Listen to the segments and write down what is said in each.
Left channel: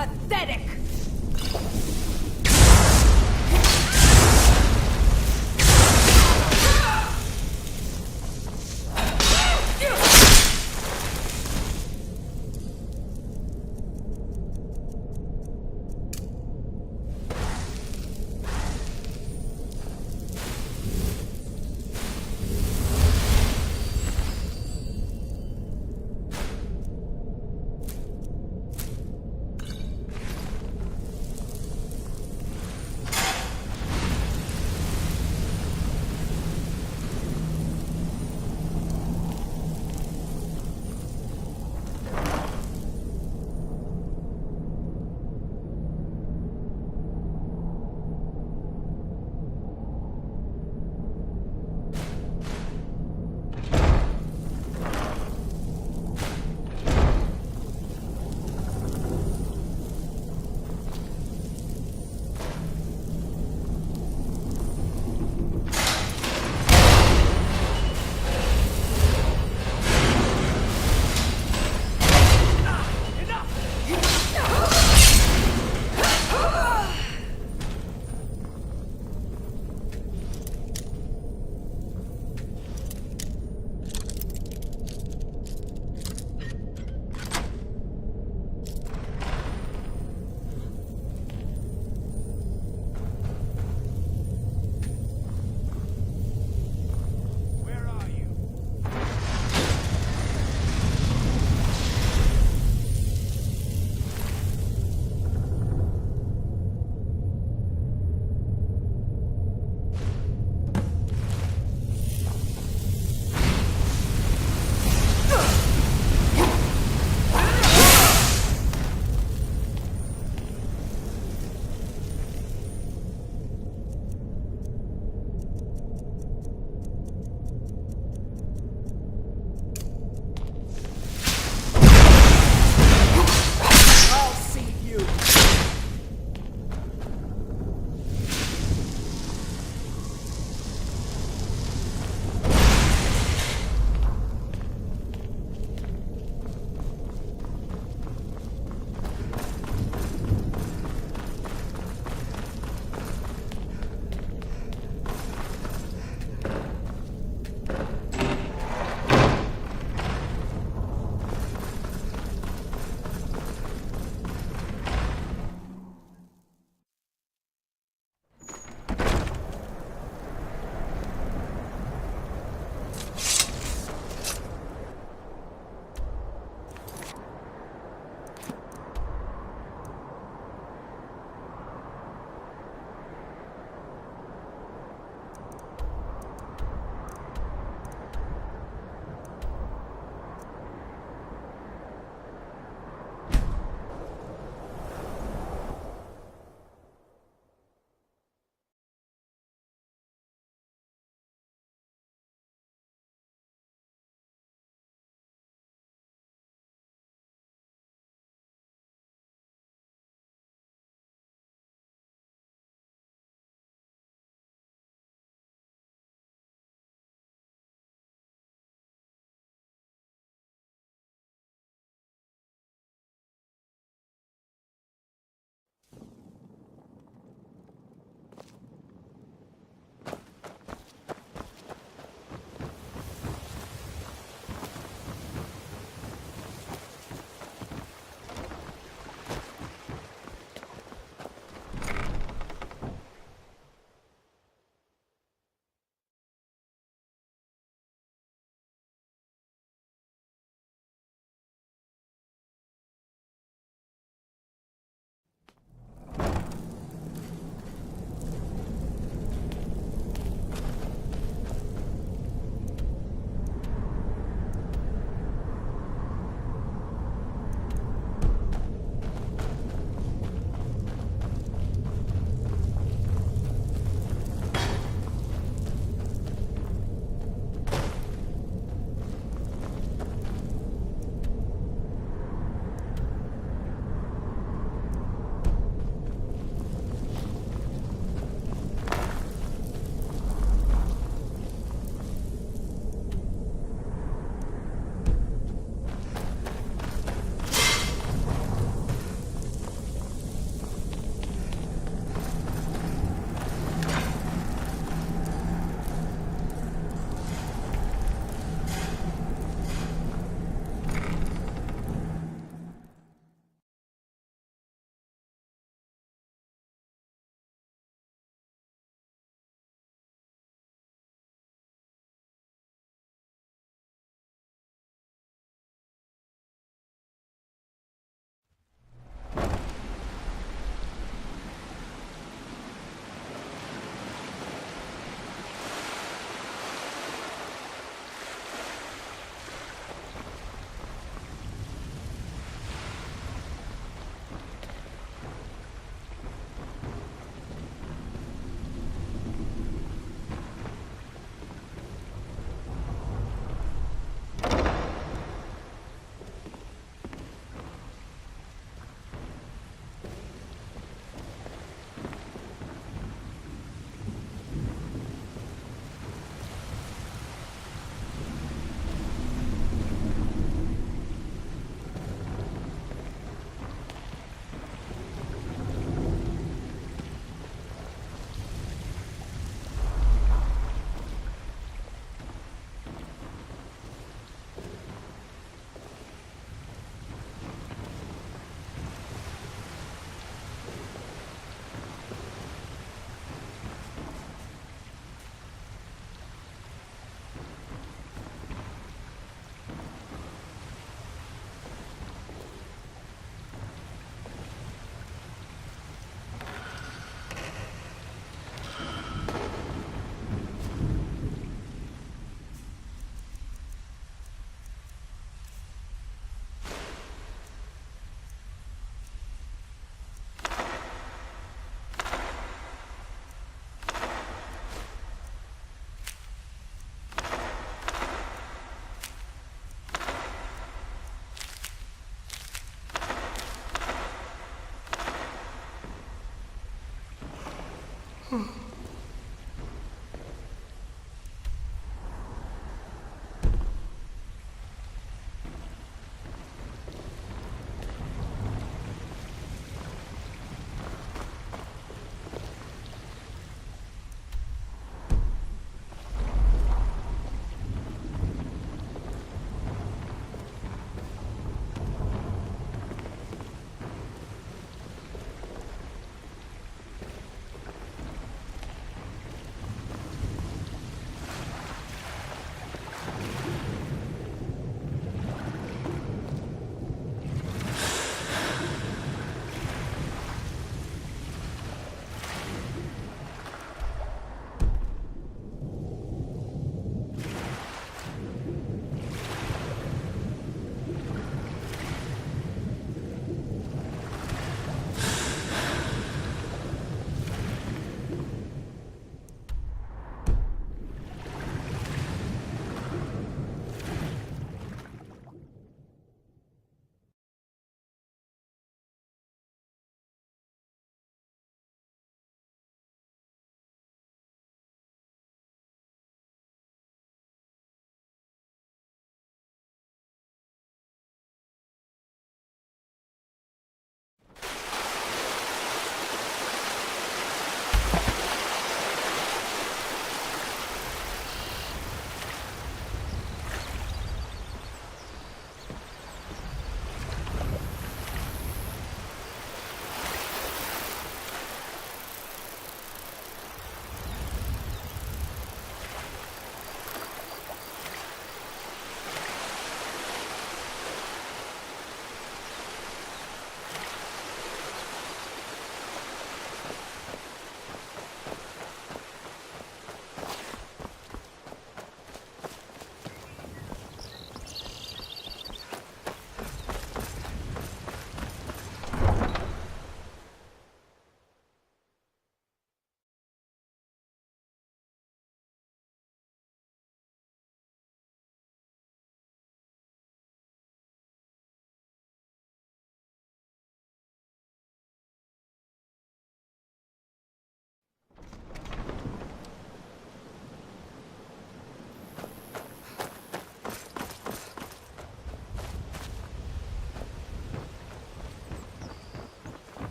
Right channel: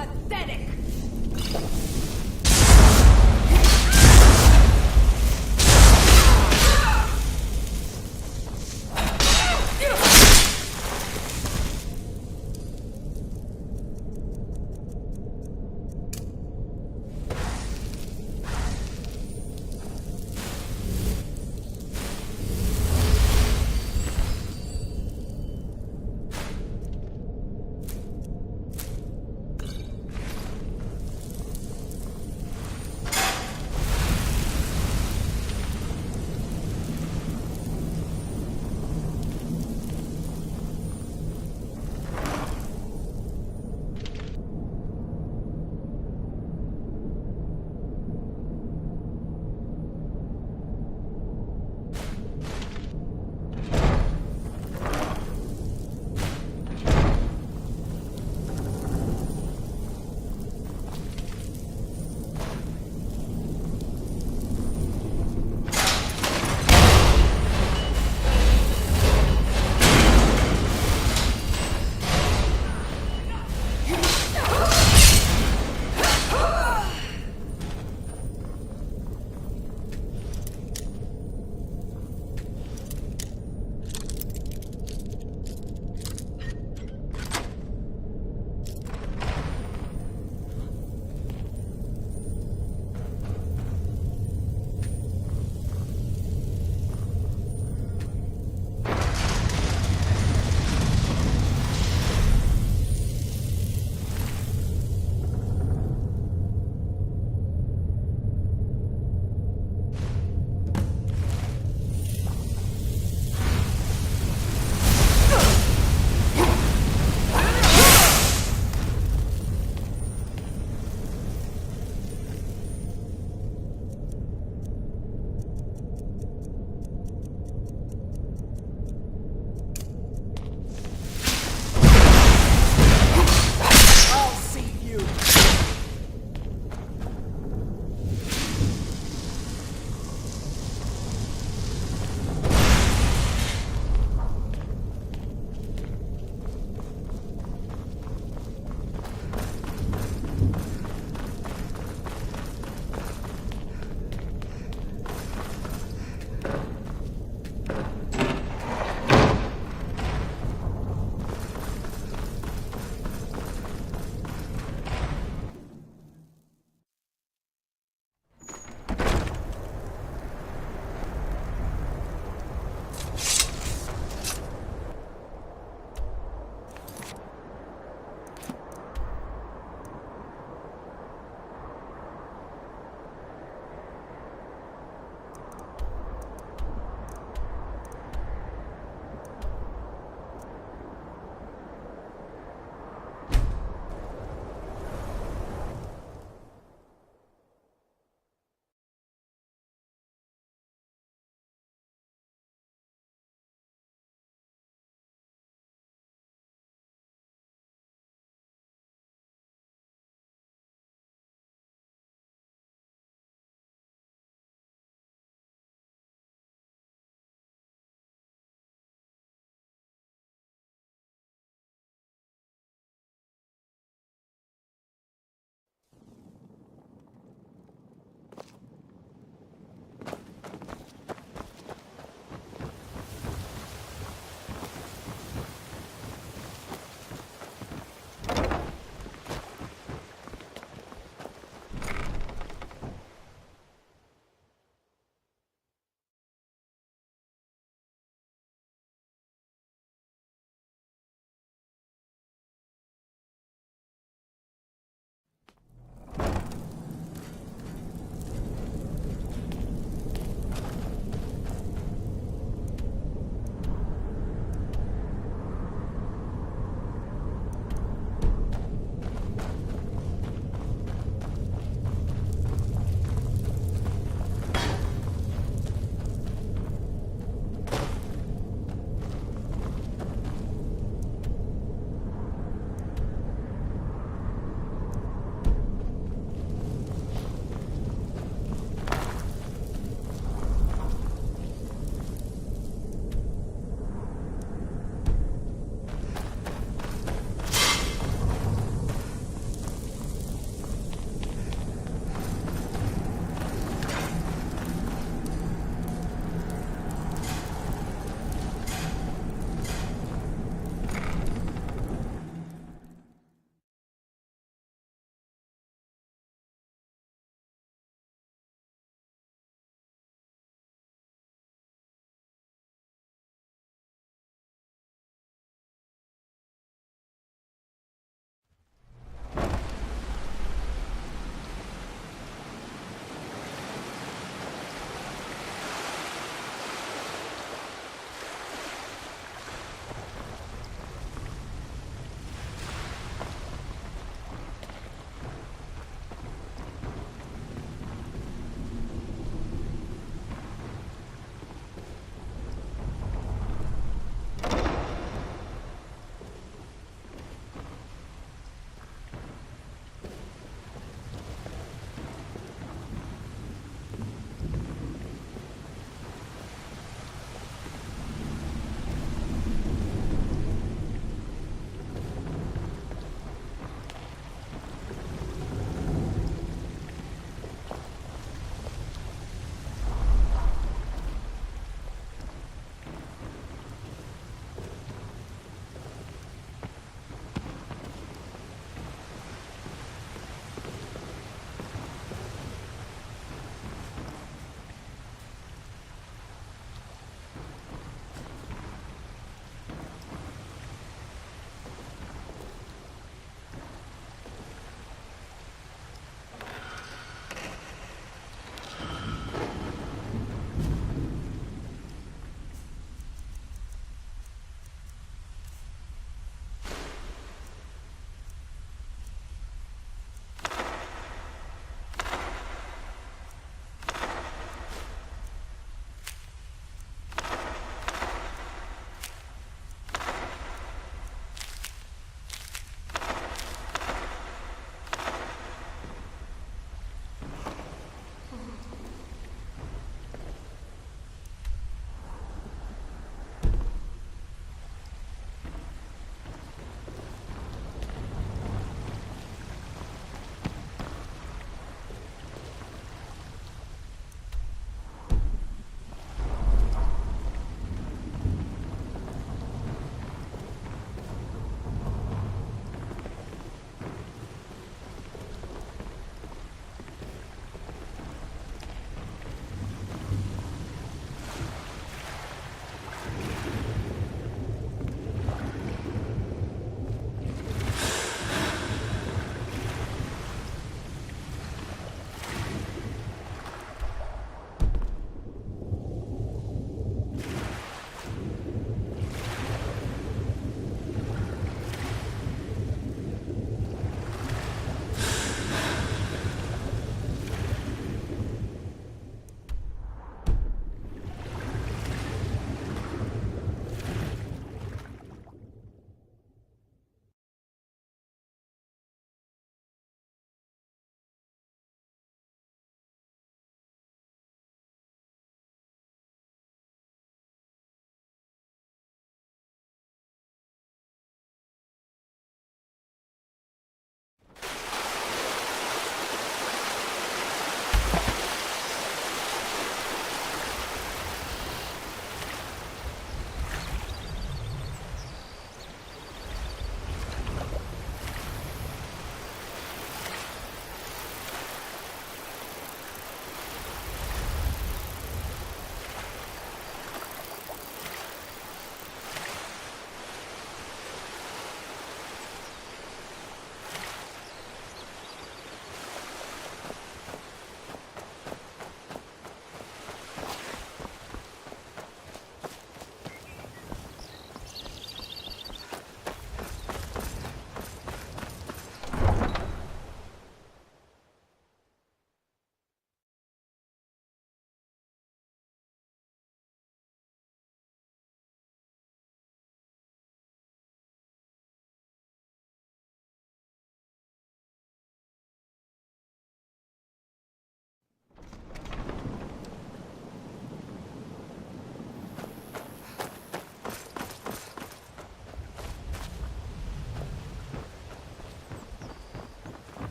pathetic!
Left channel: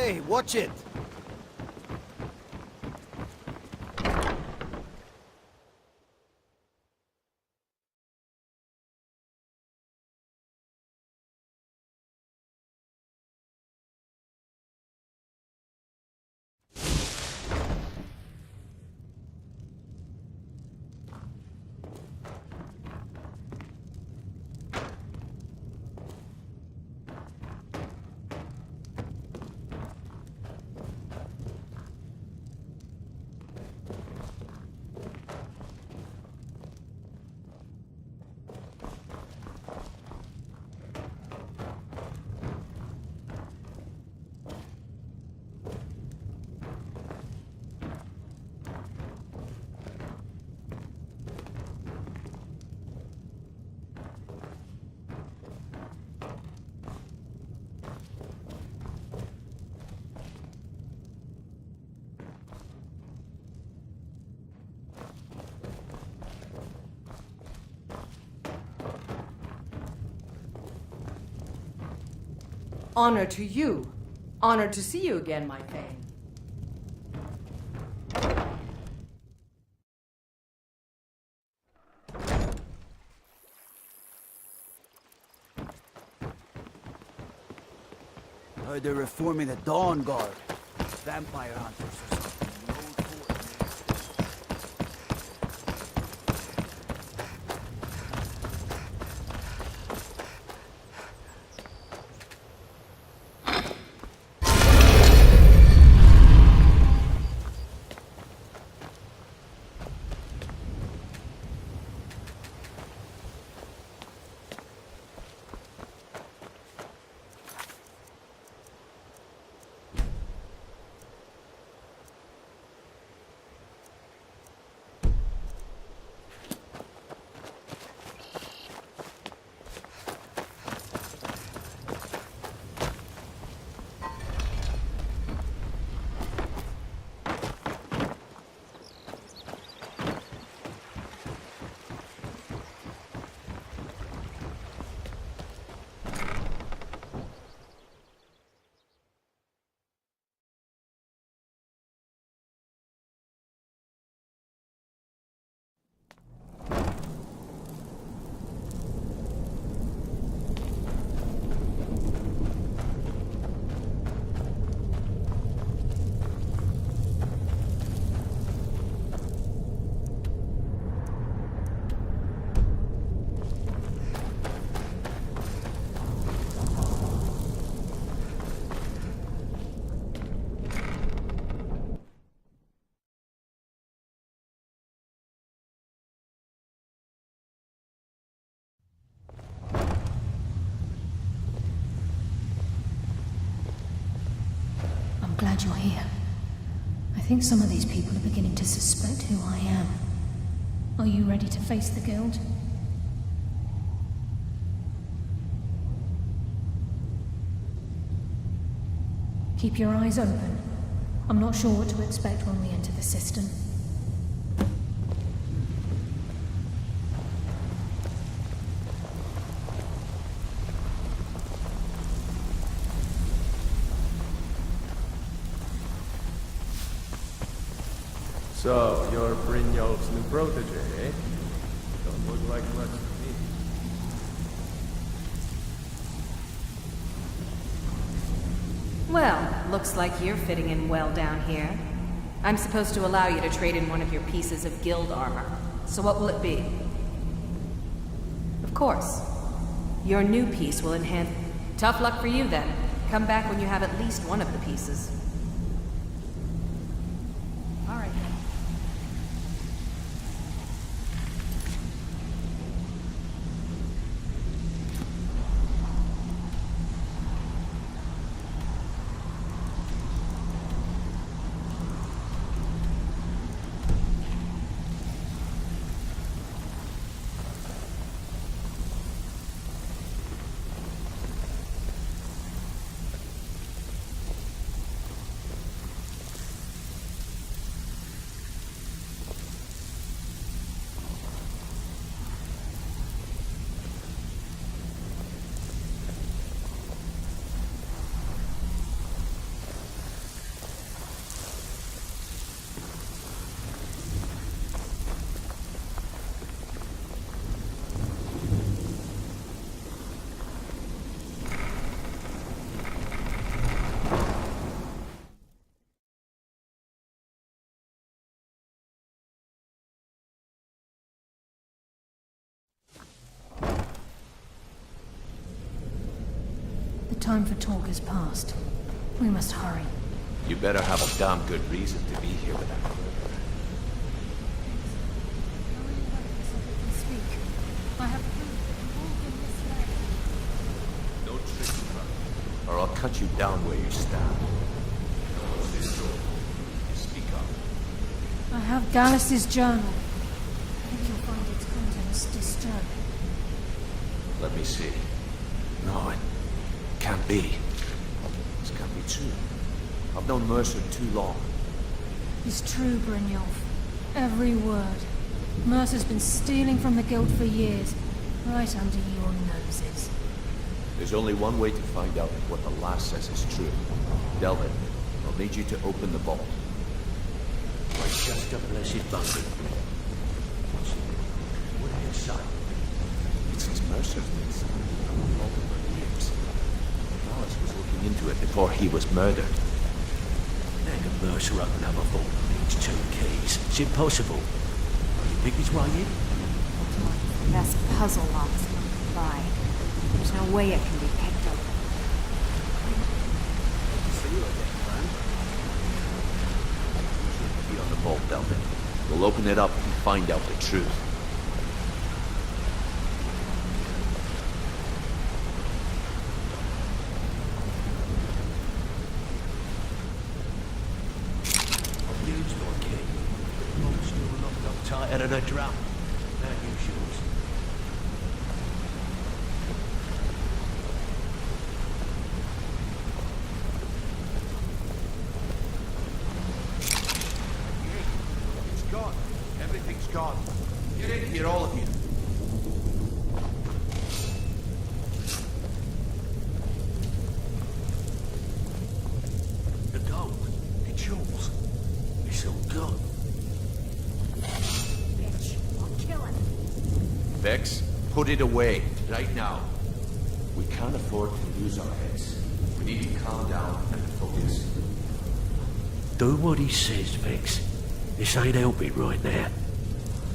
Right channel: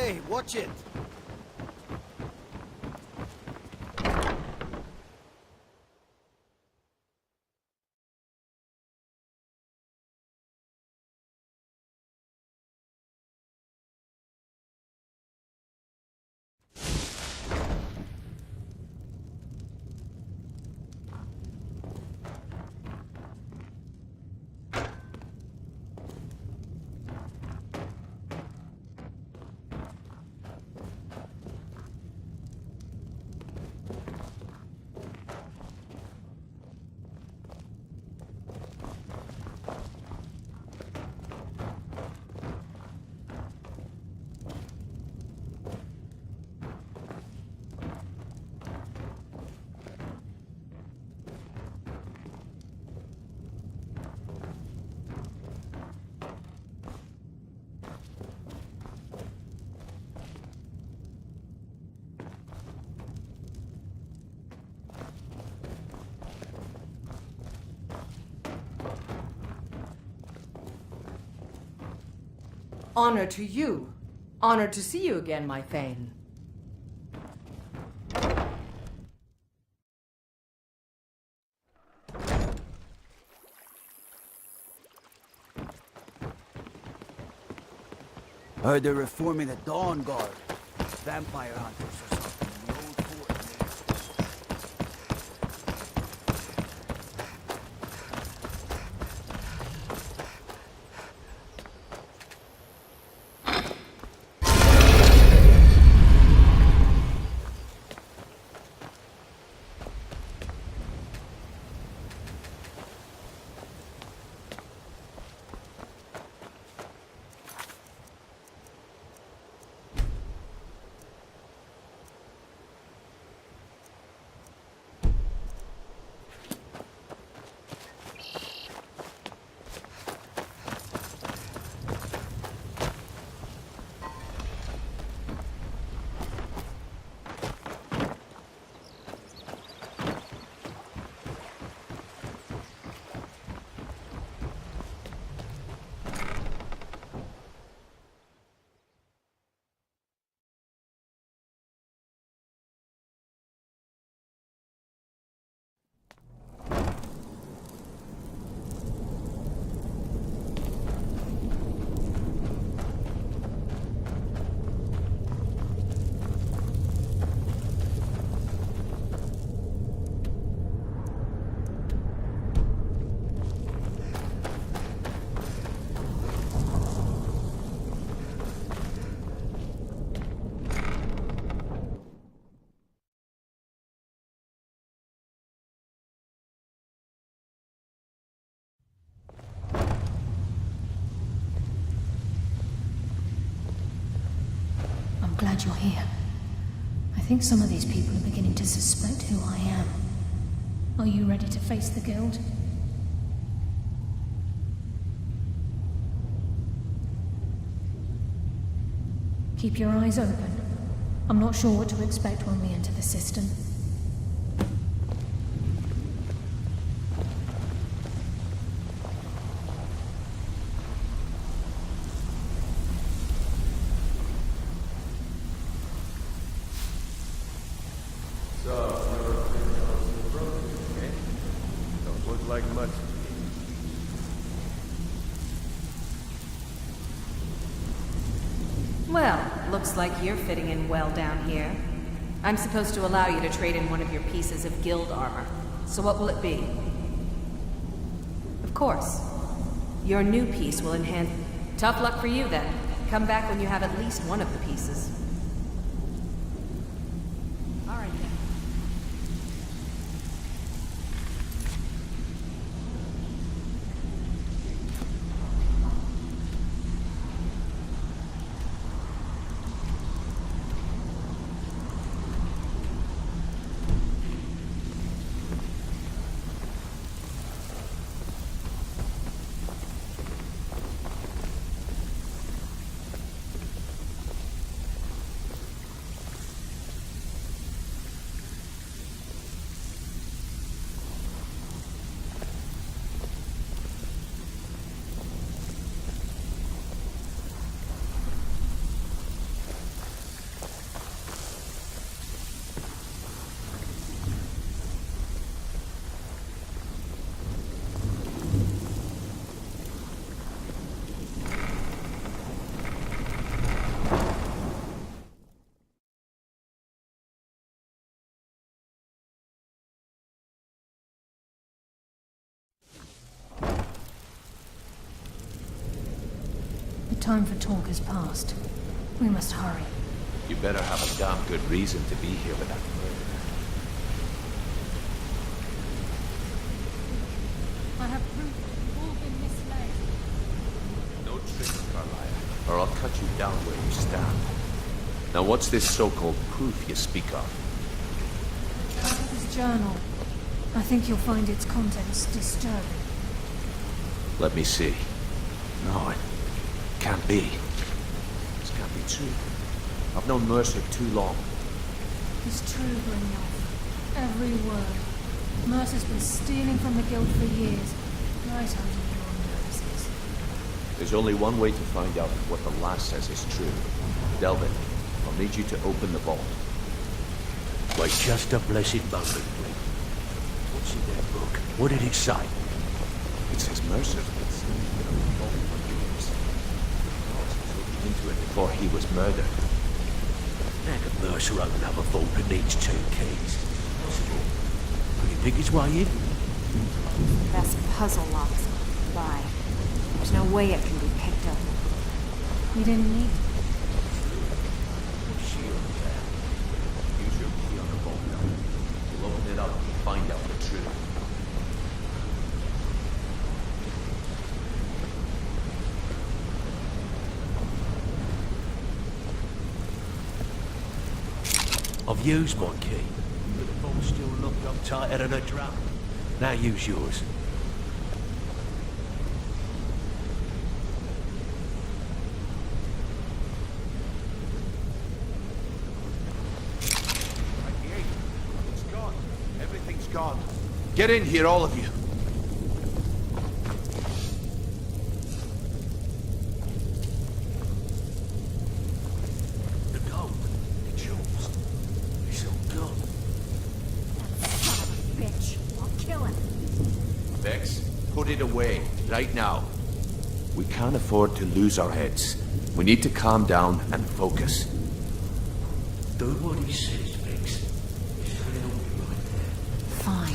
Hey, watch it! Honor to you. Honored to see you again, my Thane. Heard they're reforming the Dawn Guard. Vampire hunters or something. The old fort. I'm glad you're here. I think some of these people are beginning to suspect who I am. Are you ready to face the Guild? Keep your eyes open. I'm not sure what to expect when we enter the system. So, you're Brynjolf's new protege, eh? Don't look like much to me. Well, looks like you're fitting in well down here. I'm supposed to allow you to trade in one of your pieces of guild armor. So what will it be? Of course. Your new piece will enhance... Tough luck for you, then. Come back when you have at least one of the pieces. All right, then. time for talk has passed. We must hurry. You better have a damn good reason to be here with that murderer. I have proof that you've all been misled. No tricks, Carlyle, or I'll cut you down where you stand. Now what's this so-called proof you speak of? I have Dallas's journal. I think you'll find its contents disturbing. Let me see. No, it can't be. This can't be true. I've known Mercer too long. It's true, Brynjolf. Every word. Mercer's been stealing from the Guild for years, right under your noses. There's only one way to find out if what the lass says is true. Delvin, I'll need you to open the vault. Wait just a blessed moment, Bryn. What's in that book? What did it say? It says Mercer's been stealing from the vault for years. Dallas was looking into it before he was murdered. How can Mercer open up a vault that needs 2 keys? Is it possible? Could he pick his way in? The best puzzle locks one can buy. There's no way it can be picked open. You didn't need See you again, friend. Use your key on the vault, Delvin. We'll open it up and find out the truth. I've used my key, but the vault's still locked up tighter than a drum. Now use yours. It's gone. Everything's gone. Get in here, all of you. The gold, the jewels, it's all gone. Bitch, I'll kill him. Vex, put it away, right now. We can't afford to lose our heads. We need to calm down and focus. Do what he says, Vex. This ain't helping right now. Fine.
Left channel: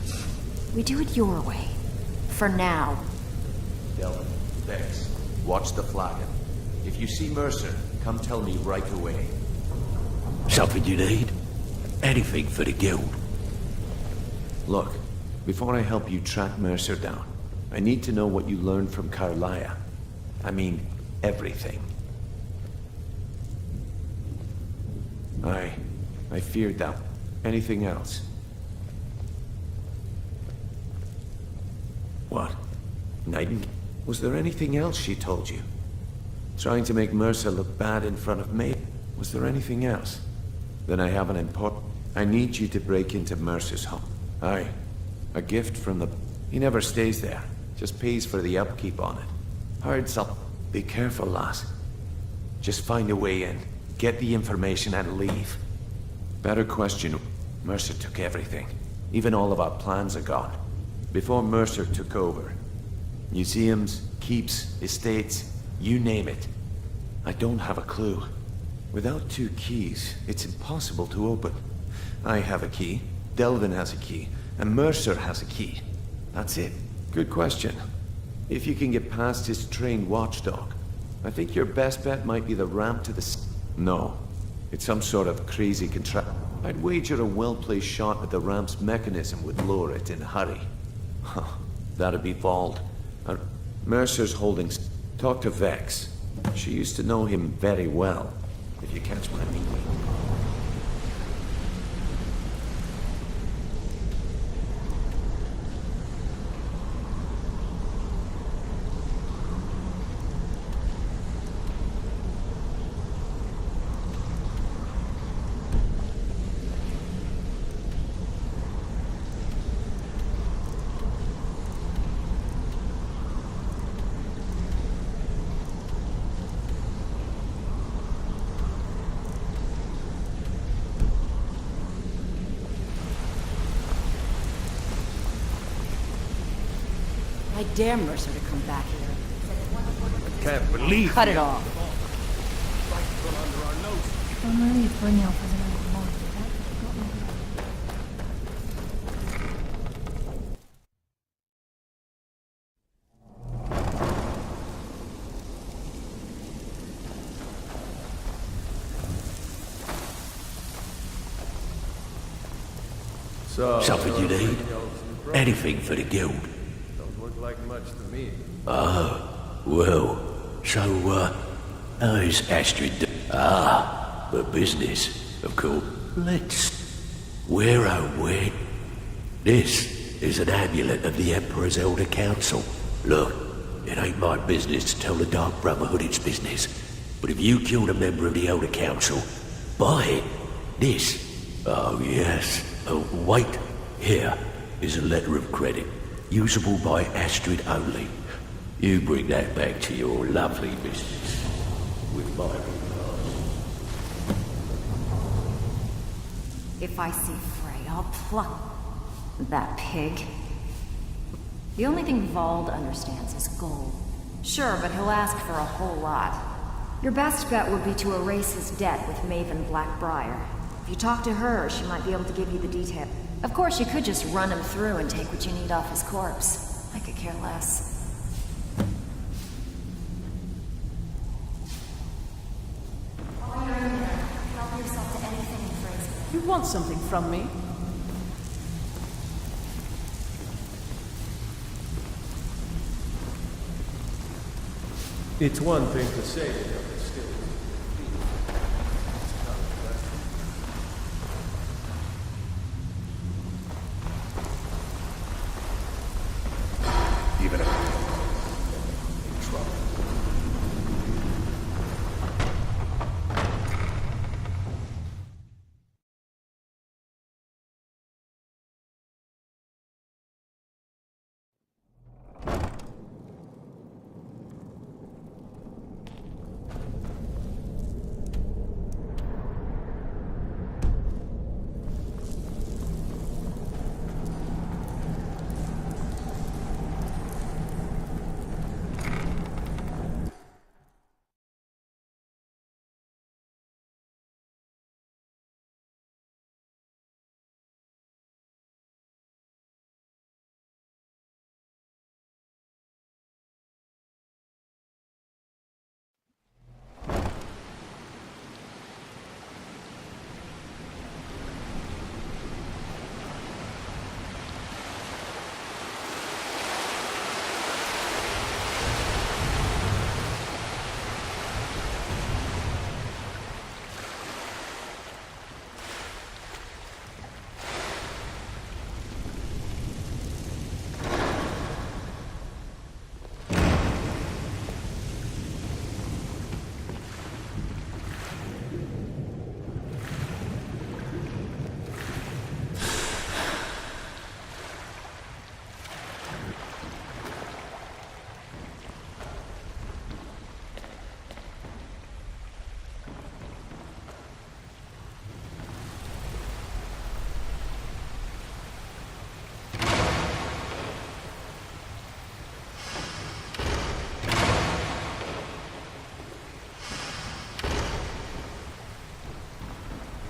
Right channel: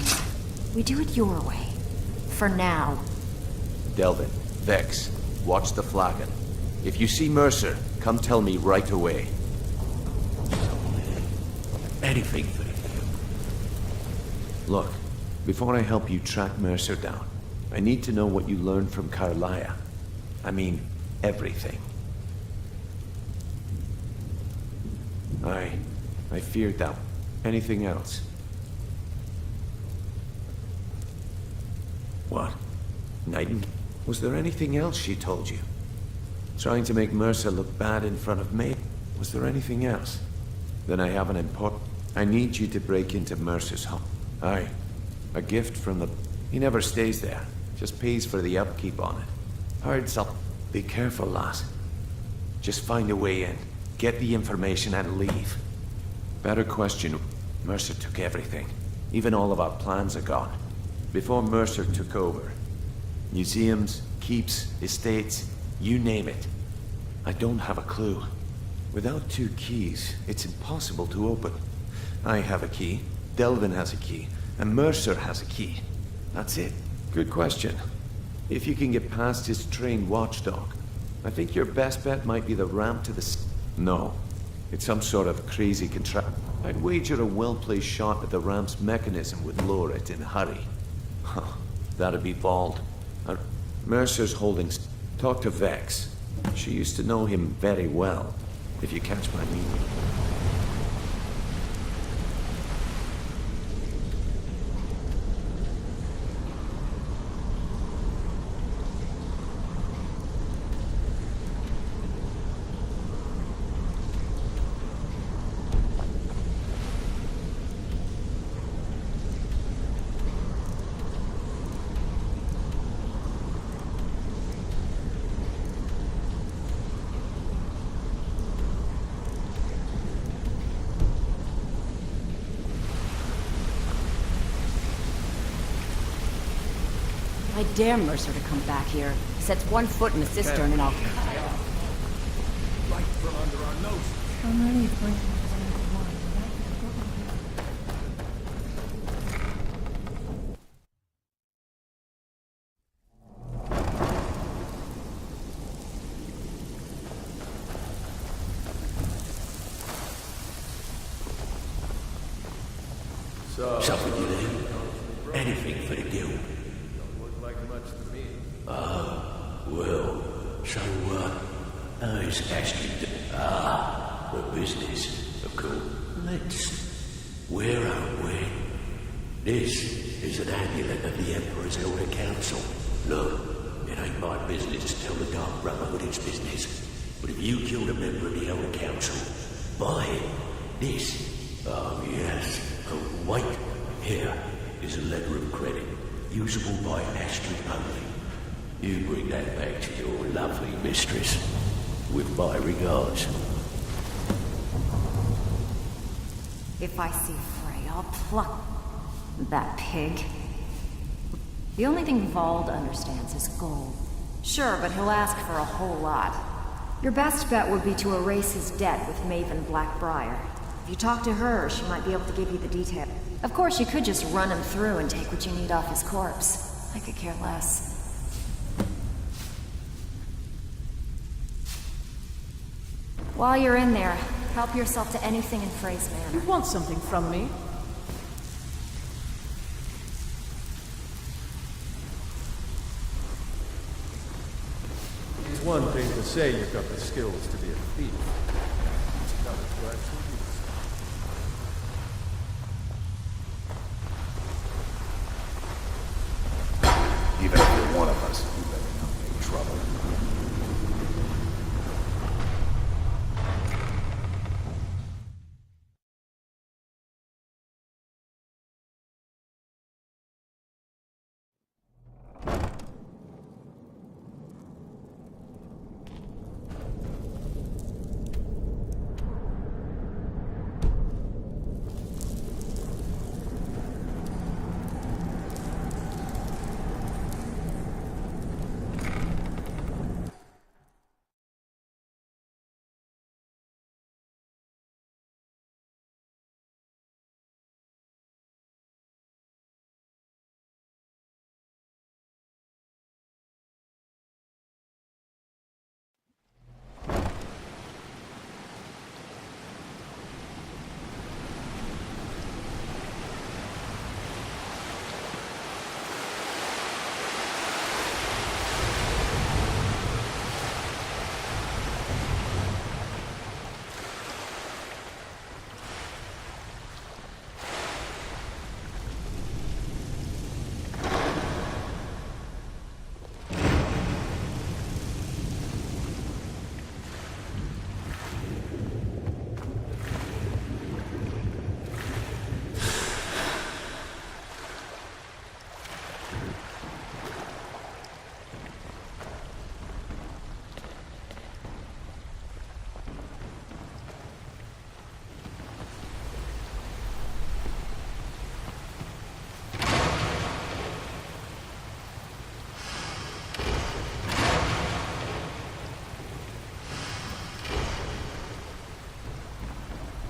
We do it your way. For now. Delvin, Vex, watch the flagon. If you see Mercer, come tell me right away. Something you need? Anything for the guild. Look, before I help you track Mercer down, I need to know what you learned from Carlyle. I mean, everything. I feared that. Anything else? What? Nightingale? Was there anything else she told you? Trying to make Mercer look bad in front of me? Was there anything else? Then I have an important... I need you to break into Mercer's home. Aye. A gift from the... He never stays there. Just pays for the upkeep on it. Hard up. Be careful, lass. Just find a way in. Get the information and leave. Better question. Mercer took everything. Even all of our plans are gone. Before Mercer took over. Museums, keeps, estates, you name it. I don't have a clue. Without 2 keys, it's impossible to open. I have a key, Delvin has a key, and Mercer has a key. That's it. Good question. If you can get past his trained watchdog, I think your best bet might be the ramp to the... No. It's some sort of crazy contract. I'd wager a well-placed shot at the ramp's mechanism would lower it in a hurry. Huh. That'd be Vault. Mercer's holding... Talk to Vex. She used to know him very well, if you catch my meaning. I dare Mercer to come back here. He sets one foot in the cistern and I'll cut it off. Right from under our noses. I'm relieved Brynjolf has an open mind, or that could have got me good. So, Something you you're need? Brynjolf's new protege. Anything for the guild? Don't look like much to me. Well, so, how's Astrid the business, of course. We're wed. This is an amulet of the Emperor's Elder Council. Look, it ain't my business to tell the Dark Brotherhood its business. But if you killed a member of the Elder Council, buy it. This. Oh, yes. Wait. Here is a letter of credit, usable by Astrid only. You bring that back to your lovely mistress. With my regards. If I see Frey, I'll pluck that pig. The only thing Vald understands is gold. Sure, but he'll ask for a whole lot. Your best bet would be to erase his debt with Maven Blackbriar. If you talk to her, she might be able to give you the detail. Of course, you could just run him through and take what you need off his corpse. I could care less. While you're in there, help yourself to anything in Frey's You manor. want something from me? It's one thing to say you've got the skills to be a thief. It's another question. Even if you're one of us, you better not make trouble.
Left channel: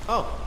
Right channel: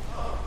Oh.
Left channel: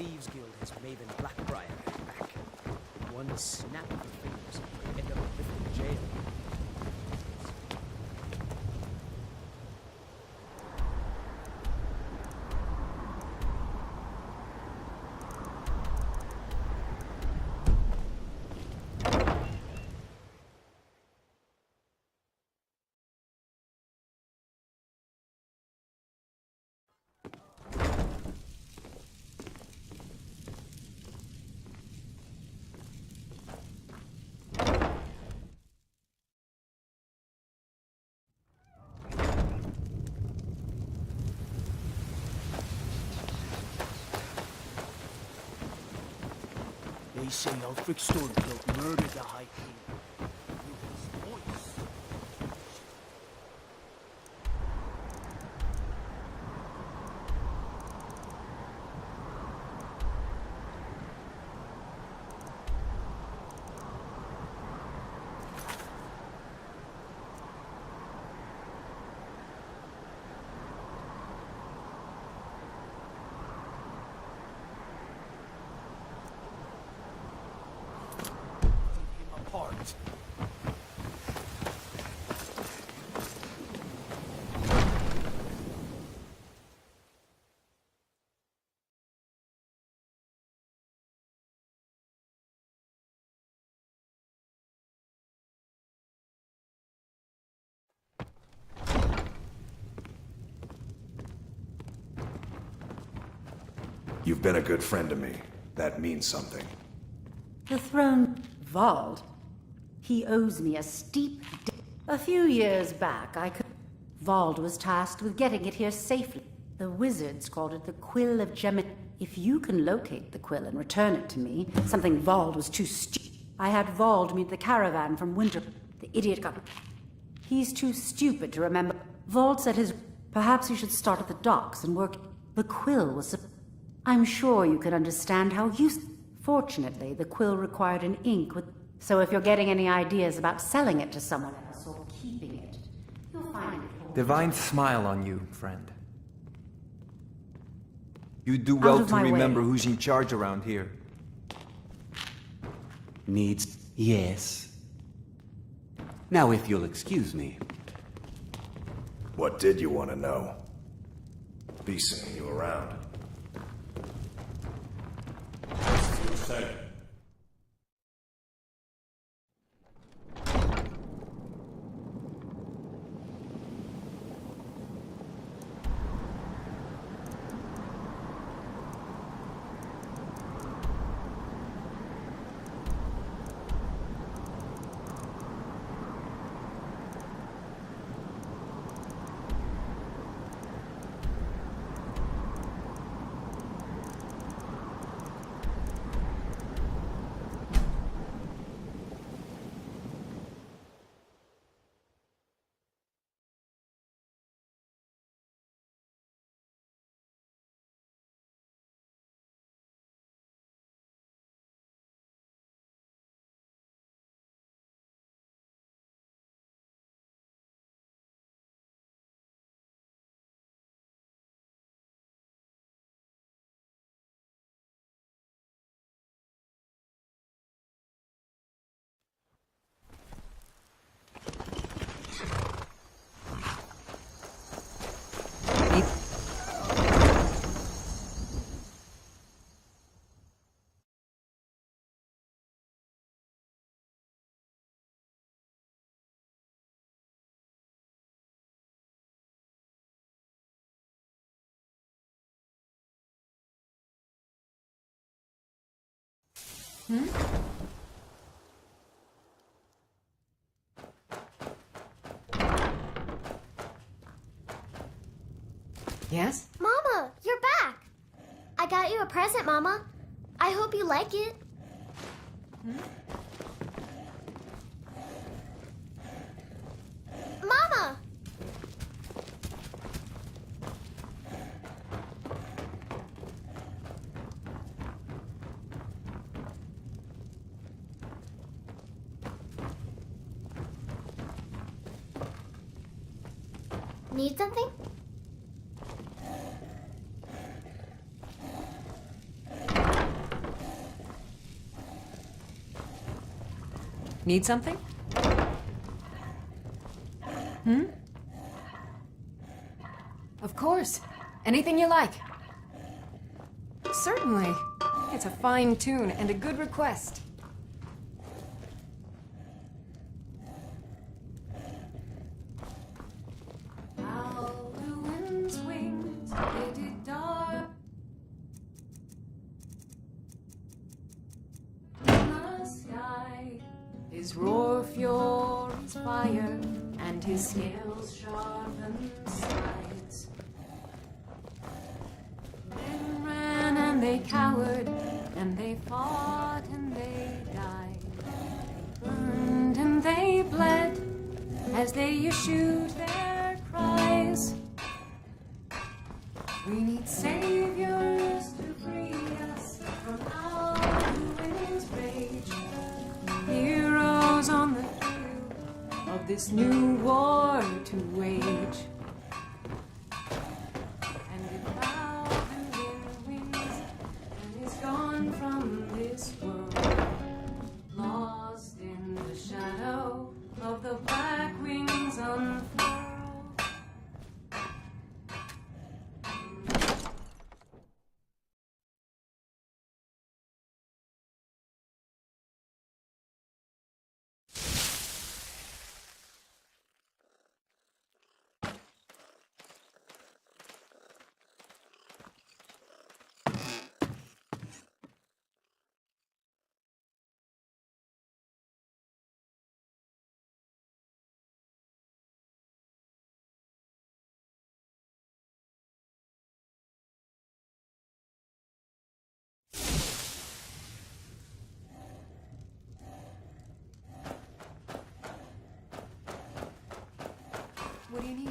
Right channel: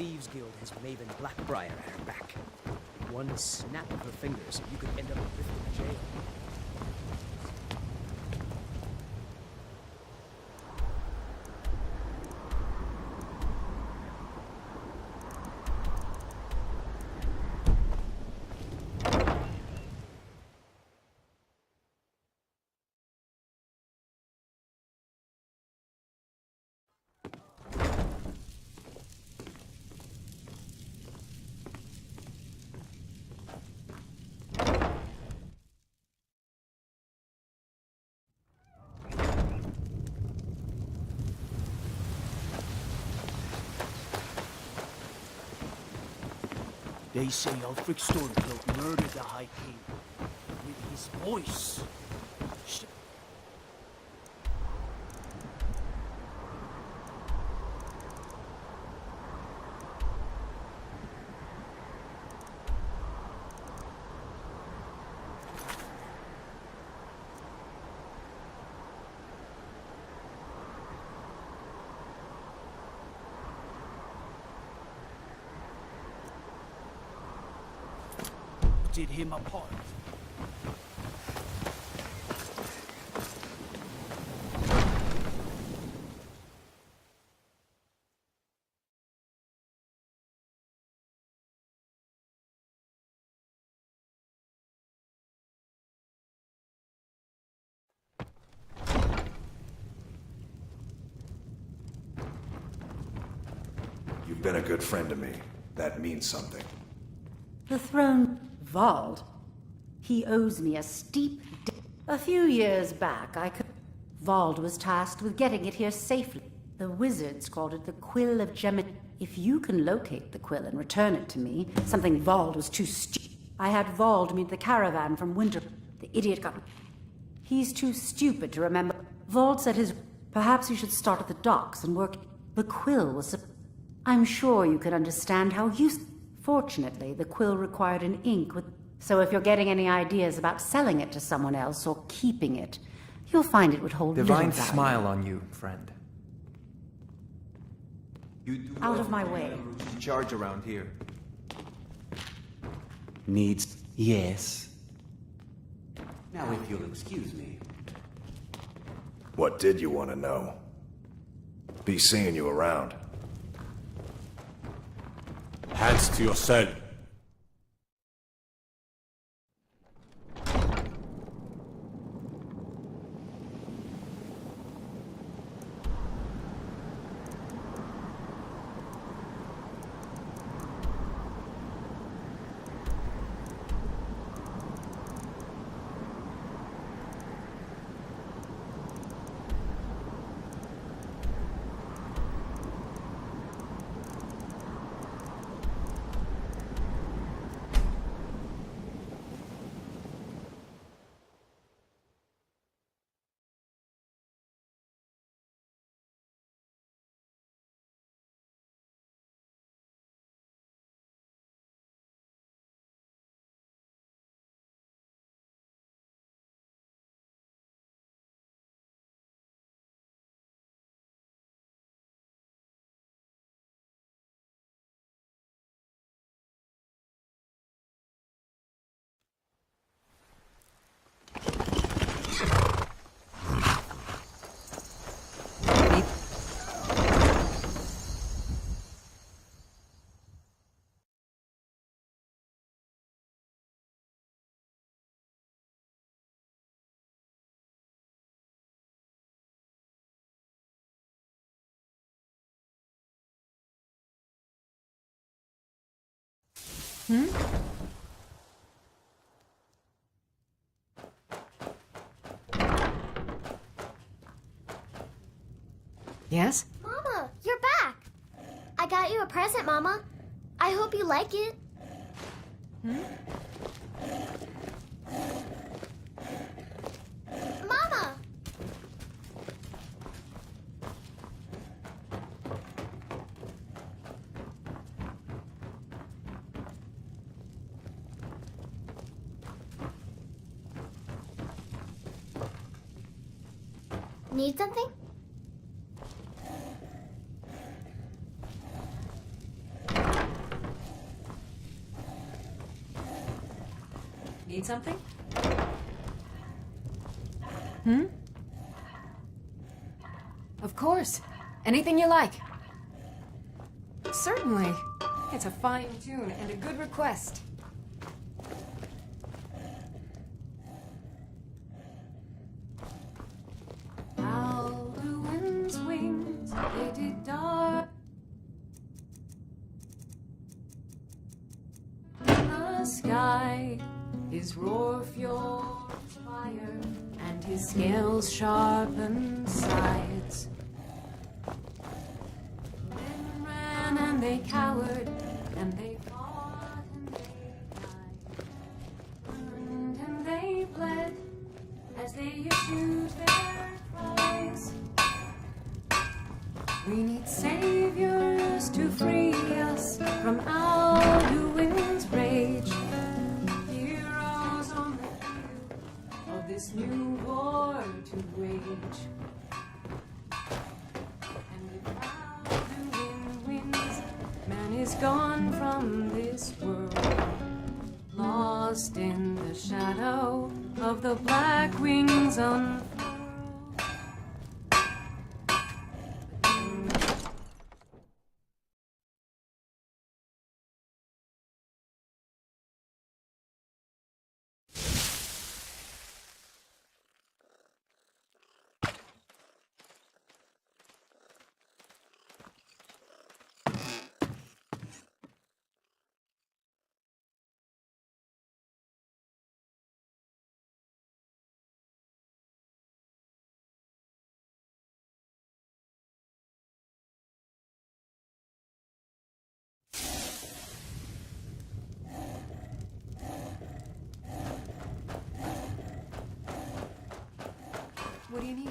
Thieves Guild has Maven Blackbriar at her back. One snap of her fingers, and you could end up in Riften jail. They say Ulfric Stormcloak murdered the High King with his voice. Did him apart. You've been a good friend to me. That means something. The throne... Vald? He owes me a steep debt. A few years back, Vald was tasked with getting it here safely. The wizards called it the Quill of Gemini. If you can locate the quill and return it to me, something Vald was too stupid. I had Vald meet the caravan from Winter. The idiot got... He's too stupid to remember. Vald said his... Perhaps you should start at the docks and work... The quill was... I'm sure you can understand how useful... Fortunately, the quill required an ink with... So if you're getting any ideas about selling it to someone else or keeping it, you'll find it would hold Divine little value. smile on you, friend. You do well of to my remember way. who's in charge around here. Needs... yes. Now if you'll excuse me. What did you want to know? Be seeing you around. Hands to yourself. Yes? Mama, you're back! I got you a present, Mama. I hope you like it. Mama! Need something? Need something? Of course. Anything you like. Certainly. It's a fine tune and a good request. Alduin's wings, they did dark in the sky. His roar furies fire, and his scales sharpen sides. Men ran and they cowered, and they fought and they died. Burned and they bled as they issued their cries. We need saviors to free us from Alduin's rage. Heroes on the field of this new war to wage. And if Alduin wins, man is gone from this world, lost in the shadow of the black wings unfurled. What do you need?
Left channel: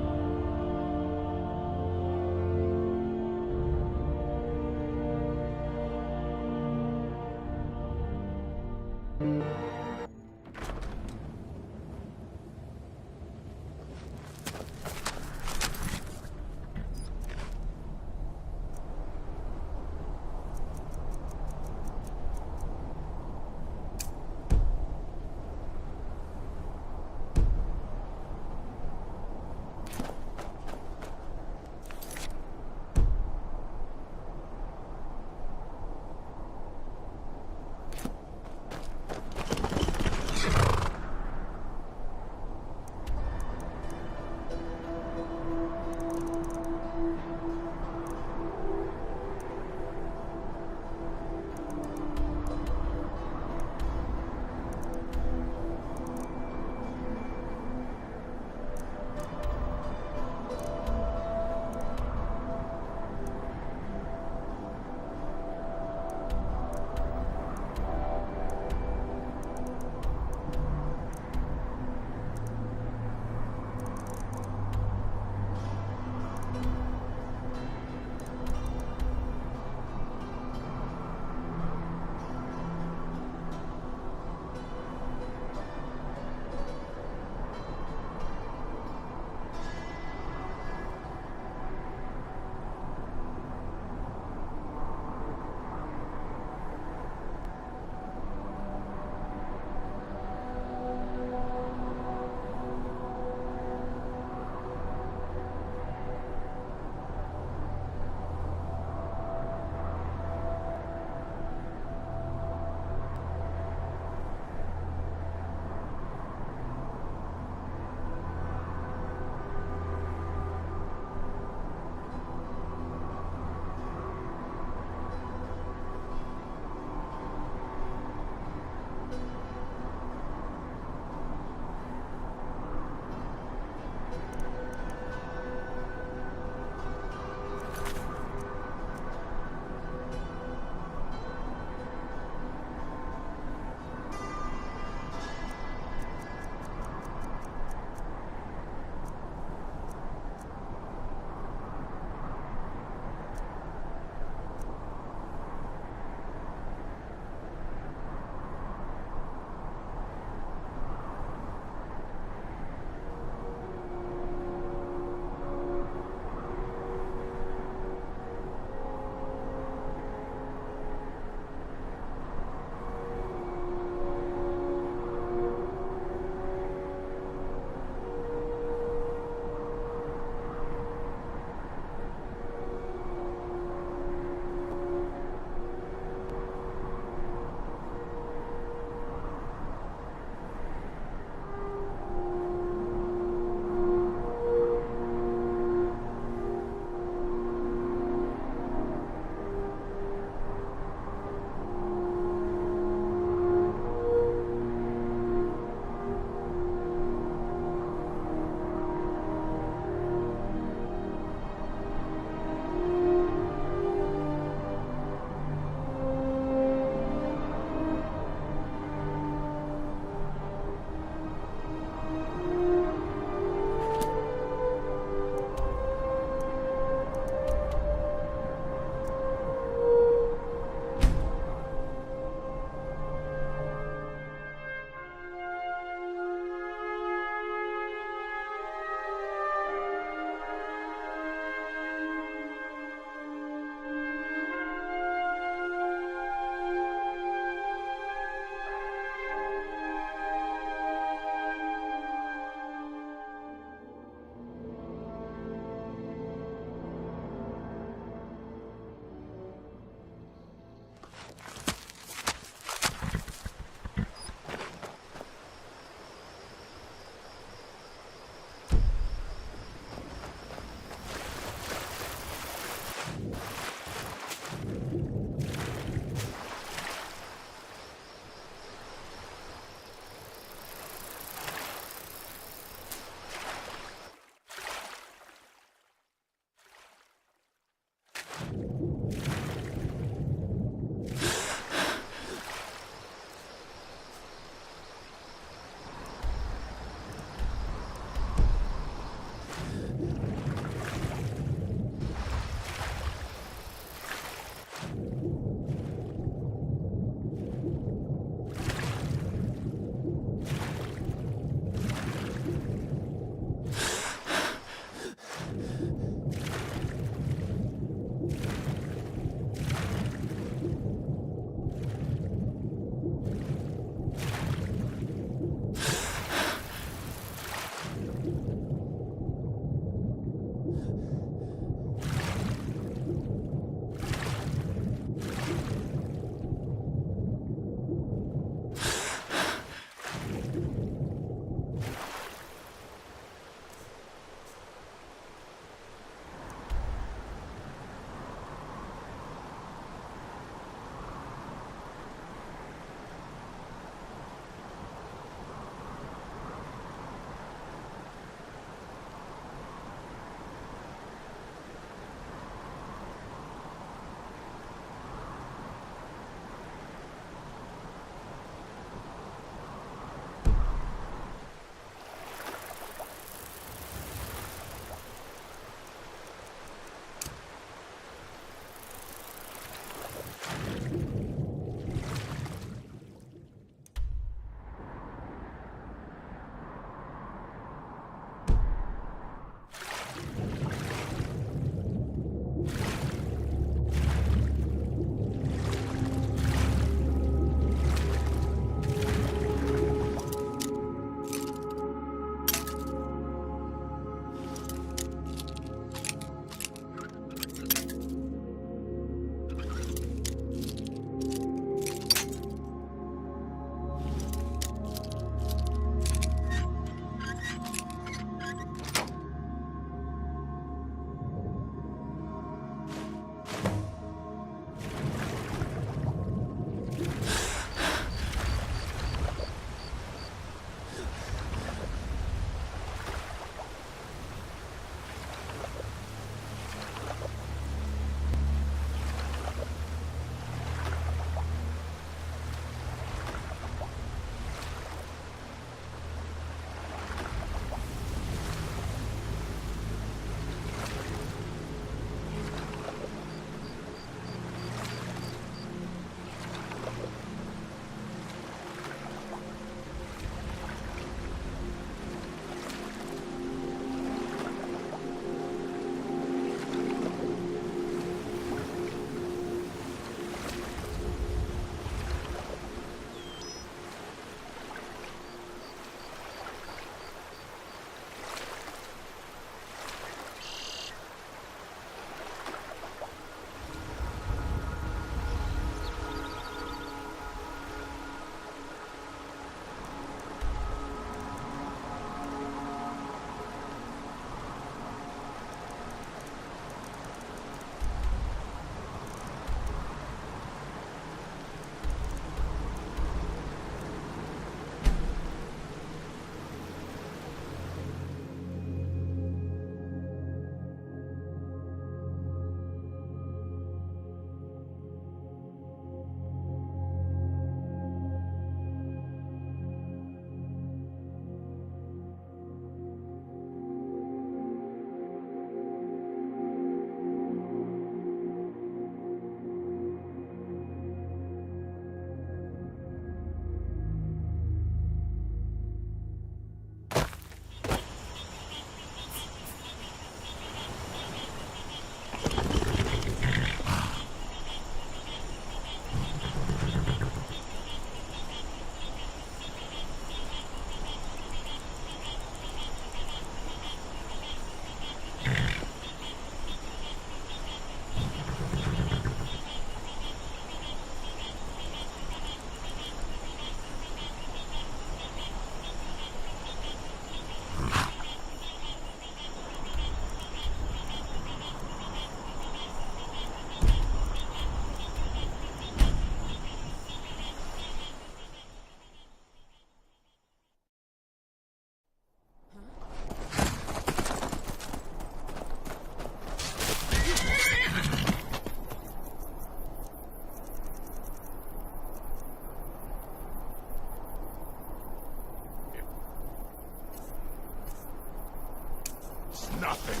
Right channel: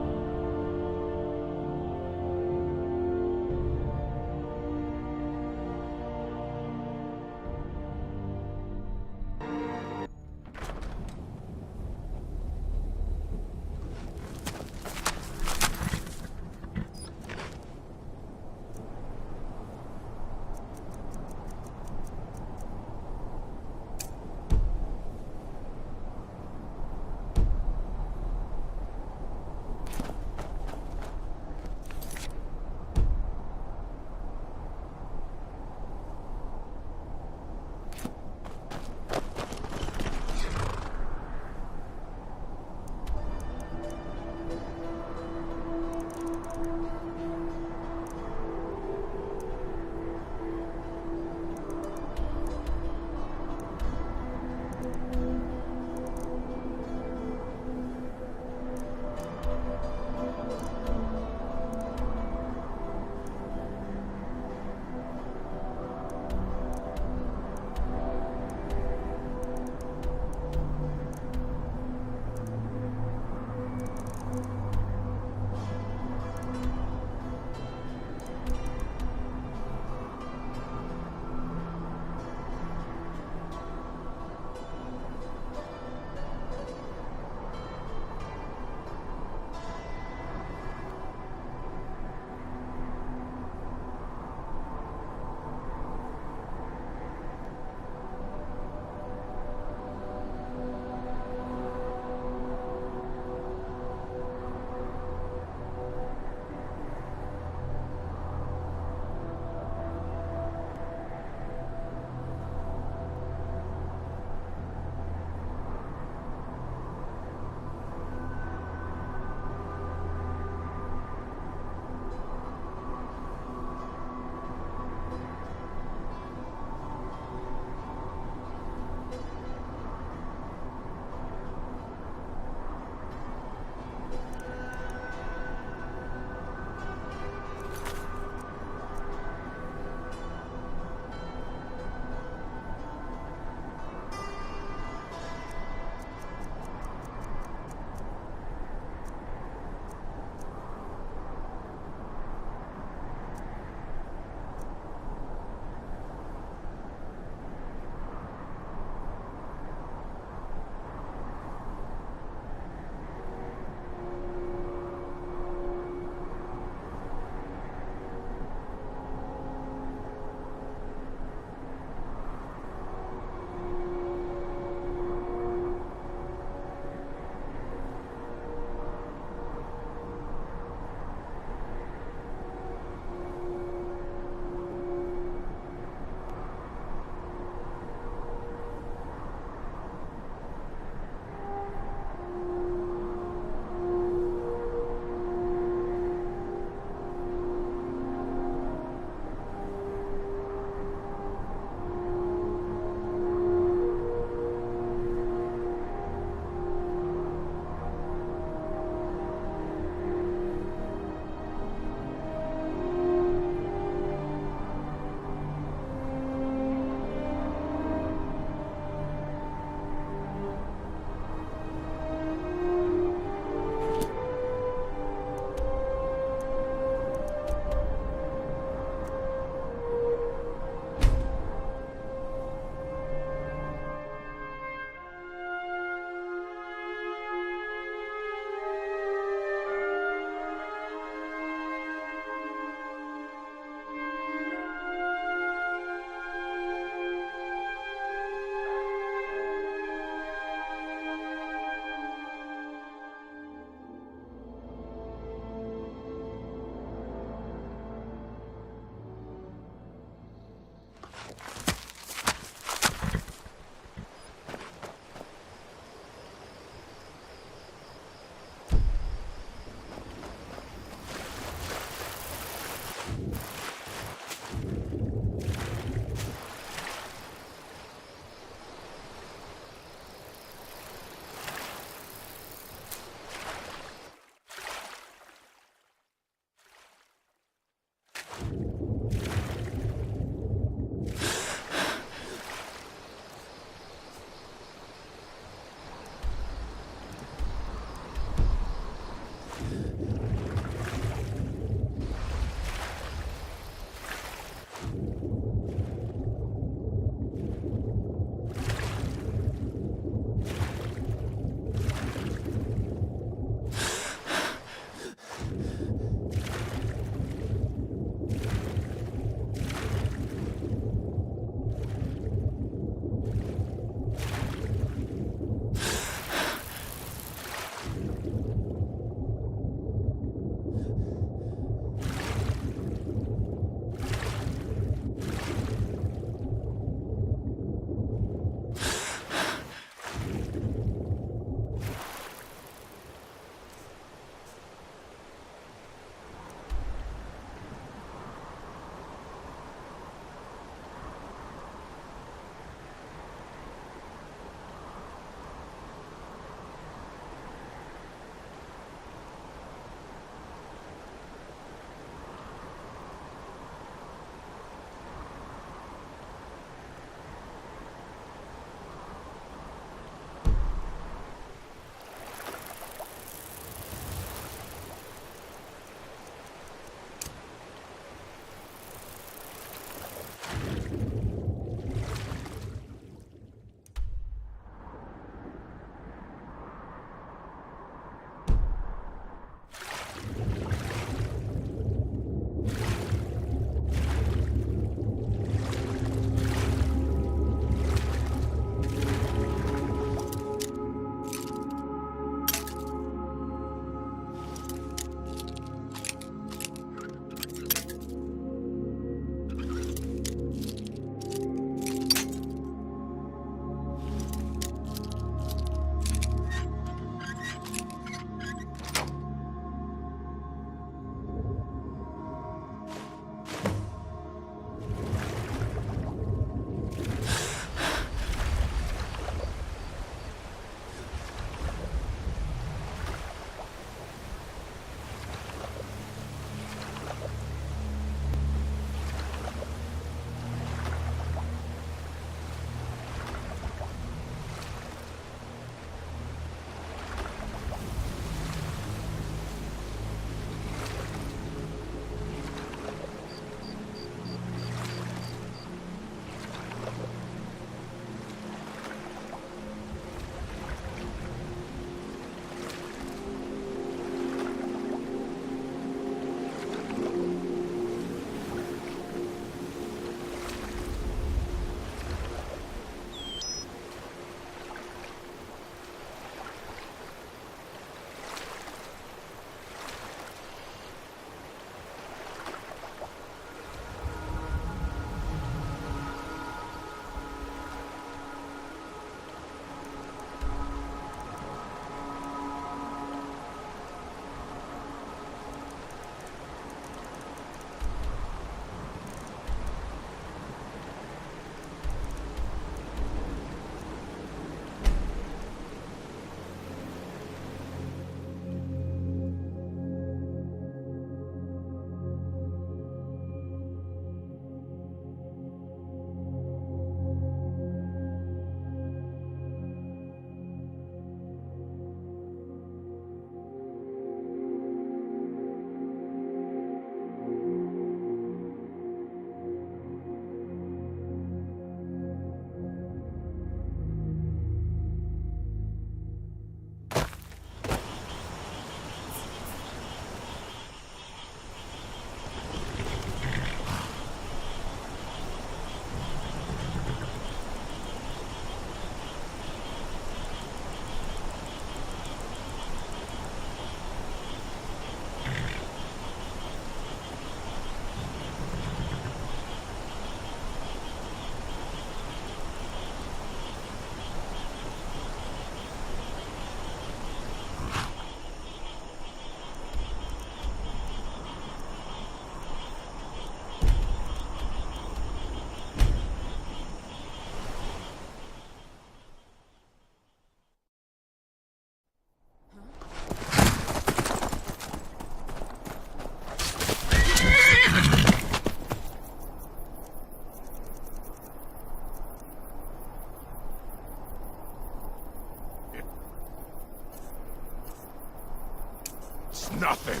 It's nothing.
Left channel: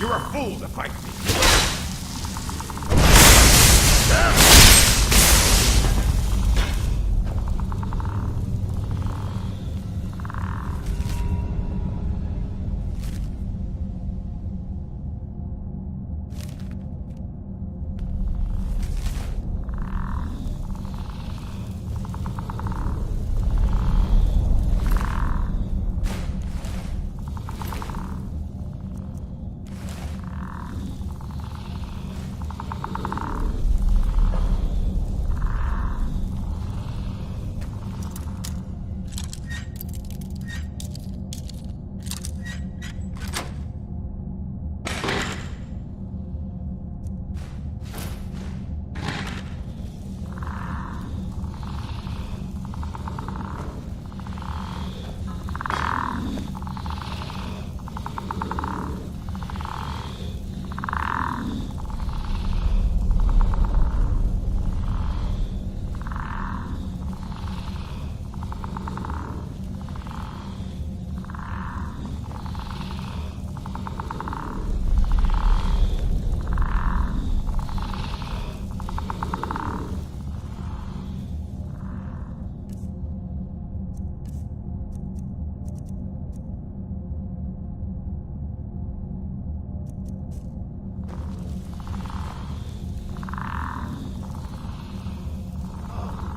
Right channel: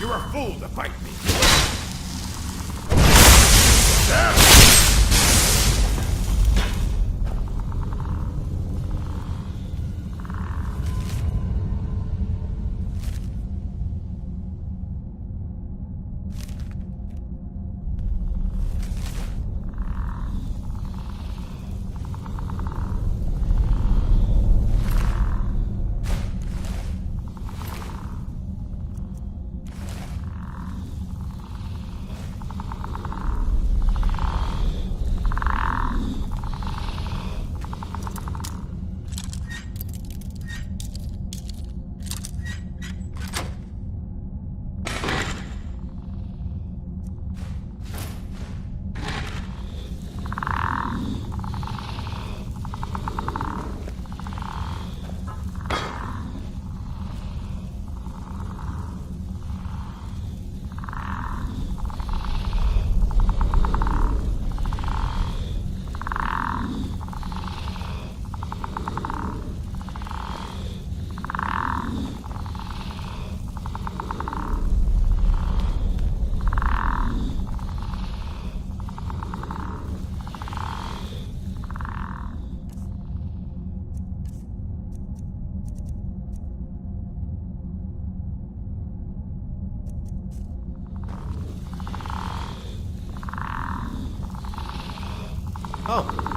You're a fool to fight me. Oh.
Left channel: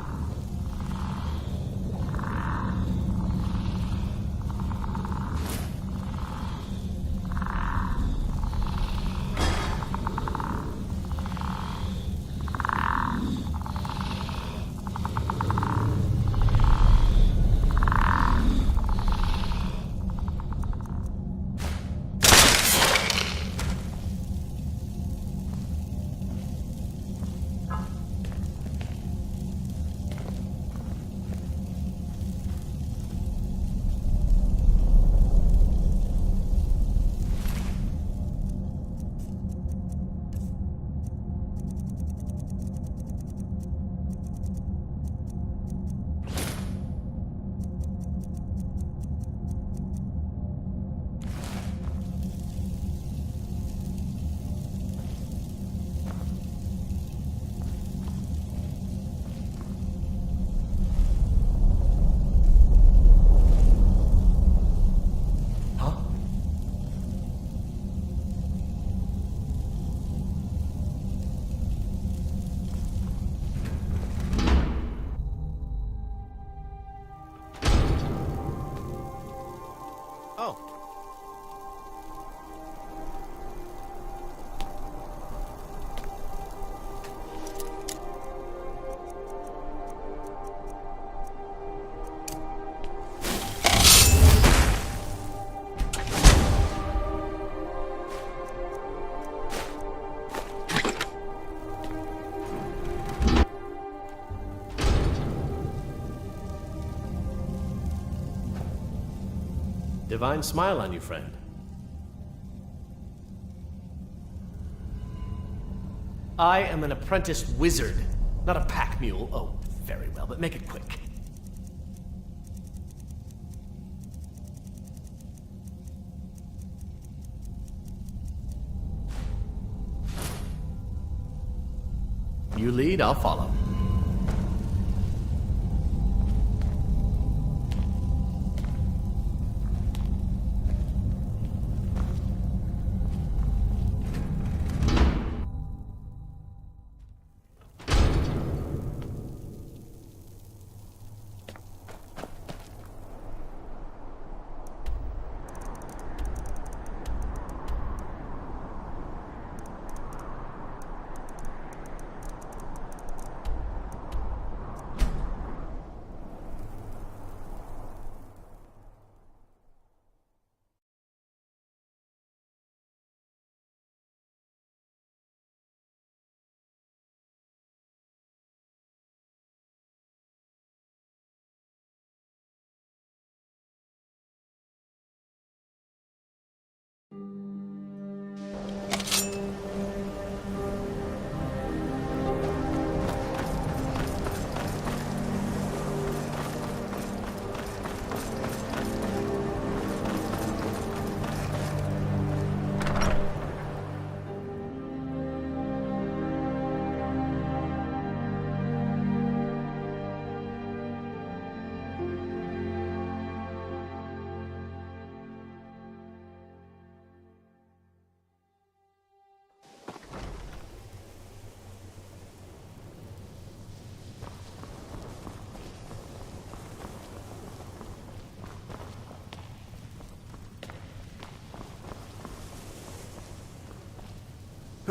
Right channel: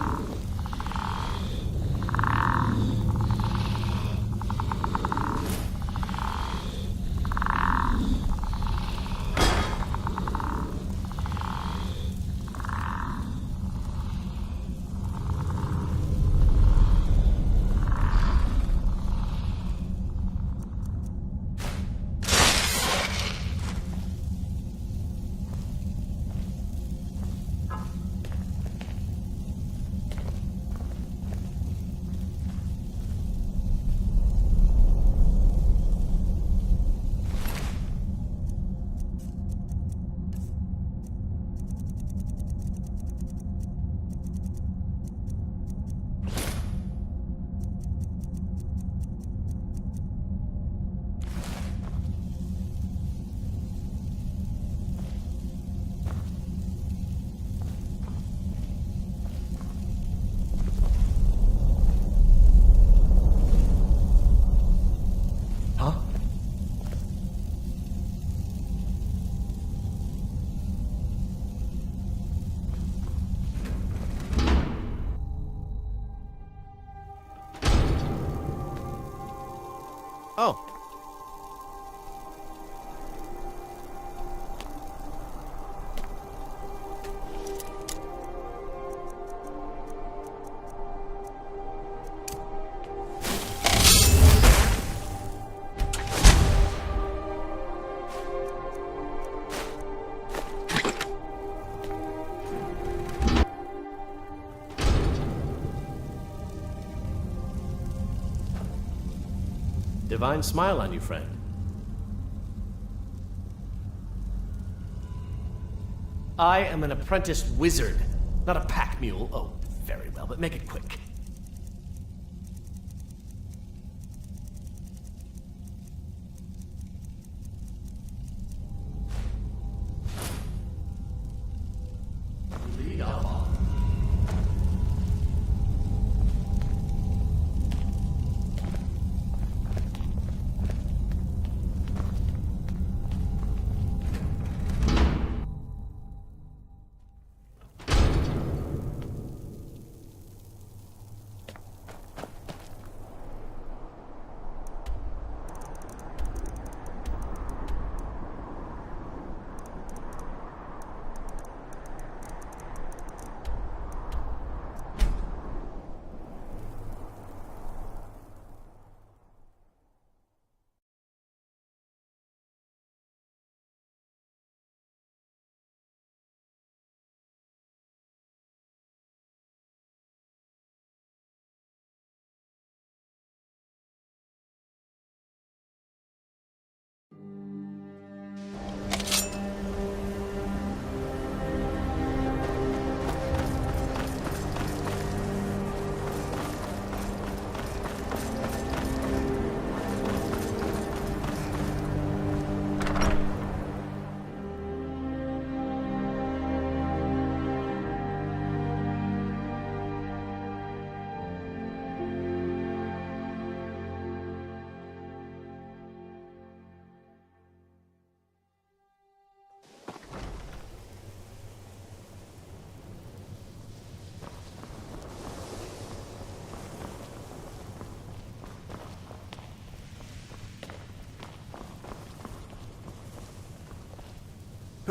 Divine smile on you, friend. I am an apprenticed wizard, not a pack mule. Oh, very well, but make it quick. You lead, I'll follow.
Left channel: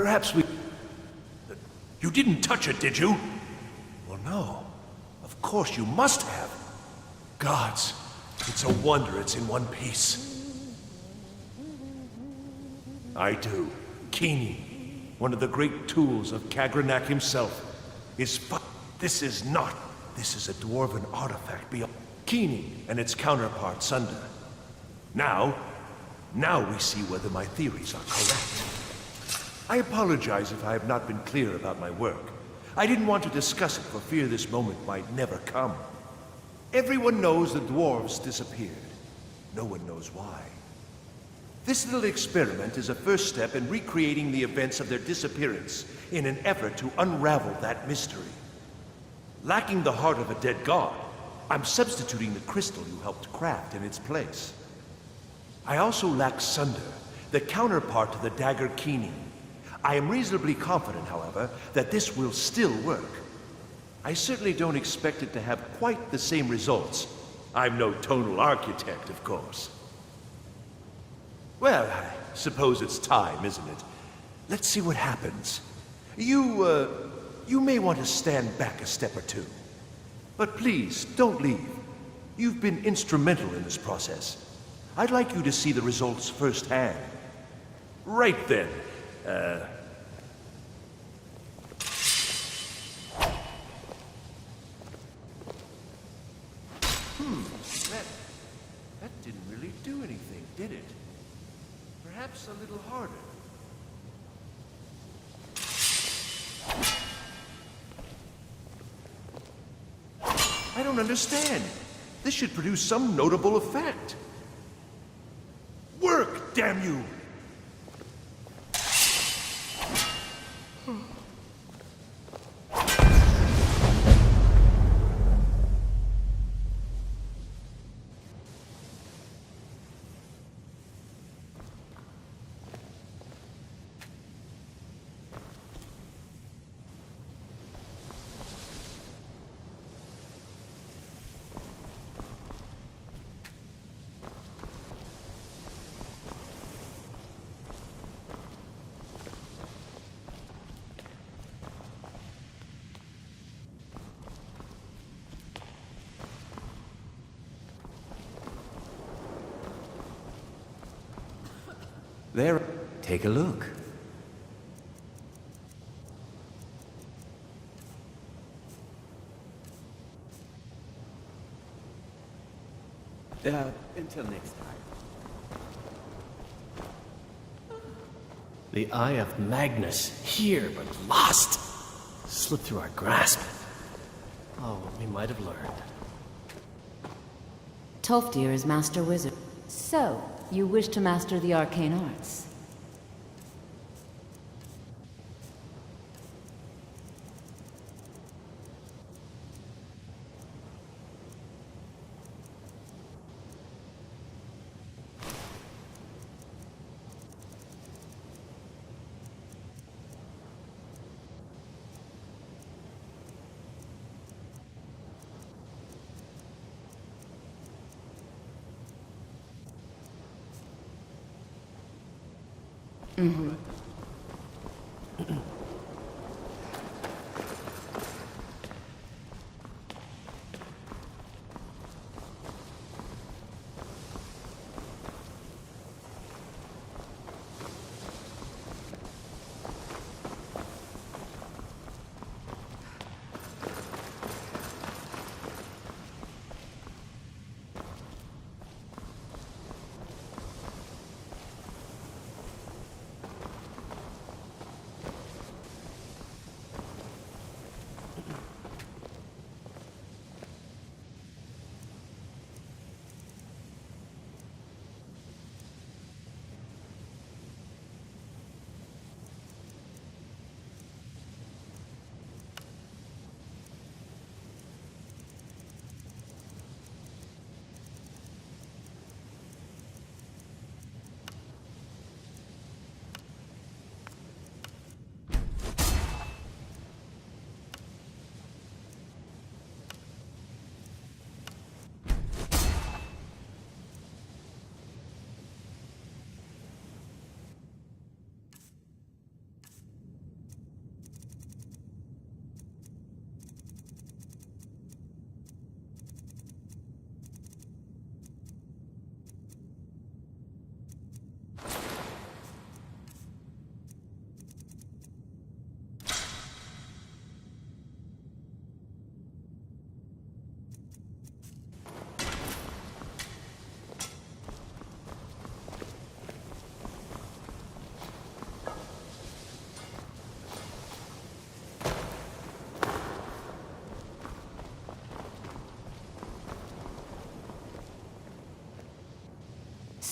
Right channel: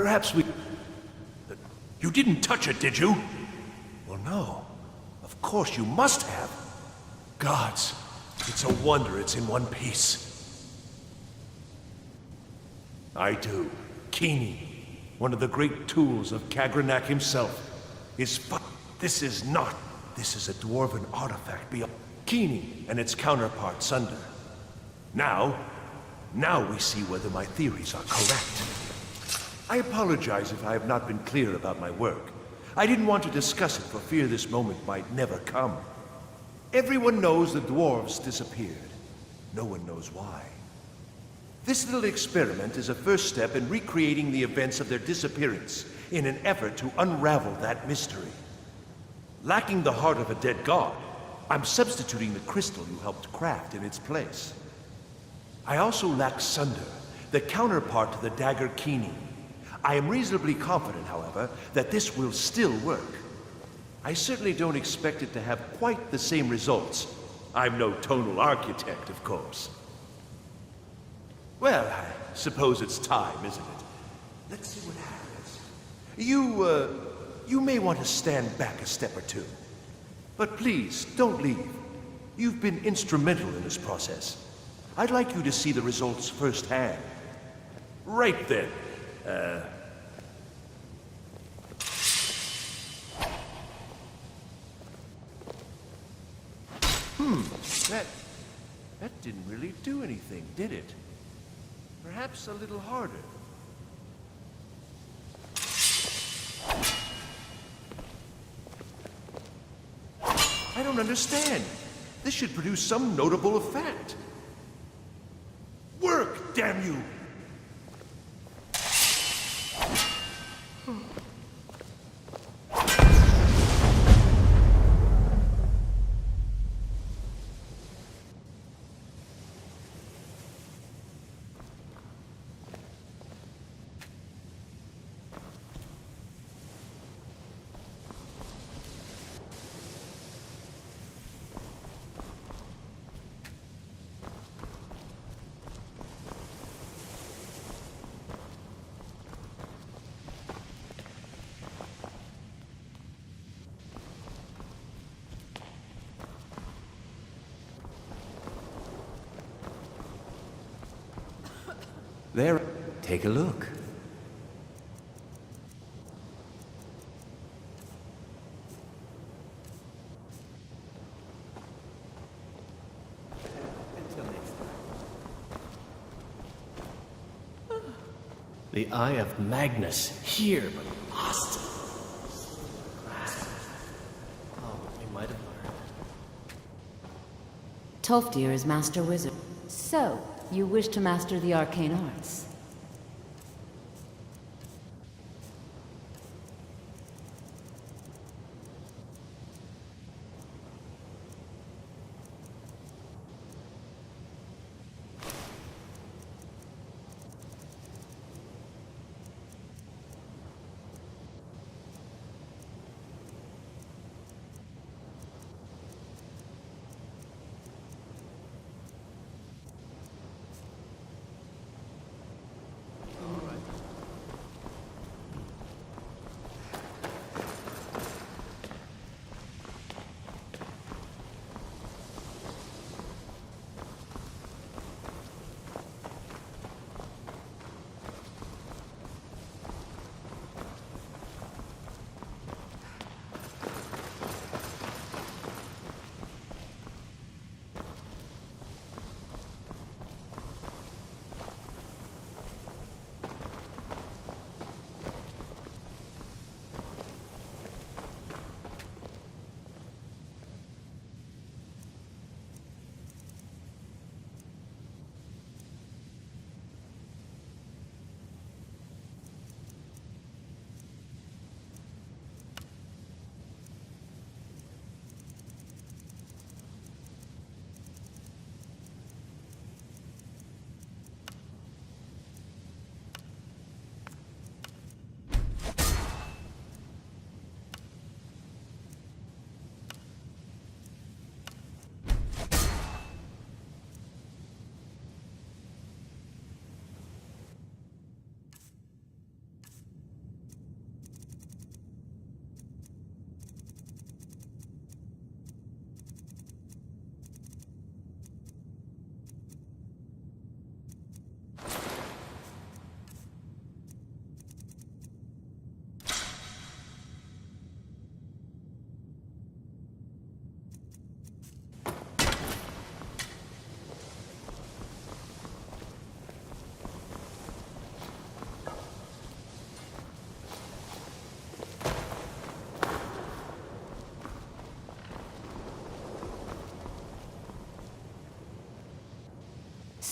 Perhaps we... You didn't touch it, did you? Well, no. Of course you must have. Gods, it's a wonder it's in one piece. I do. Keening, one of the great tools of Kagranak himself, is This is not. This is a dwarven artifact beyond Keening and its counterpart, Sunder. Now we see whether my theories are correct. I apologize if I have not been clear about my work. I didn't want to discuss it for fear this moment might never come. Everyone knows the dwarves disappeared. No one knows why. This little experiment is a first step in recreating the events of their disappearance in an effort to unravel that mystery. Lacking the heart of a dead god, I'm substituting the crystal you helped craft in its place. I also lack Sunder, the counterpart to the dagger Keening. I am reasonably confident, however, that this will still work. I certainly don't expect it to have quite the same results. I'm no tonal architect, of course. Well, I suppose it's time, isn't it? Let's see what happens. You may want to stand back a step or two. But please, don't leave. You've been instrumental in this process. I'd like you to see the results firsthand. Right then. That didn't really do anything, did it? Perhaps a little harder. I don't understand. This should produce some notable effect. Work, damn you! There. Take a look. Until next time. The Eye of Magnus, here but lost. Slipped through our grasp. Oh, we might have learned. Tolfdir is Master Wizard. So, you wish to master the arcane arts?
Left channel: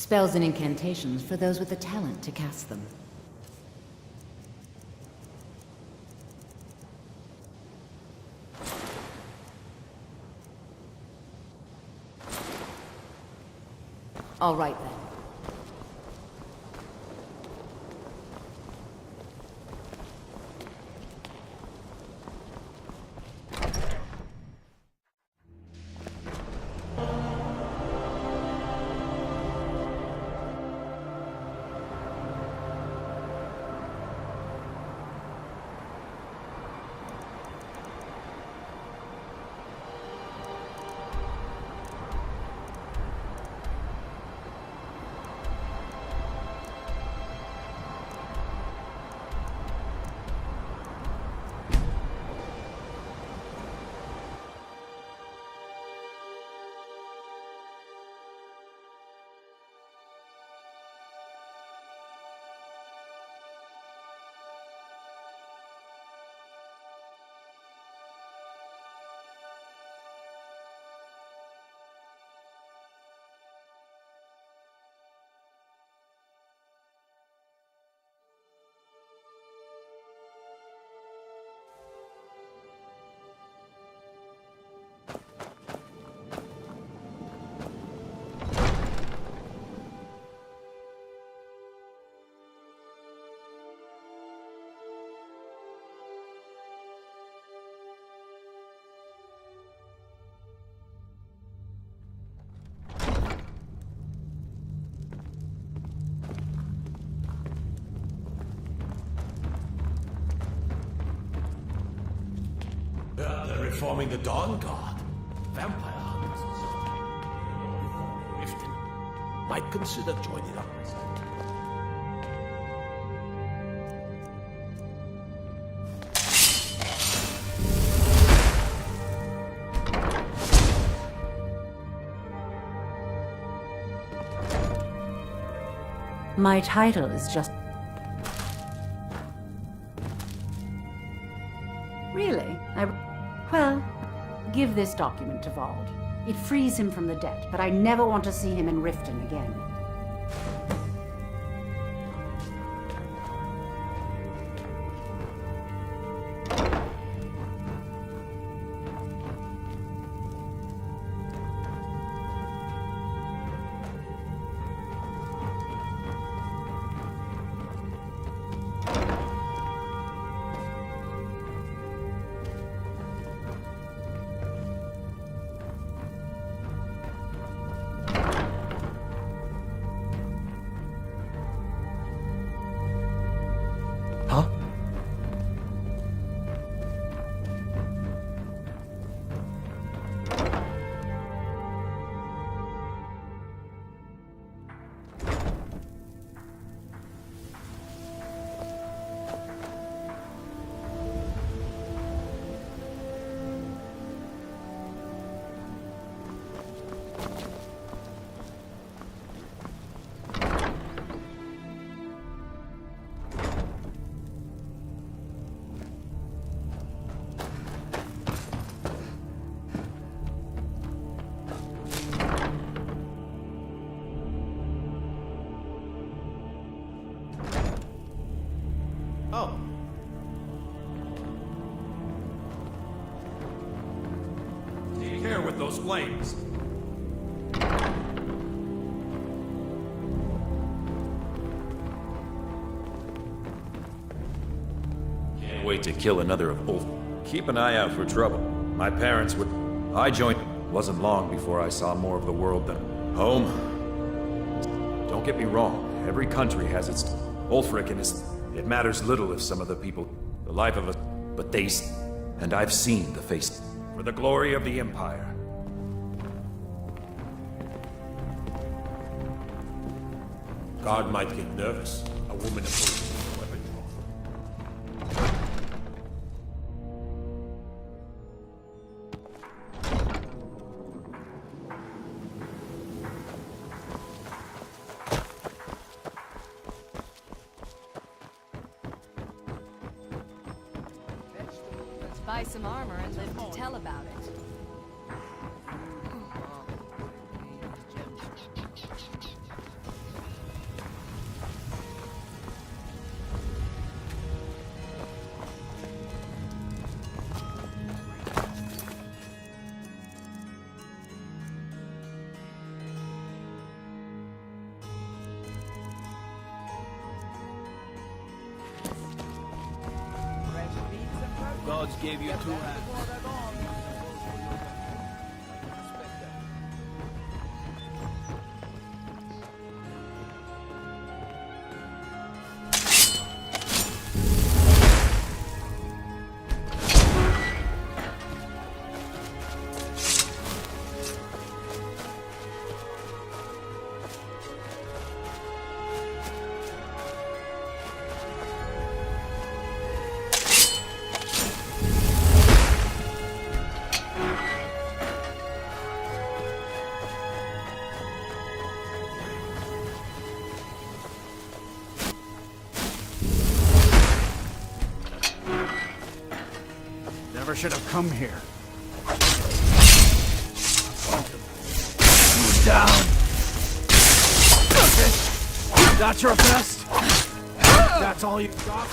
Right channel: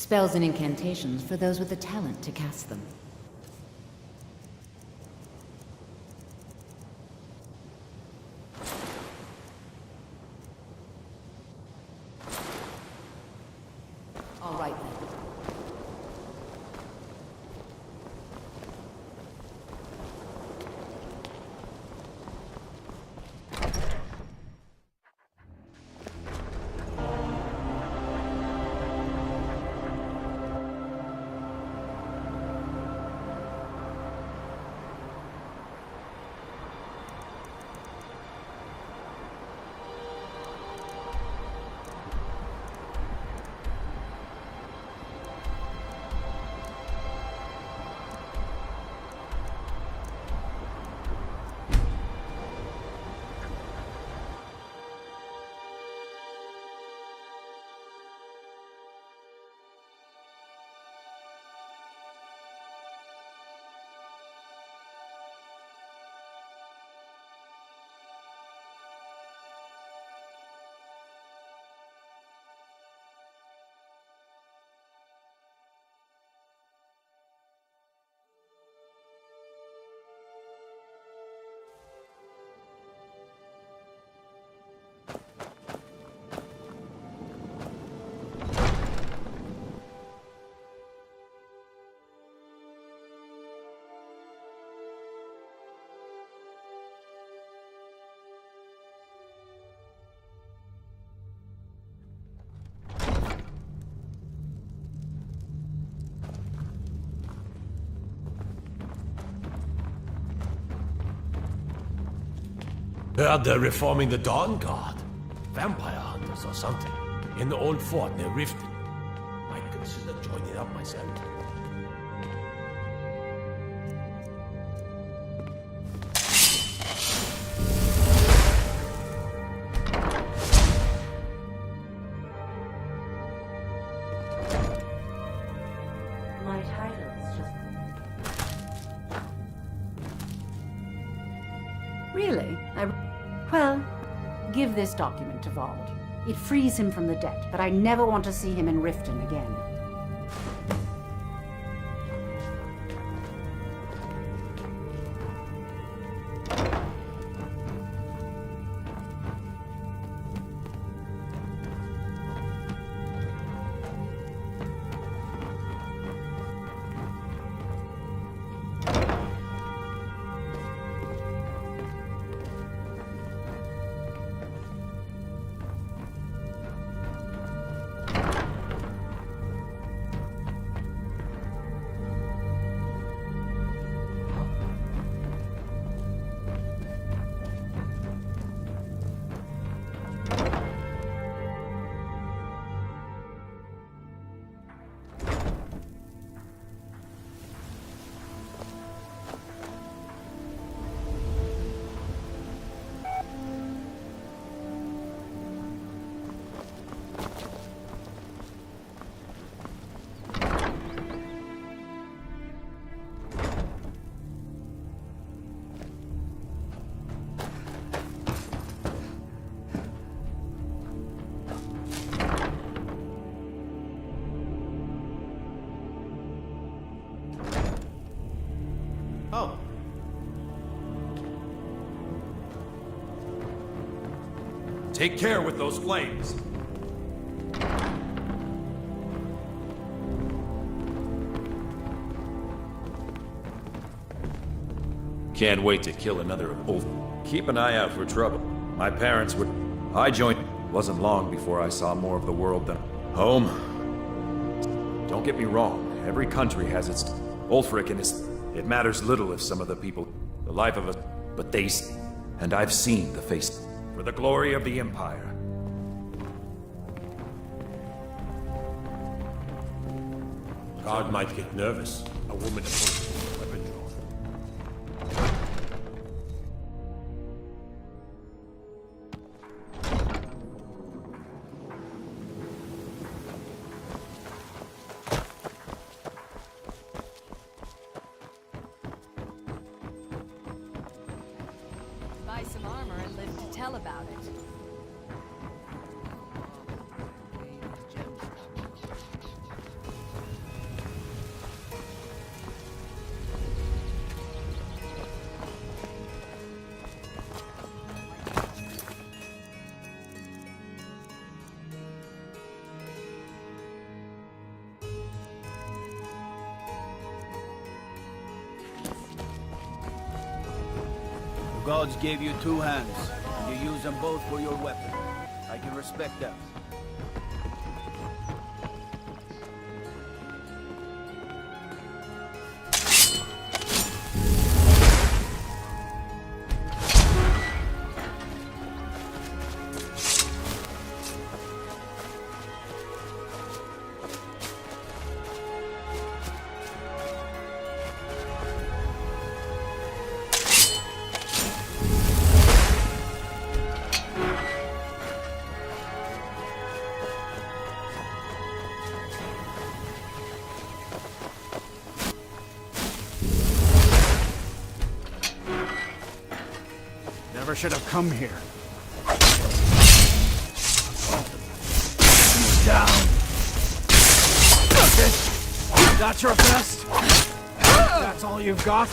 Spells and incantations for those with the talent to cast them. All right then. Heard they're reforming the Dawn Guard. Vampire hunters or something. In the old fort near Riften. Might consider joining up myself. My title is just... Really? Well, give this document to Vald. It frees him from the debt, but I never want to see him in Riften again. Oh. Take care with those flames. Can't wait to kill another of Ulf. Keep an eye out for trouble. My parents would... I joined... Wasn't long before I saw more of the world than... Home? Don't get me wrong. Every country has its... Ulfric and his... It matters little if some of the people... The life of us... But they... And I've seen the face... For the glory of the Empire. Guard might get nervous. A woman approaches with a weapon drawn. Let's buy some armor and live to tell about it. gods gave you two hands. You use them both for your weapon. I can respect that. Never should have come here. You down. That's your best? That's all you've got?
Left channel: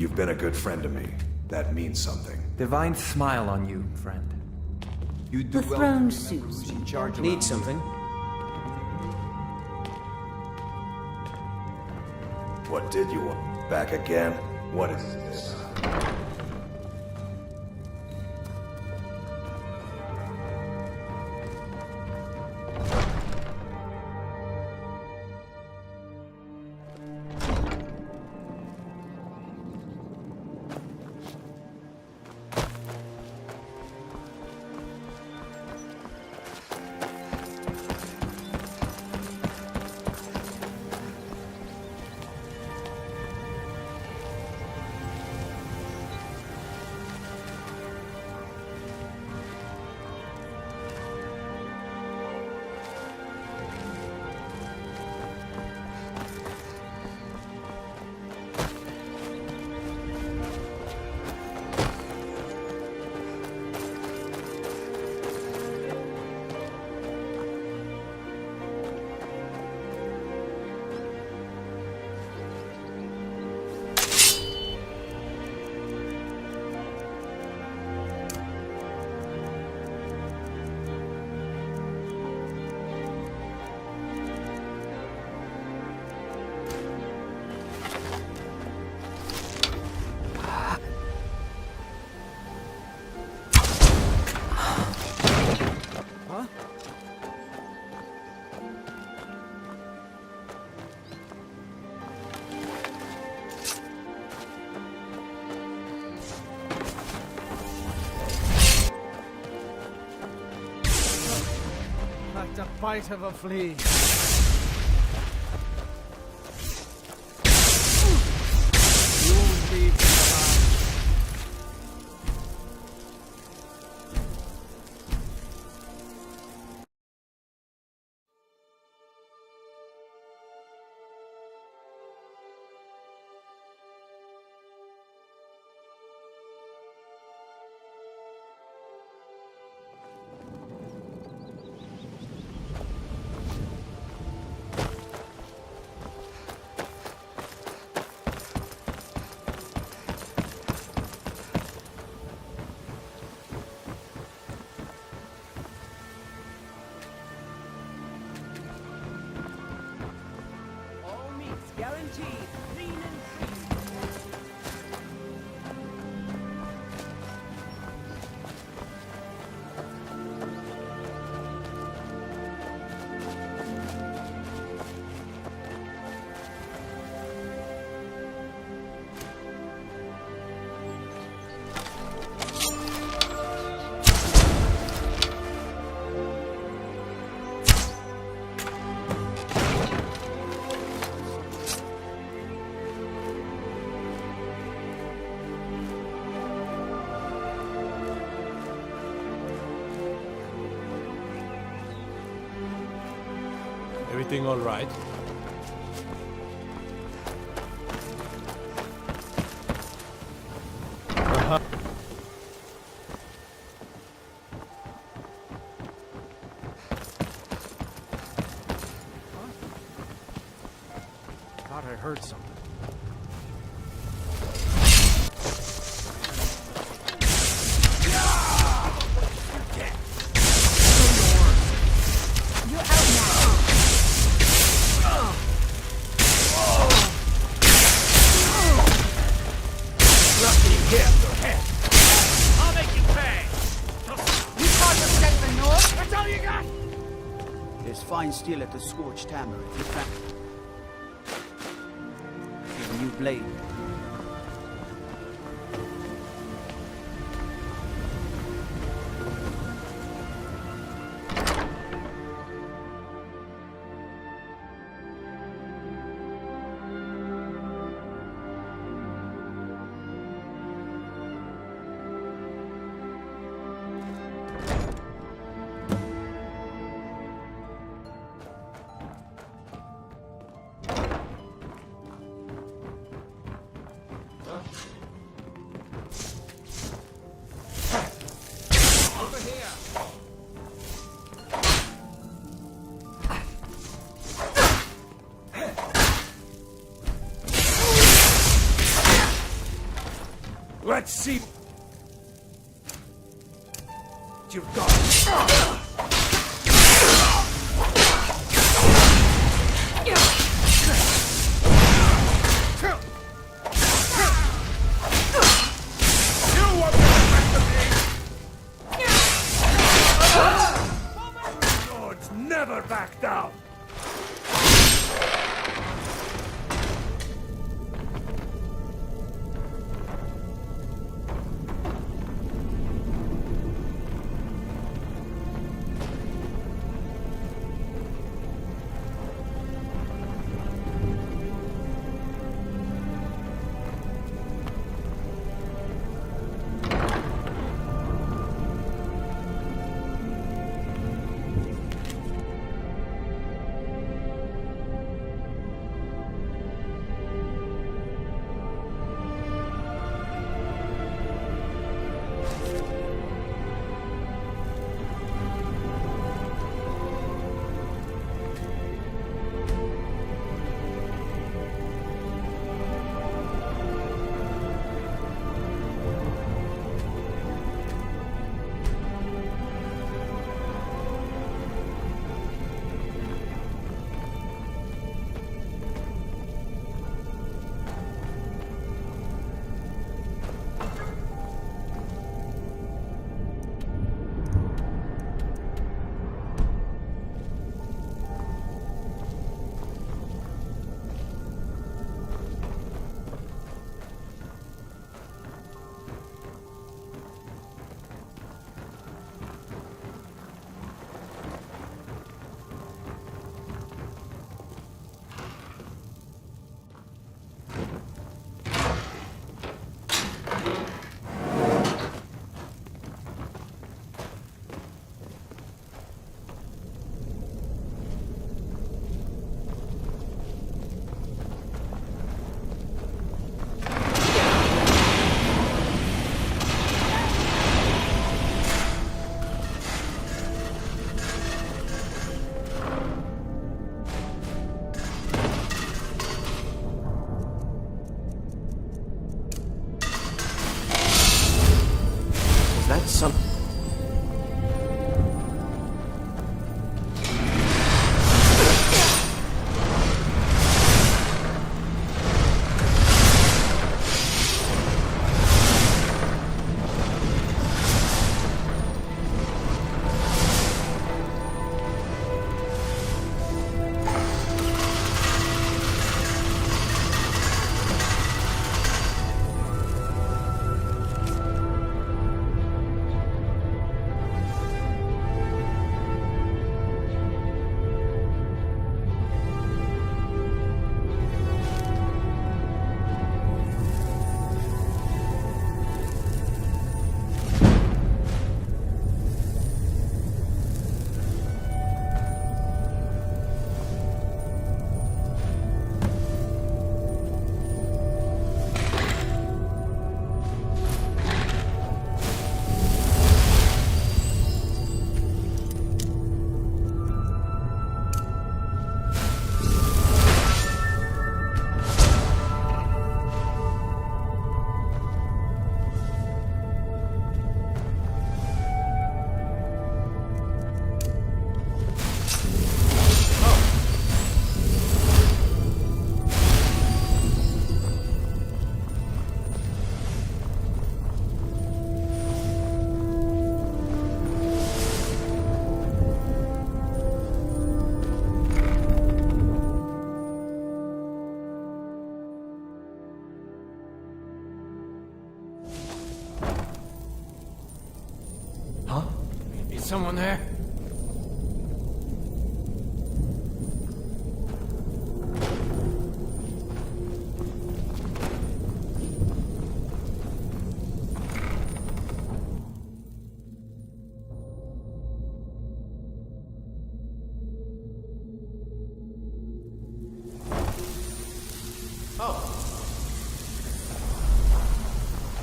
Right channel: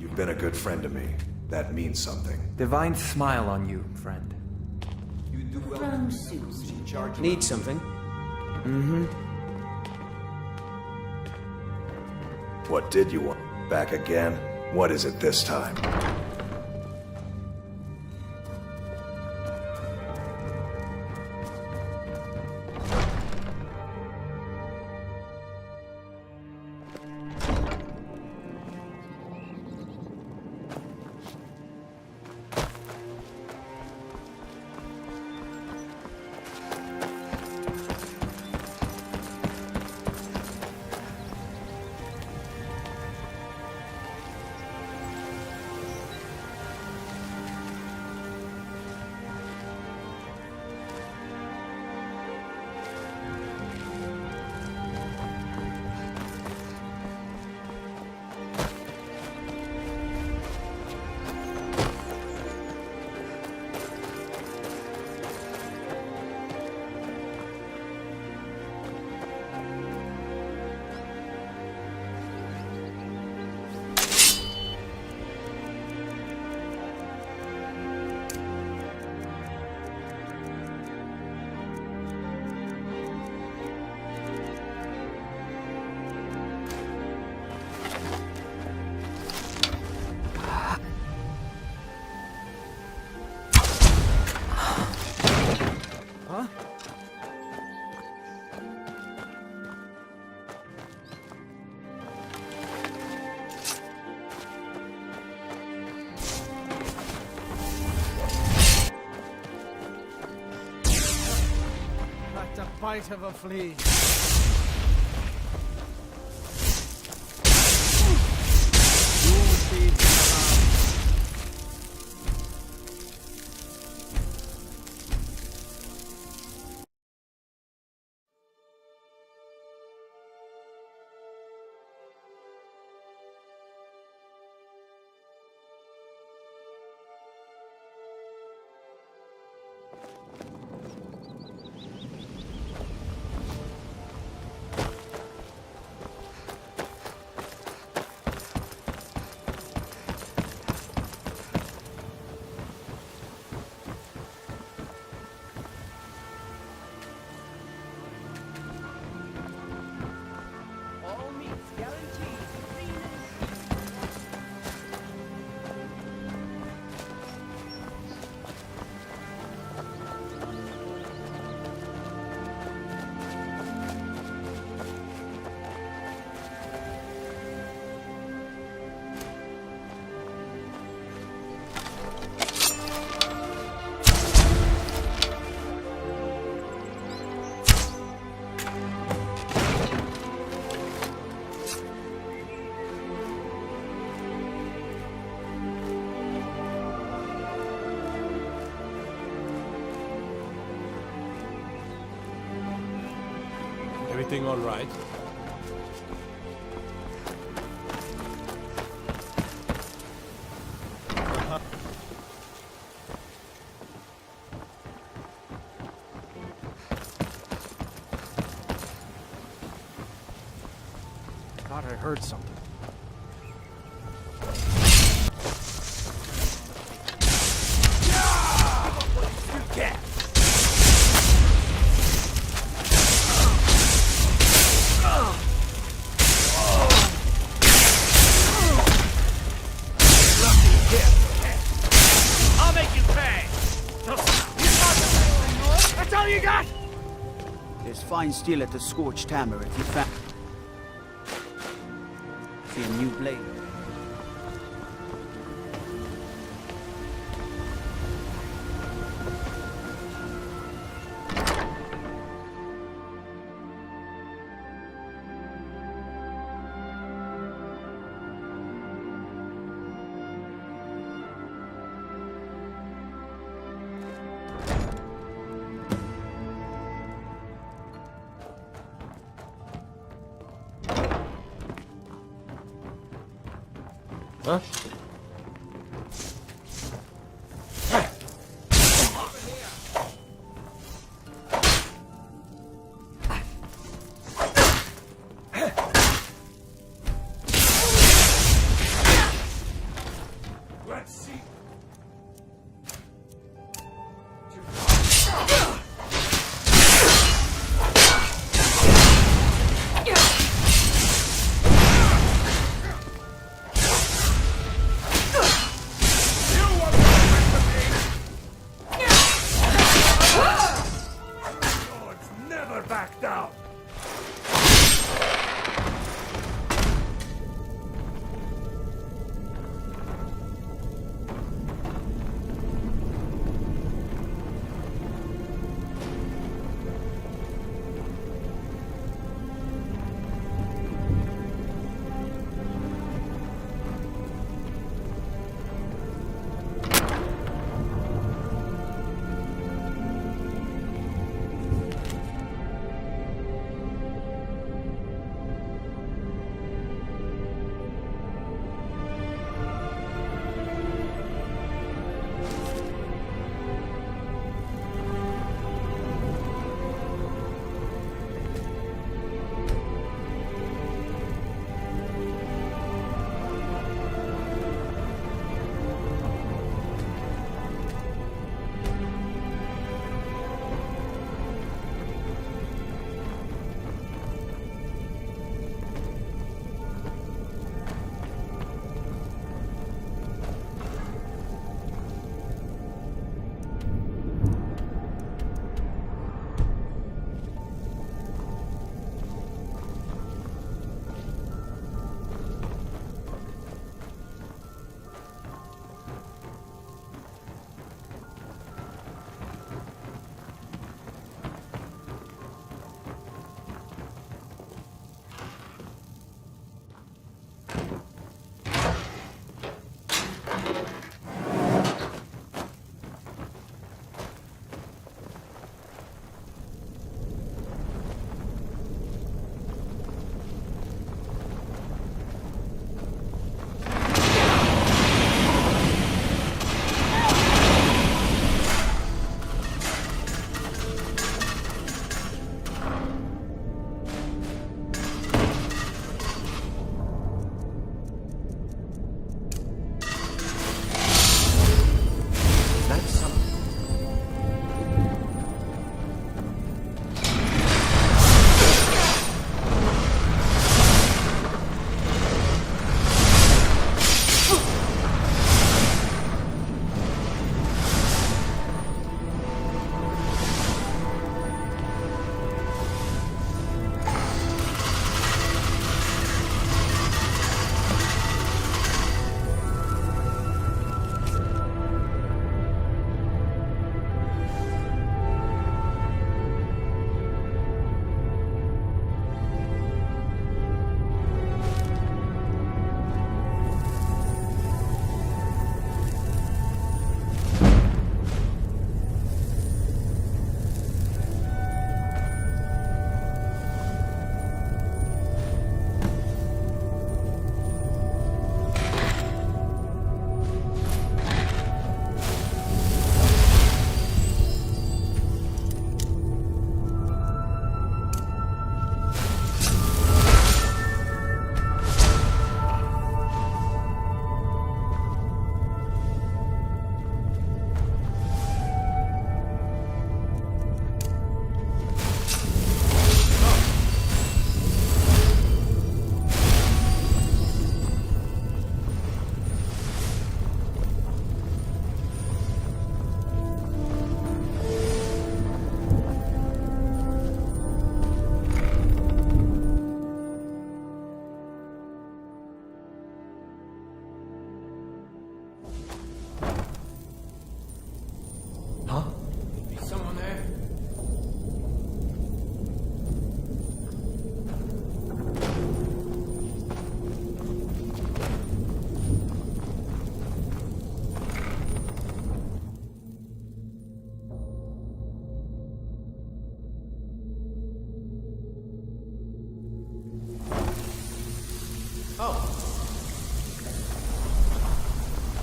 You've been a good friend to me. That means something. Divine smile on you, friend. You do The well throne to remember who's suits in me. charge Need around something? What did you want? Back again? What is it this time? Like the bite of a flea. You won't leave me alone. Everything all right? Thought I heard something. I'll make you pay! You thought to protect the North? That's all you got? There's fine steel at the Scorched Hammer if you found... See a new blade. Huh? Over here! Let's see. You've got. Never back down!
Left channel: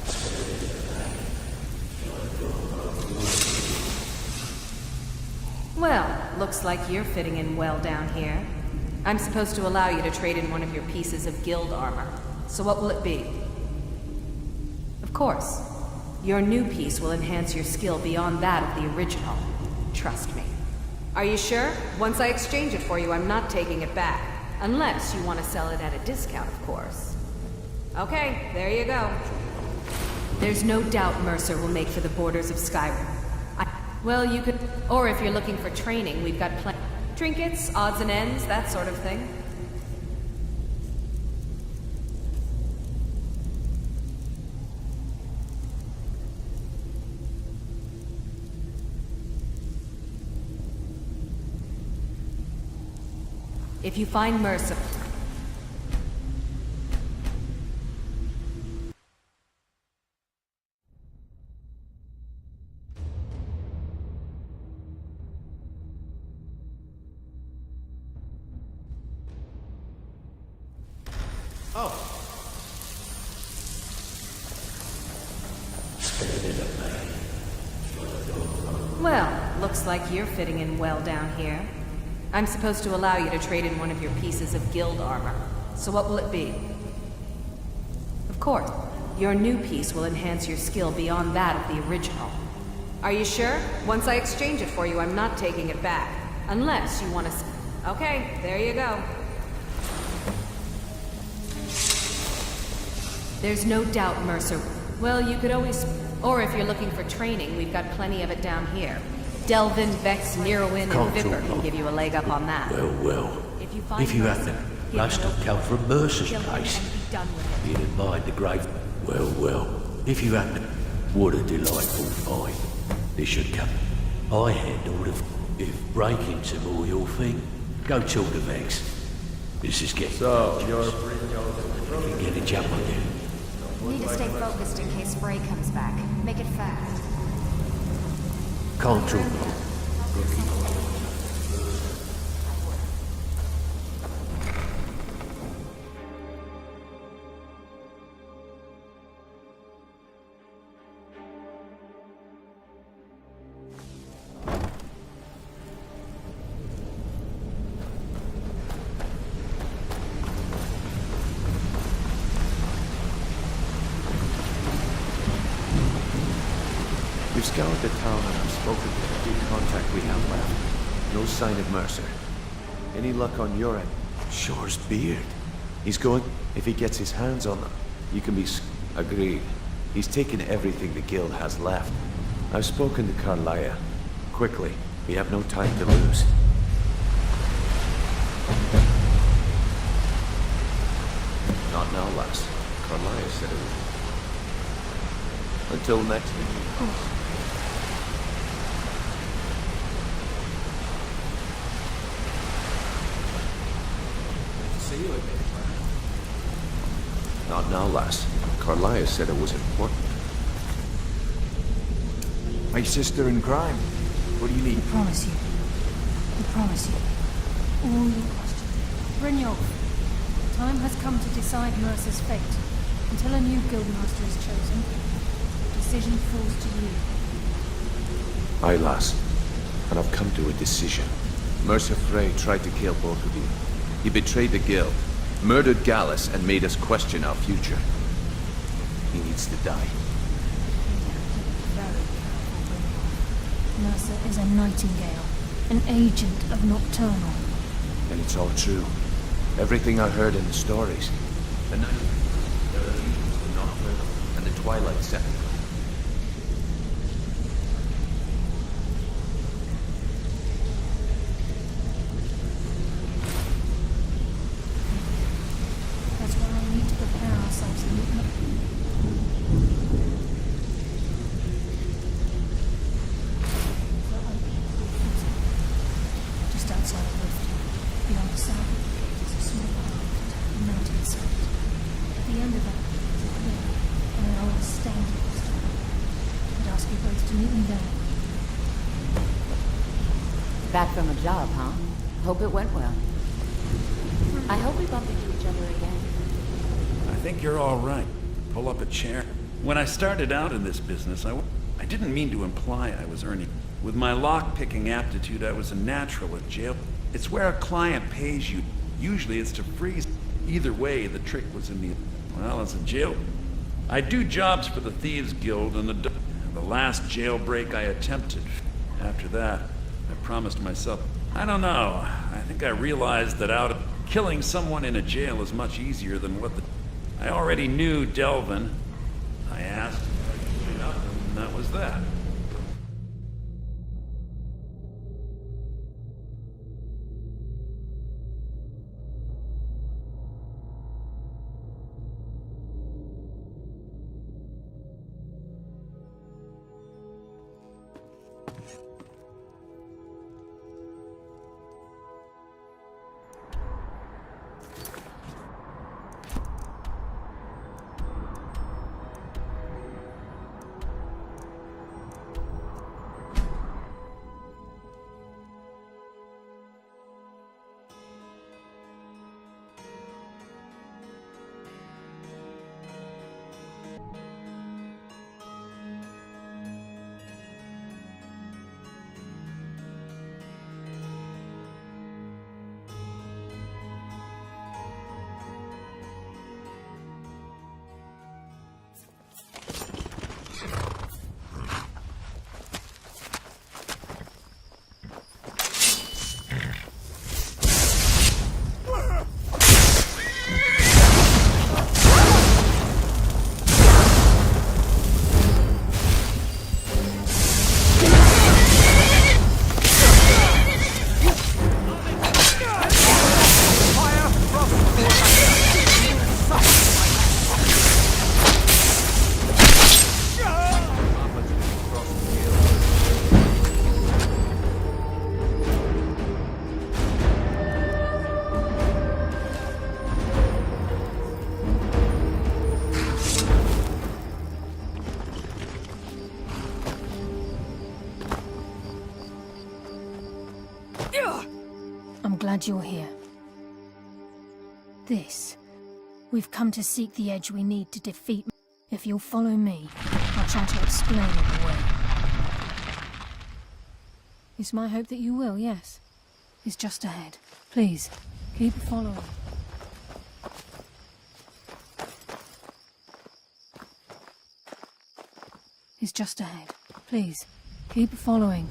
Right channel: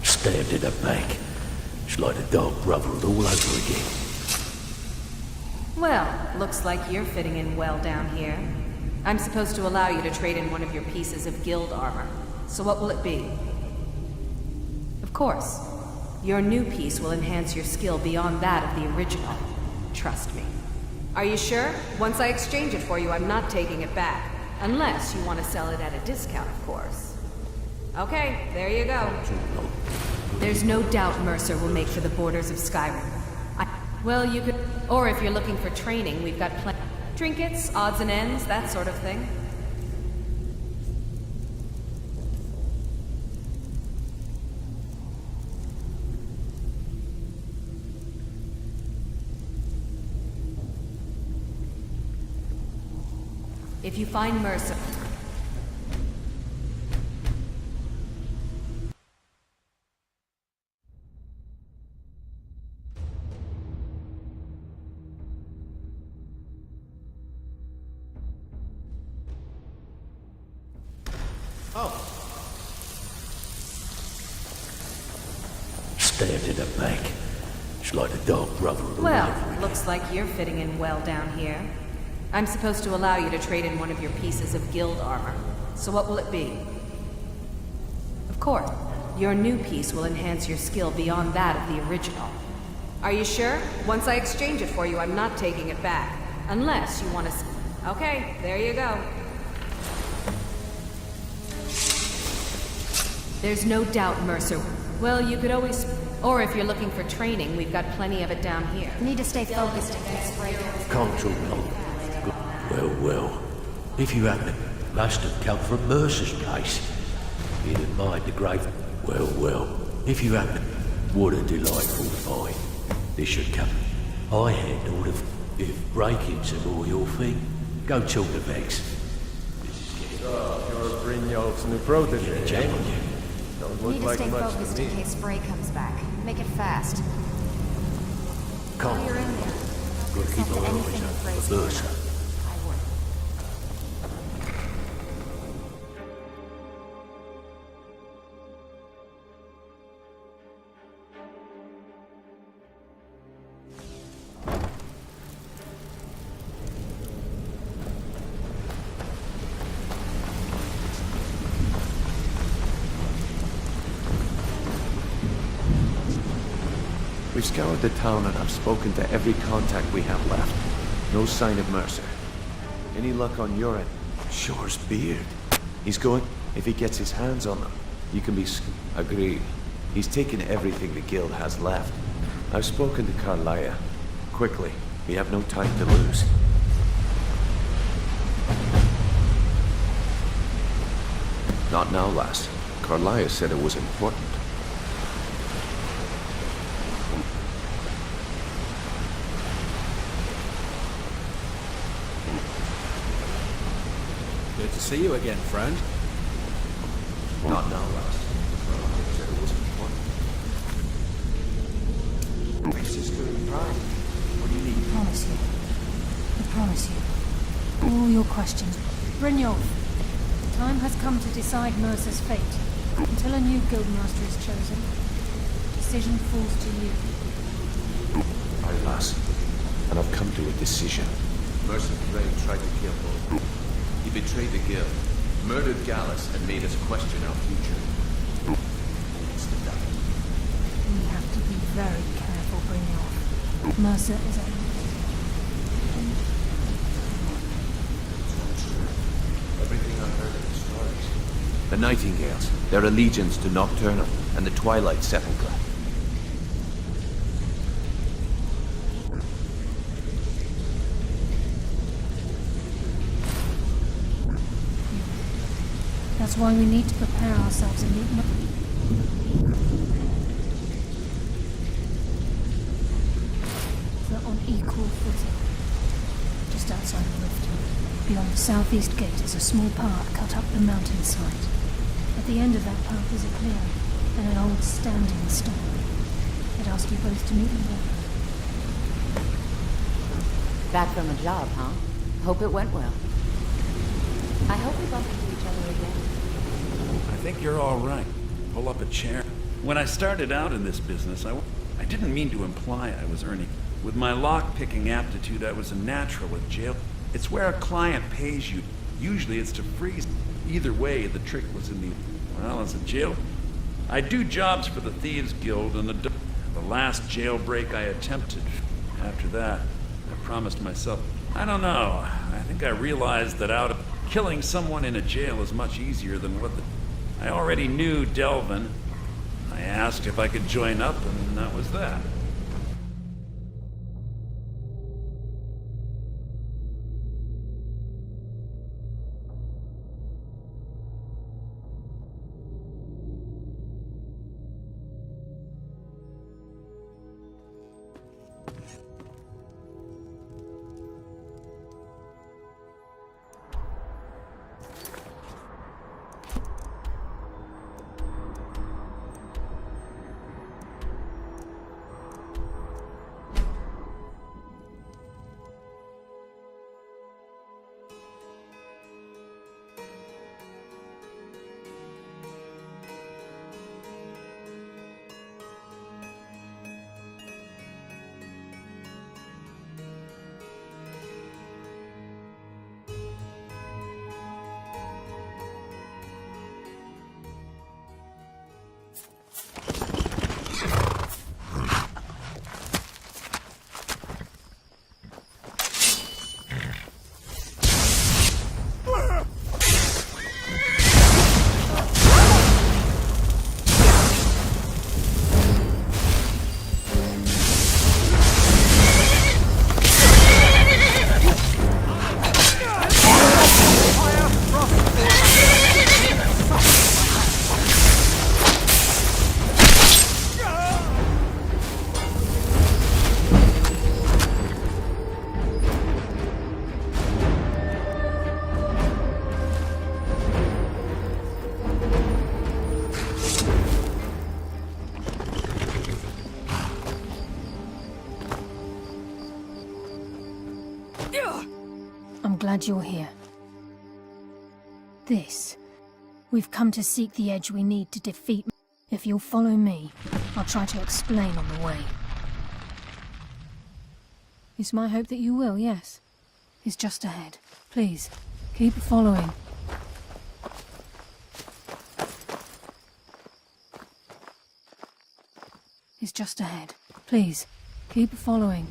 Stabbed in the back. It's like the Dark Brotherhood all over again. Well, looks like you're fitting in well down here. I'm supposed to allow you to trade in one of your pieces of guild armor. So what will it be? Of course. Your new piece will enhance your skill beyond that of the original. Trust me. Are you sure? Once I exchange it for you, I'm not taking it back. Unless you want to sell it at a discount, of course. Okay, there you go. There's no doubt Mercer will make for the borders of Skyrim. Well, you could... Or if you're looking for training, we've got plenty... Trinkets, odds and ends, that sort of thing. If you find Mercer... Stabbed in the back. It's like the Dark Brotherhood. Well, looks like you're fitting in well down here. I'm supposed to allow you to trade in one of your pieces of guild armor. So what will it be? Of course. Your new piece will enhance your skill beyond that of the original. Are you sure? Once I exchange it for you, I'm not taking it back. Unless you want to... Okay, there you go. There's no doubt Mercer... Well, you could always... Or if you're looking for training, we've got plenty of it down here. We need to stay Delvin, focused. Vex, Nearwind, Can't and Viper talk can give you a leg up on that. Well. If you hadn't, must have come from Mercer's place. He didn't mind the grave. Well. If you hadn't, what a delightful fight. This should come. I handled it. If breaking's more your thing, go talk to Vex. This is getting... So, you're Brynjolf's new protege, Get a jump on you. Don't We look need to like stay much focused to in me. case Spray comes back. Make it fast. Can't While you're talk in there, long. help Gotta keep yourself our to eyes anything open Frey's for Mercer. I would. We've scoured the town and I've spoken to every contact we have left. No sign of Mercer. Any luck on your end? Shore's beard. He's going... If he gets his hands on them, you can be... Agreed. He's taken everything the guild has left. I've spoken to Carlia. Quickly. We have no time to lose. Not now, lass. Carlia said it was important. Until next... Good to see you again, friend. Not now, lass. Carlia said it was important. My sister in crime. What do you need? I promise you. All your questions. Brynjolf, the time has come to decide Mercer's fate. Until a new guildmaster is chosen, the decision falls to you. Aye, lass. And I've come to a decision. Mercer Frey tried to kill both of you. He betrayed the guild, murdered Gallus, and made us question our future. He needs to die. We have to be very careful, Brynjolf. Mercer is a Nightingale, an agent of Nocturnal. And it's all true. Everything I heard in the stories. The Nightingales, their allegiance to Nocturnal, and the Twilight Sepulchre. That's why we need to prepare ourselves and meet They're on equal footing. Just outside of Riften, beyond the southeast gate is a small path cut up the mountainside. At the end of that path is a clearing, and an old standing stone. I'd ask you both to meet me there. Back from a job, huh? Hope it went well. I hope we bump into each other again. think you're all right. Pull up a chair. When I started out in this business, I didn't mean to imply I was earning. With my lock-picking aptitude, I was a natural at jail. It's where a client pays you. Usually it's to freeze. Either way, the trick was in well, as a jail. I do jobs for the Thieves Guild and the last jailbreak I attempted. After that, I promised myself, I don't know, I think I realized that killing someone in a jail is much easier than I already knew Delvin. I asked if I could join up, and that was that. I'm glad you're here. We've come to seek the edge we need to defeat. If you'll follow me, I'll try to explain on the way. It's my hope that you will, yes. It's just ahead. Please, keep following. It's just ahead. Please, keep following.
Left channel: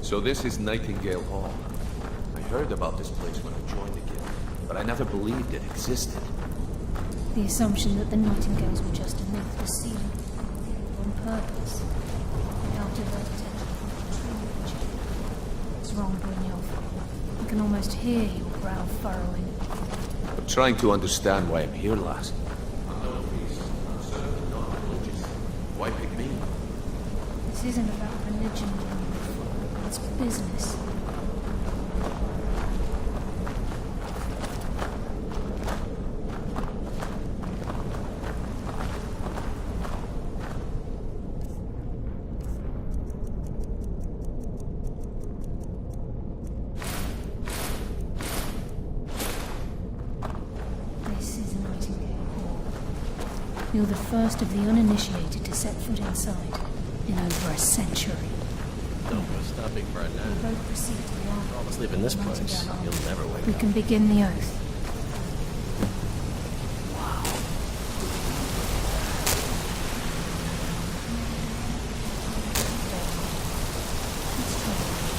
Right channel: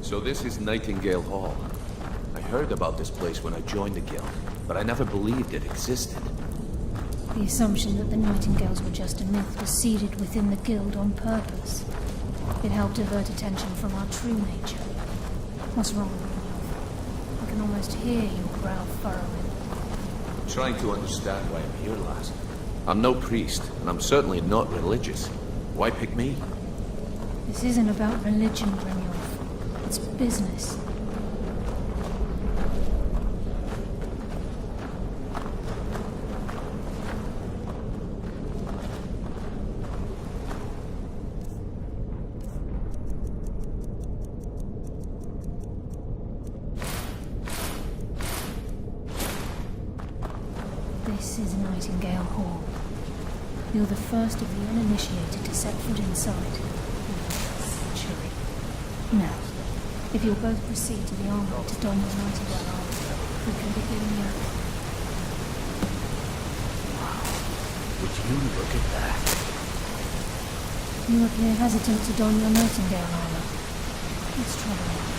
So this is Nightingale Hall. I heard about this place when I joined the guild, but I never believed it existed. The assumption that the Nightingales were just a myth was seeded within the guild on purpose. It helped divert attention from our true nature. What's wrong, Brynjolf? I can almost hear your brow furrowing. I'm trying to understand why I'm here, lass. I'm no priest, and I'm certainly not religious. Why pick me? This isn't about religion, Brynjolf. It's business. This is Nightingale Hall. You're the first of the uninitiated to set foot inside in over a century. Now, if you'll both proceed to the armory to don the Nightingale armor, we can begin the oath. Wow. Would you look at that? You appear hesitant to don your Nightingale armor. What's troubling you?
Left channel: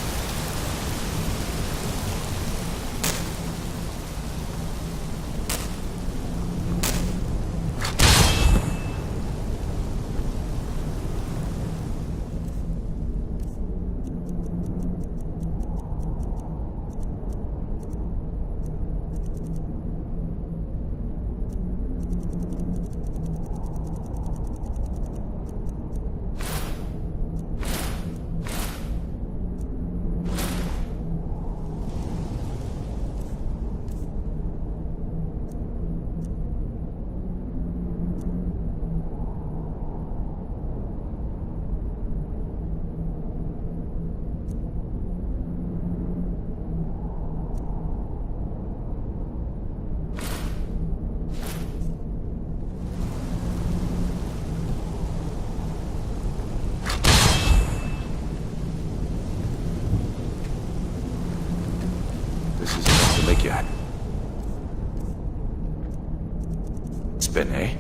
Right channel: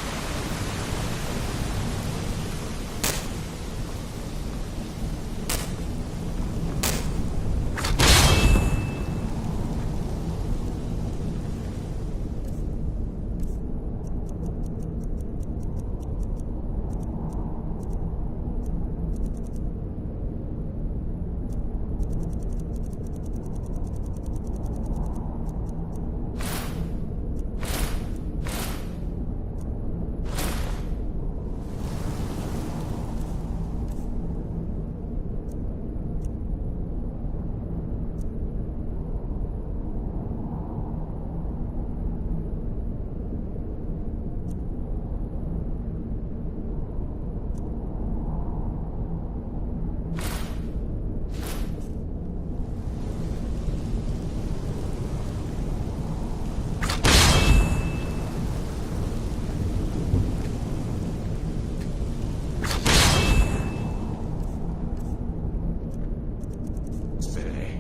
Spin, eh?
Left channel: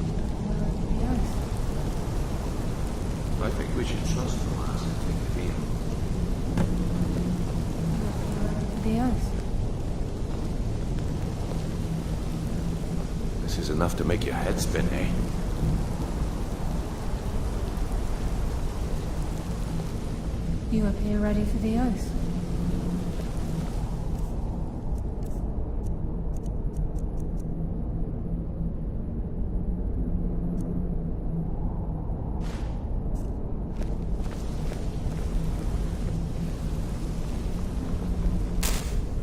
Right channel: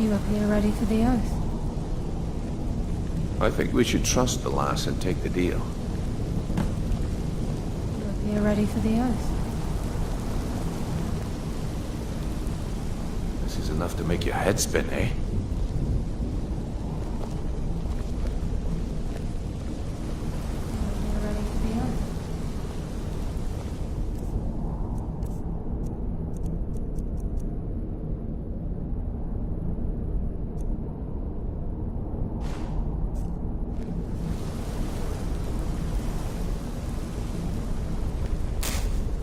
You appear ready for the oath. I think we should trust the lass and take the deal. You appear ready for the oath. This is enough to make your head spin, eh? You appear ready for the oath.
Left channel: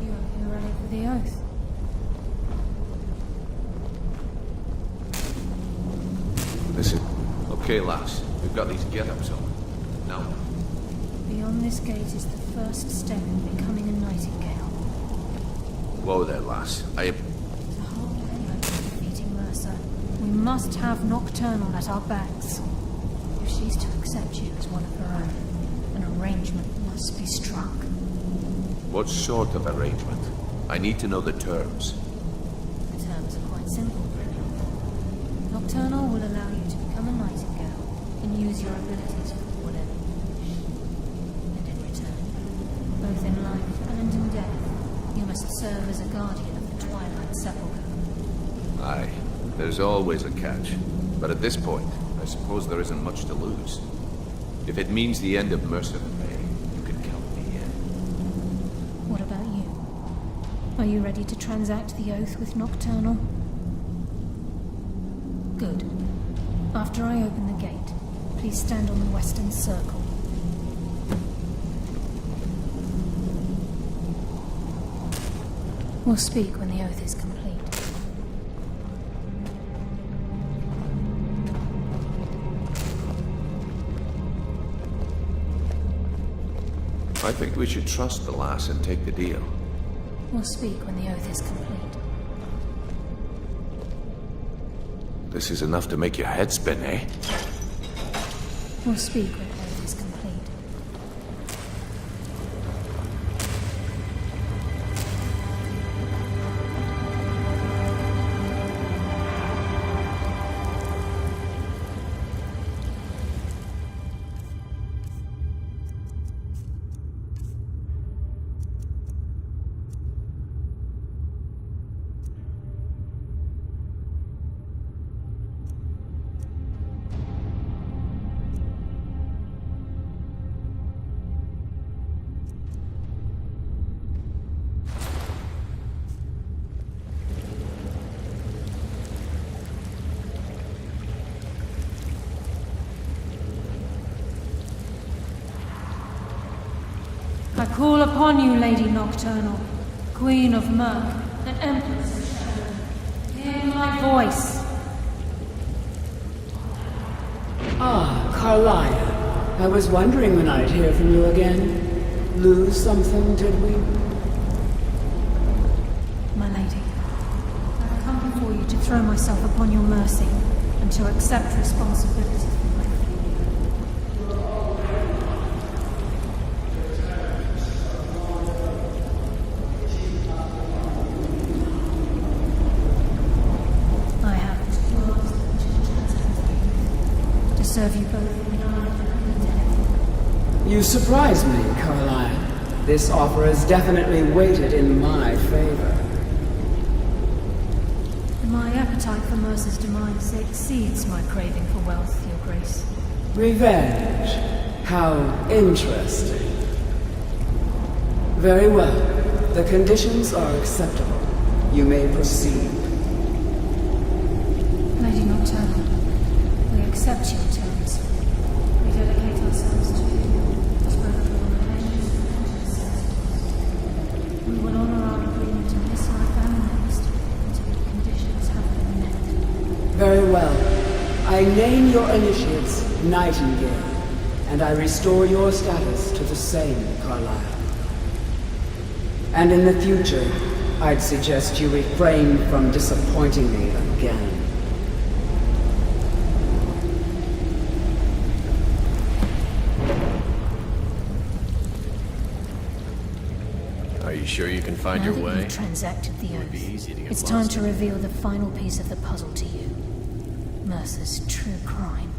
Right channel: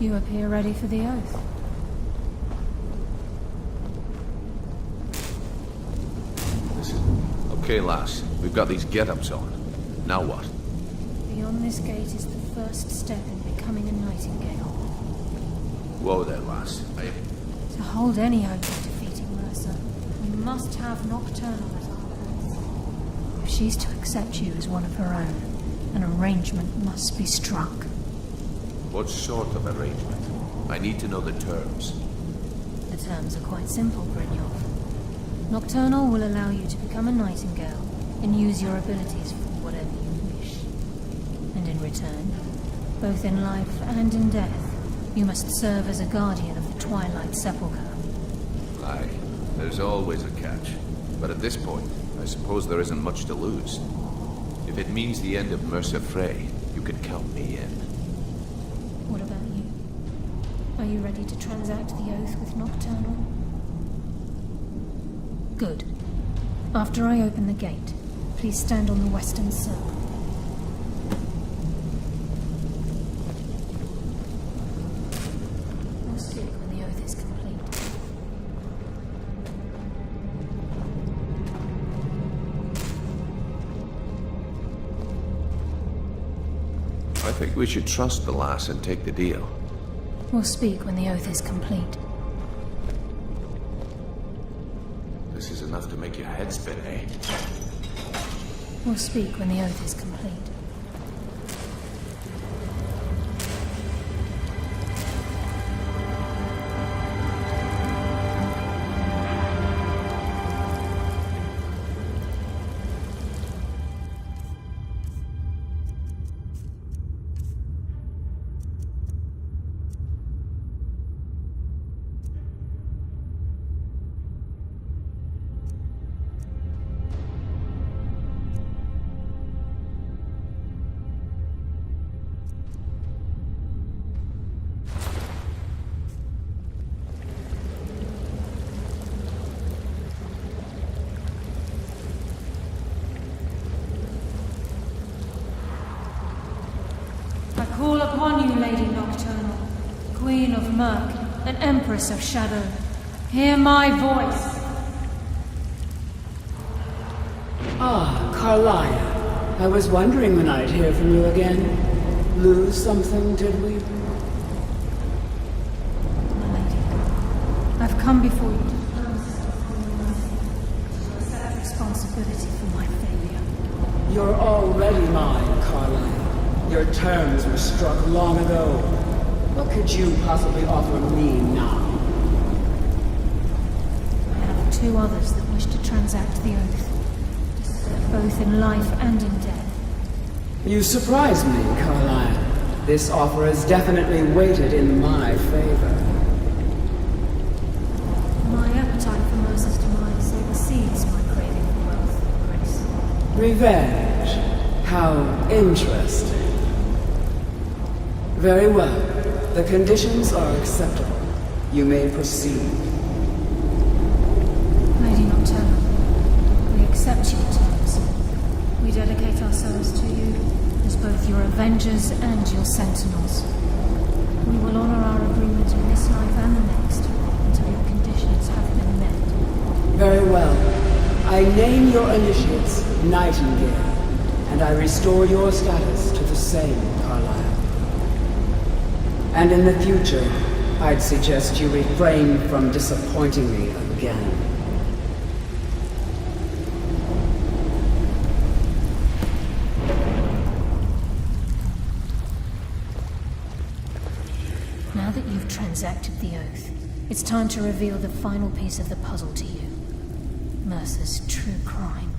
You appear ready for the oath. This is... Okay, lass. We've got these get-ups on. Now what? Beyond this gate is the first step in becoming a nightingale. Whoa there, lass. To hold any hope of defeating Mercer, we must have Nocturnal at our backs. If she's to accept you as one of her own, an arrangement must be struck. What sort of arrangement? I need to know the terms. The terms are quite simple, Brynjolf. Nocturnal will allow you to become a nightingale and use your abilities for whatever you wish. And in return, both in life and in death, you must serve as a guardian of the Twilight Sepulchre. Aye, there's always a catch. But at this point, I suppose there isn't much to lose. If it means the end of Mercer Frey, you can count me in. What about you? Are you ready to transact the oath with Nocturnal? Good. After I open the gate, please stand on the western circle. We'll speak when the oath is complete. I think we should trust the lass and take the deal. We'll speak when the oath is complete. This is enough to make your head spin, eh? We'll speak when the oath is complete. I call upon you, Lady Nocturnal, Queen of Murk and Empress of Shadow. Hear my voice. Ah, Carlia. I was wondering when I'd hear from you again. Lose something, did we? My lady, I've come before you to throw myself upon your mercy and to accept responsibility for my failure. You're already mine, Carlia. Your terms were struck long ago. What could you possibly offer me now? I have two others that wish to transact the oath, to serve you both in life and in death. You surprise me, Carlisle. This offer is definitely weighted in my favor. My appetite for Mercer's demise exceeds my craving for wealth, Your Grace. Revenge. How interesting. Very well. The conditions are acceptable. You may proceed. Lady Nocturnal, we accept your terms. We dedicate ourselves to you as both your avengers and your sentinels. We will honor our agreement in this life and the next until your conditions have been met. Very well. I name your initiates Nightingale, and I restore your status to the same, Carlisle. And in the future, I'd suggest you refrain from disappointing me again. Are you sure you can can find Now your that way. you've transacted the It'd be oath, easy to get it's time lost to in it. reveal the final piece of the puzzle to you. Mercer's true crime.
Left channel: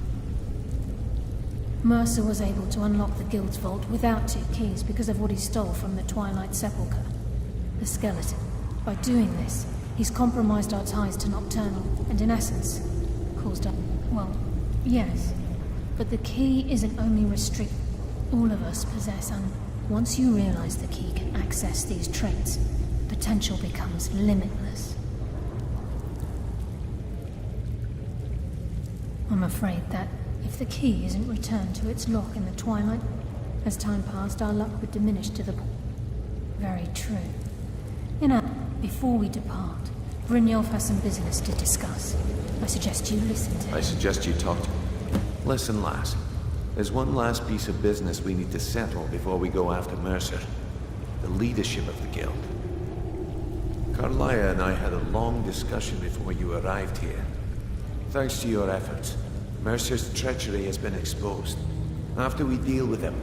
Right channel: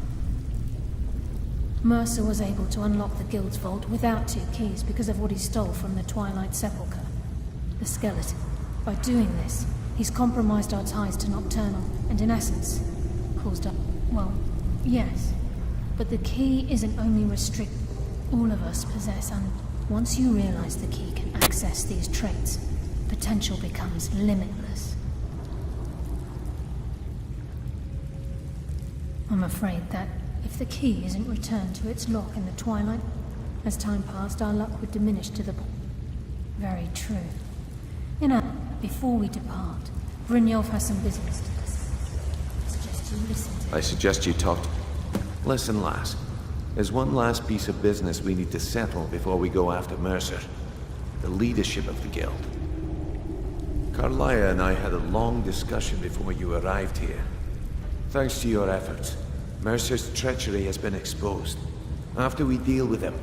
Mercer was able to unlock the Guild's vault without 2 keys because of what he stole from the Twilight Sepulchre. The skeleton. By doing this, he's compromised our ties to Nocturnal, and in essence, caused up. Well, yes. But the key isn't only restricted. All of us possess, and once you realize the key can access these traits, potential becomes limitless. I'm afraid that if the key isn't returned to its lock in the Twilight, as time passed, our luck would diminish to the point. Very true. Before we depart, Brynjolf has some business to discuss. I suggest you listen to him. I suggest you talk to... Listen, lass. There's one last piece of business we need to settle before we go after Mercer. The leadership of the Guild. Carlia and I had a long discussion before you arrived here. Thanks to your efforts, Mercer's treachery has been exposed. After we deal with him.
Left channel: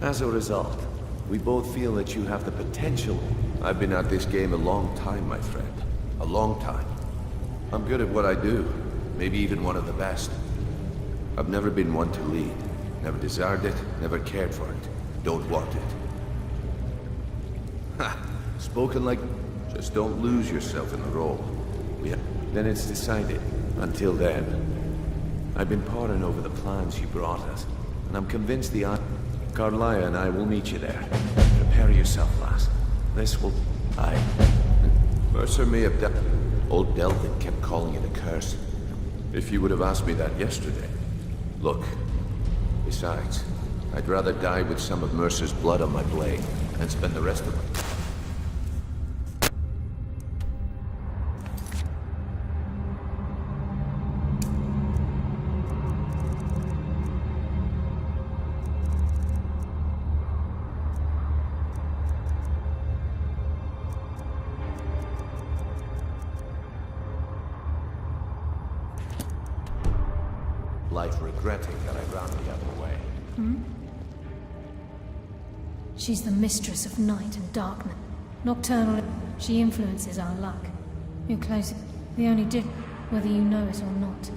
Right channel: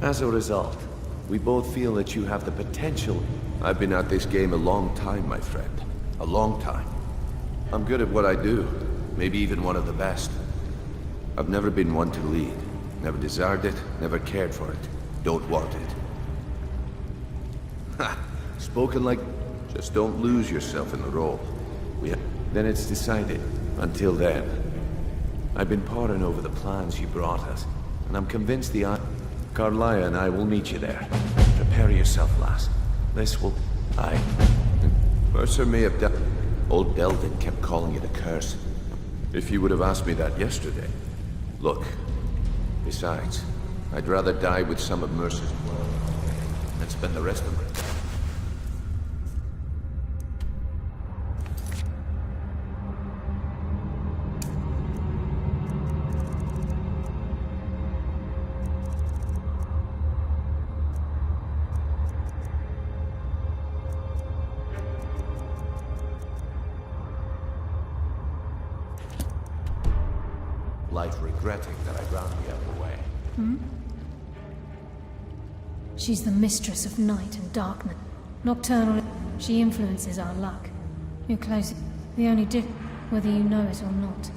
As a result, we both feel that you have the potential. I've been at this game a long time, my friend. A long time. I'm good at what I do. Maybe even one of the best. I've never been one to lead. Never desired it, never cared for it. Don't want it. Ha! Spoken like... Just don't lose yourself in the role. Then it's decided. Until then. I've been poring over the plans you brought us, and I'm convinced Carlia and I will meet you there. Prepare yourself, lass. This will... Mercer may have Old Delvin kept calling it a curse. If you would have asked me that yesterday. Look. Besides, I'd rather die with some of Mercer's blood on my blade than spend the rest of my... life regretting that I ran the other way. She's the mistress of night and darkness. Nocturnal. She influences our luck. You're close. The only whether you know it or not.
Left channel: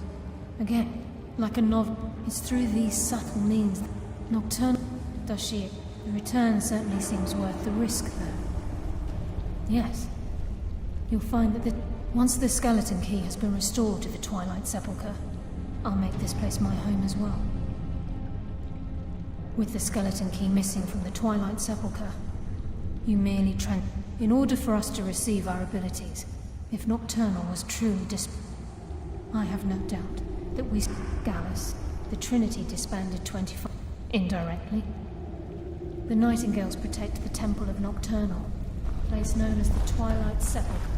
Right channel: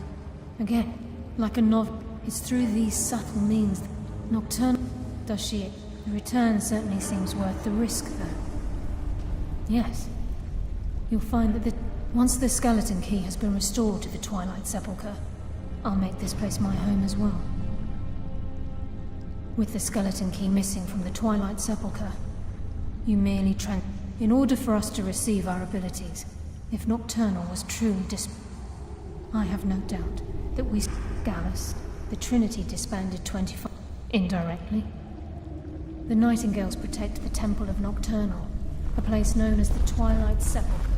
Again, like a novel, it's through these subtle means that Nocturnal does she. The return certainly seems worth the risk, though. Yes. You'll find that once the skeleton key has been restored to the Twilight Sepulchre, I'll make this place my home as well. With the skeleton key missing from the Twilight Sepulchre, you merely in order for us to receive our abilities, if Nocturnal was truly I have no doubt that Gallus, the Trinity disbanded 25... indirectly. The Nightingales protect the Temple of Nocturnal, a place known as the Twilight Sepulchre.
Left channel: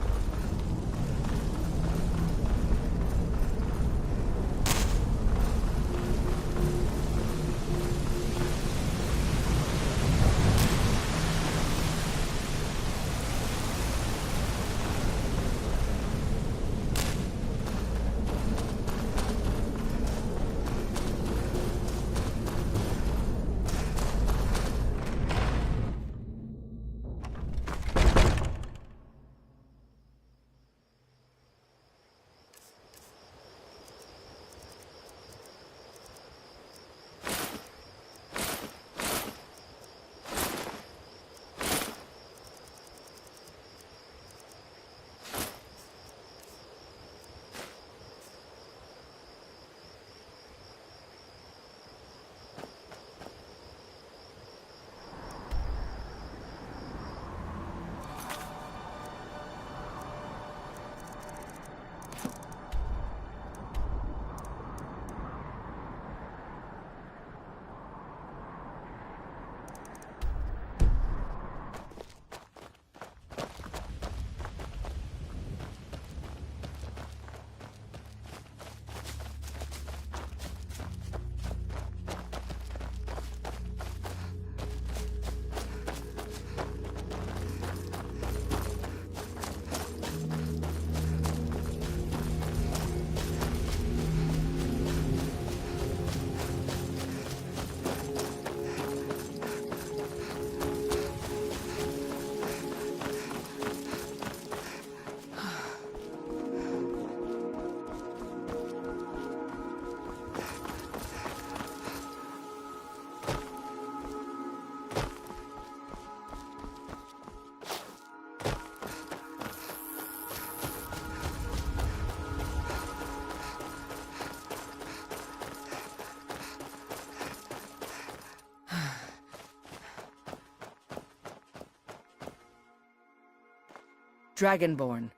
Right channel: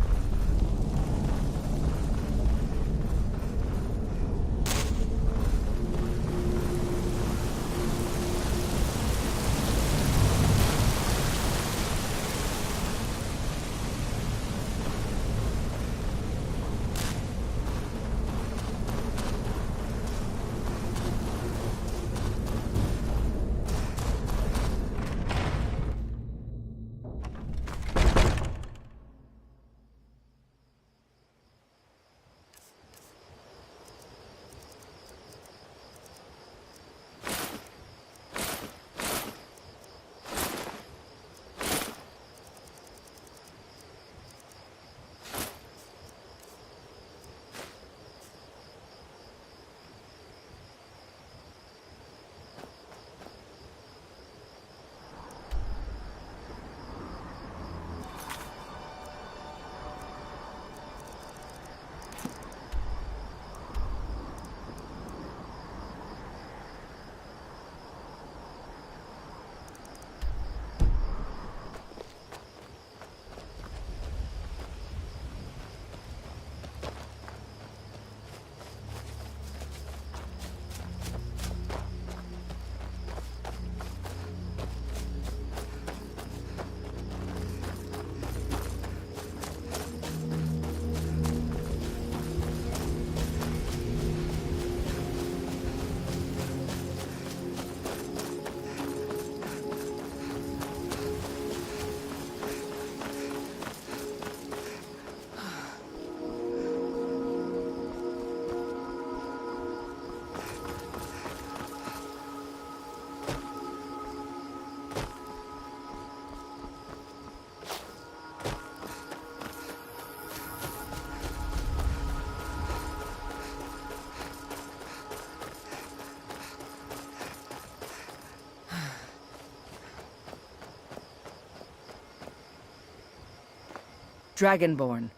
Dragonborn.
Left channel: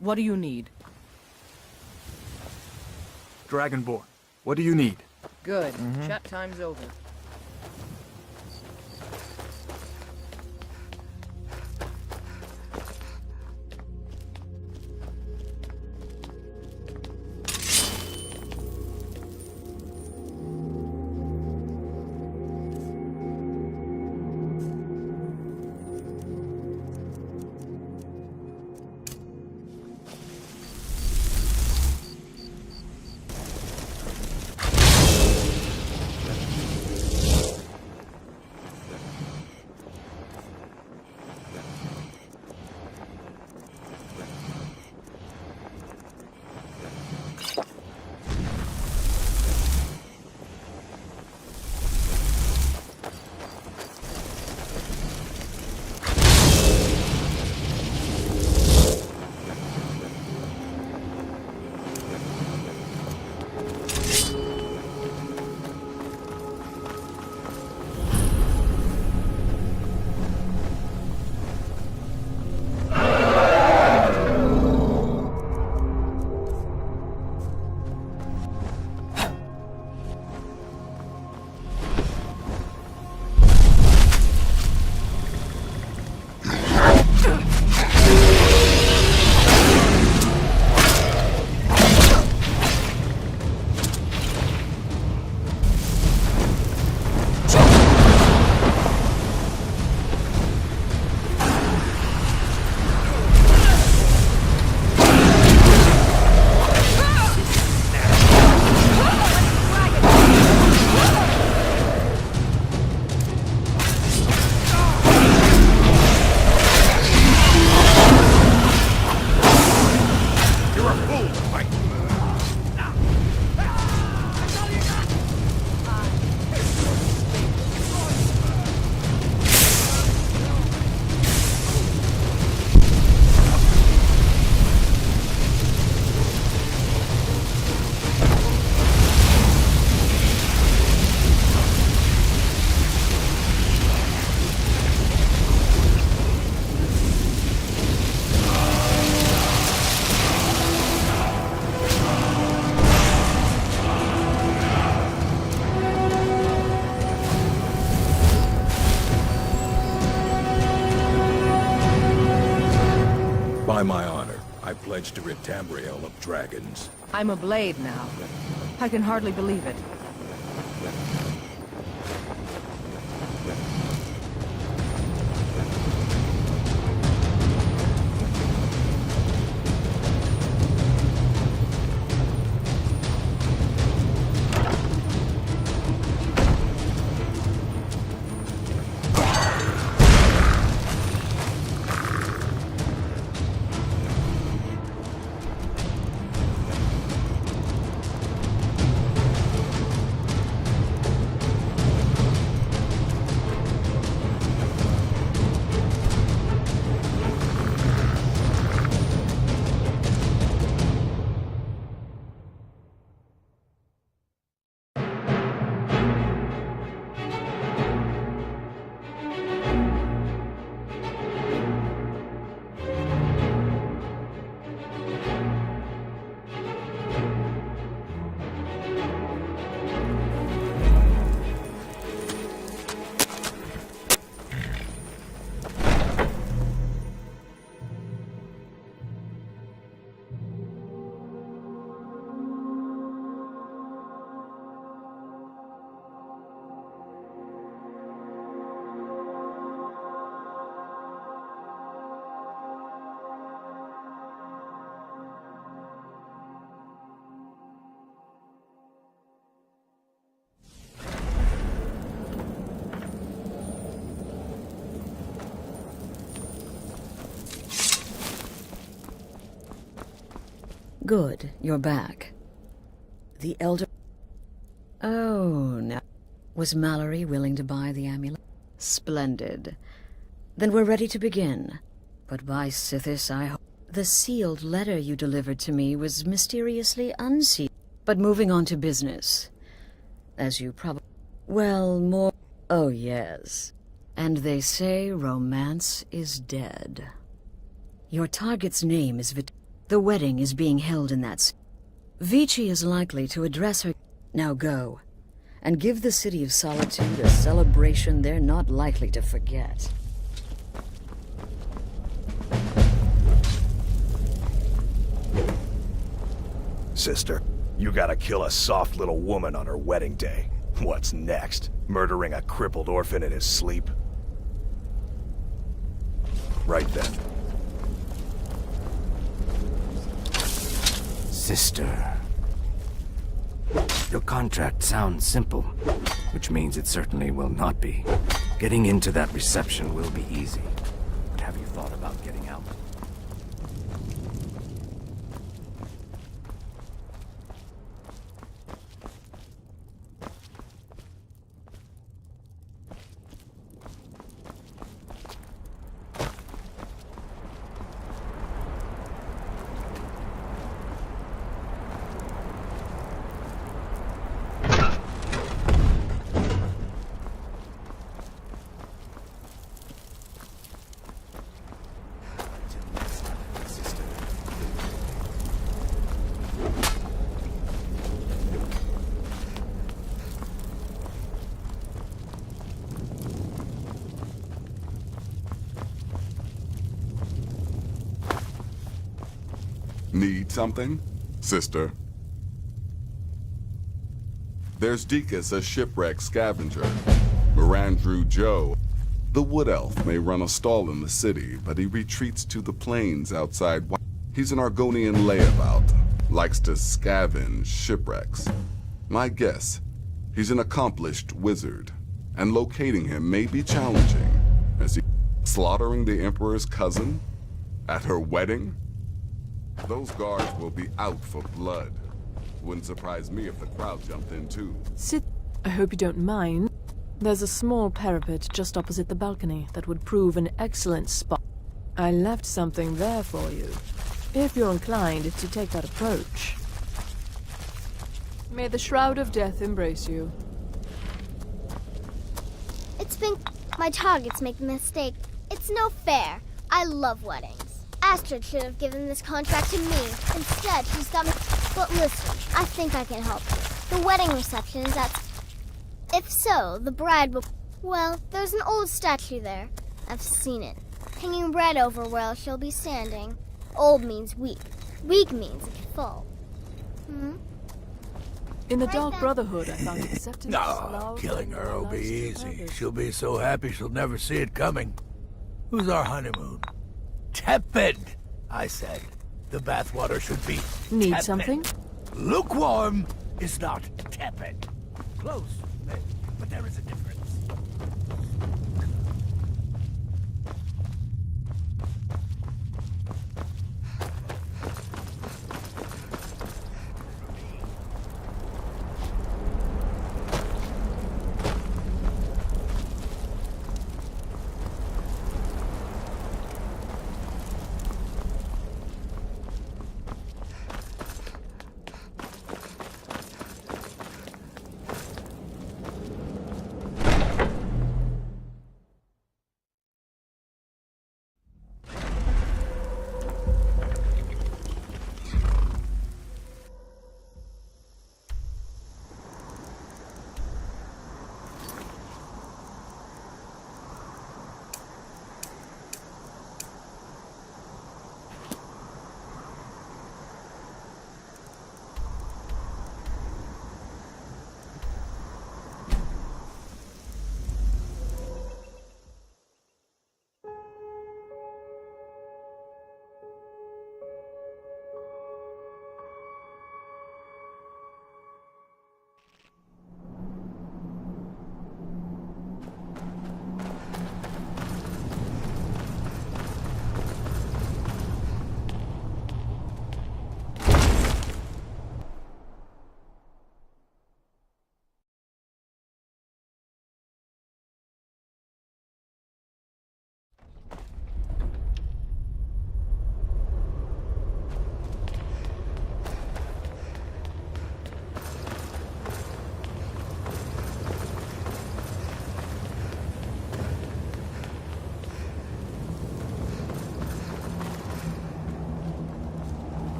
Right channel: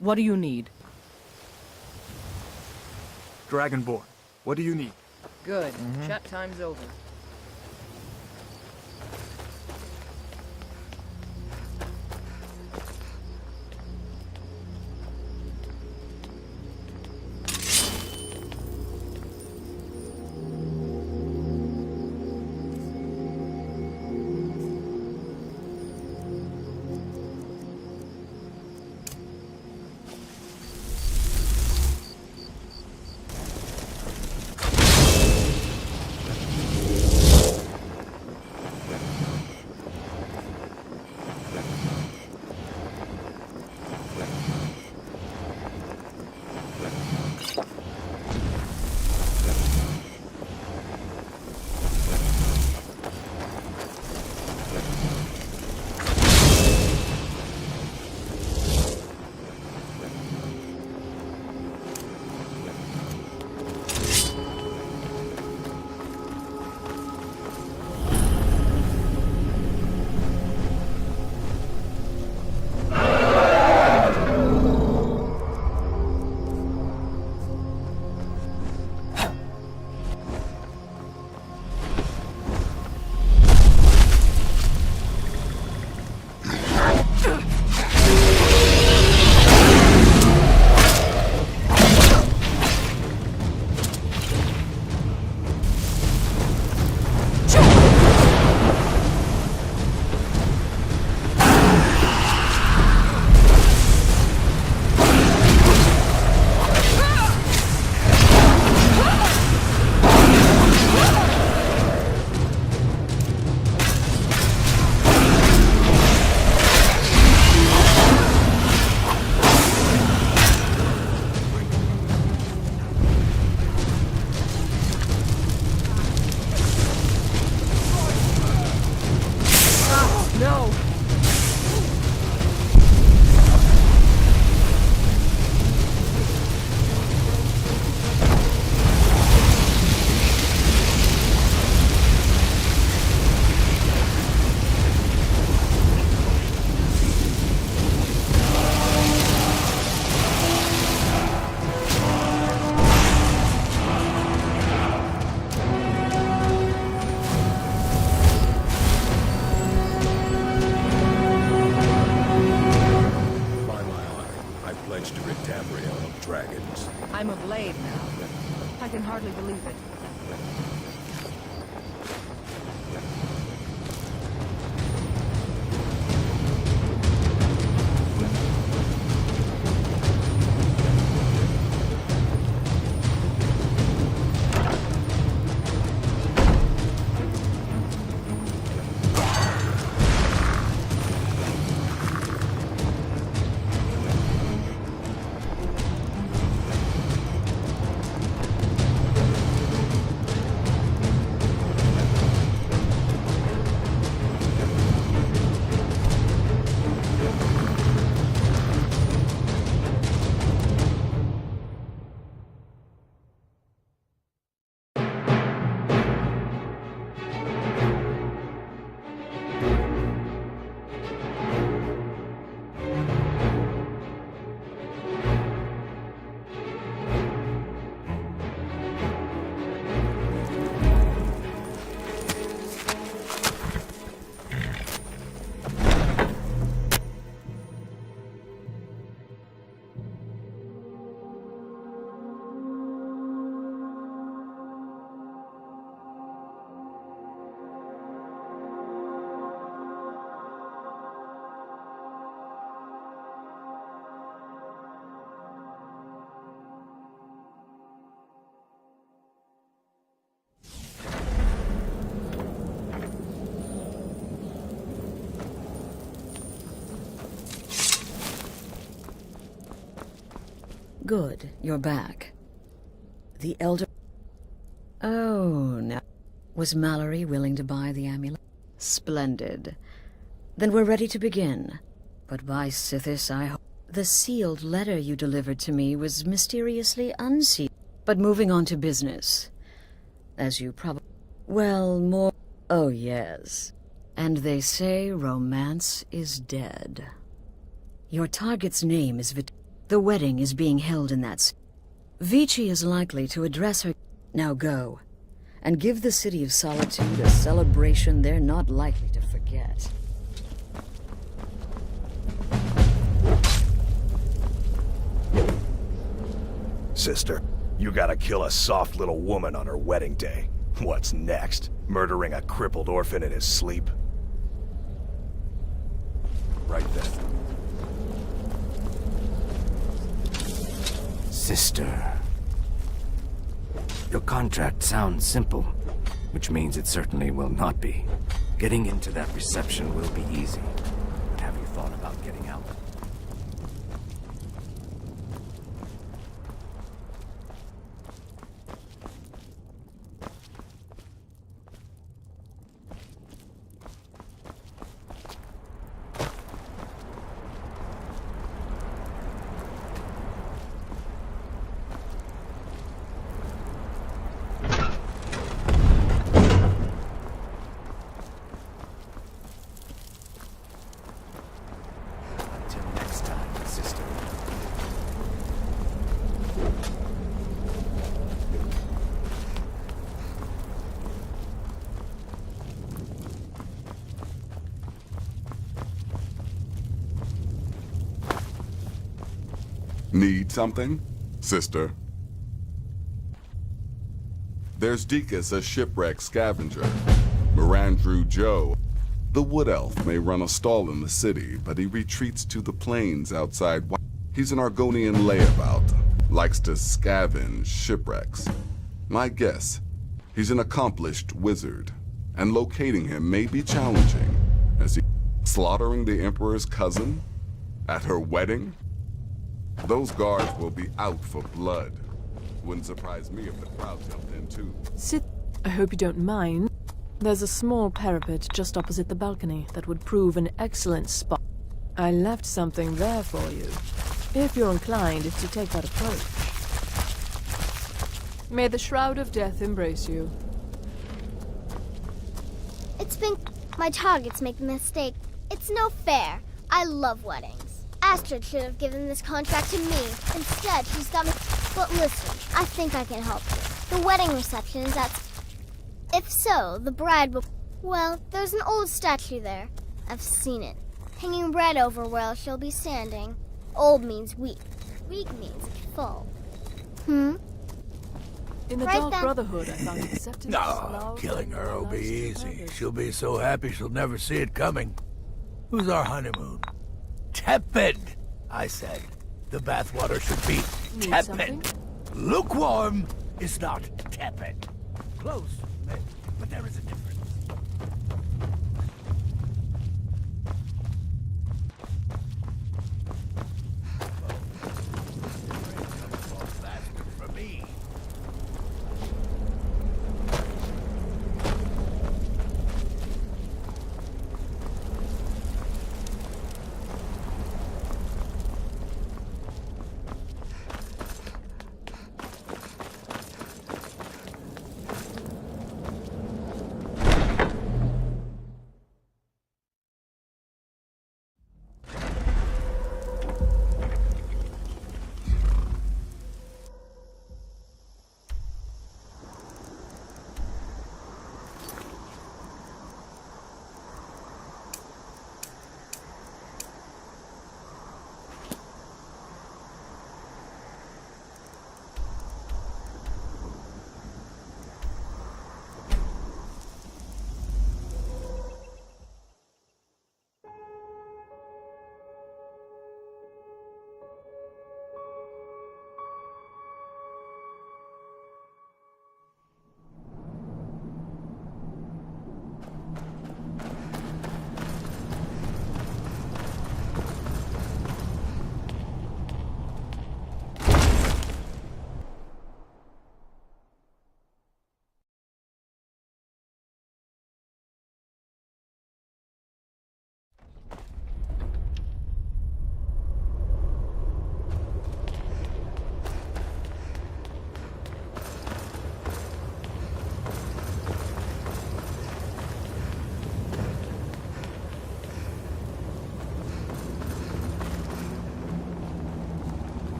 What do you need? Dragonborn, what do you need? Good. Chat time's over. By my honor, I pledge to rid Tamriel of dragons. I'm a blade now. I can hardly believe it. Good, you're back. The Elder... Oh, now... Was Mallory willing to buy the amulet? Splendid. Then we're ready to begin. But by Sithis, I hope... The sealed letter you delivered to me was mysteriously unsealed. But moving on to business. As you probably... Well, more... Oh, yes. And they say romance is dead. Your target's name is The wedding is being held in that Vici is likely to address her. Now go, and give the City of Solitude a celebration they're not likely to forget. Sister, you gotta kill a soft little woman on her wedding day. What's next? Murdering a crippled orphan in his sleep? Right then. Sister. Your contract sounds simple, which means it certainly will not be. Getting into that reception will be easy. But have you thought about getting out? Need something, sister? There's Deacus, a shipwreck scavenger. Mirandrew Joe. The wood elf may run a stall in the city, but he retreats to the plains outside. He's an Argonian layabout, likes to scavenge shipwrecks. My guess, he's an accomplished wizard, and locating him may be challenging, as he slaughtering the Emperor's cousin at her wedding. Those guards will be out for blood. Wouldn't surprise me if the crowd jumped in too. Sit. I hope you don't mind. There's a small parapet just opposite the balcony that would prove an excellent spot. I left something there for you, if you're inclined to take that approach. May the Shroud of Death embrace you. It's been... My targets make a mistake. It's no fair. I love weddings. Astrid should have given this contract to me. Instead, she's got me... But listen, I think I can help you. The wedding reception is at... If so, the bride will... Well, there's an old statue there. I've seen it. Hanging right over where she'll be standing. Old means weak. Weak means it can fall. In the Right Dark then. Brotherhood, I found acceptance. No, love, killing her will be lust, easy. others. She'll be so happy she'll never see it coming. Who's our honeymoon? Tepid, I said. The bathwater should be Need tepid. something? Lukewarm is not tepid. Close, but there is a difference.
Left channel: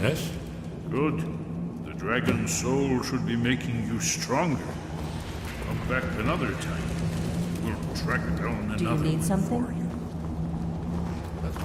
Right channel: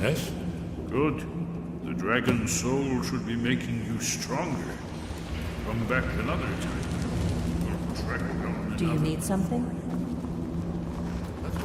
Yes? Good. The dragon's soul should be making you stronger. Come back another time. We'll track down another. Do you need something? warrior. Let's go.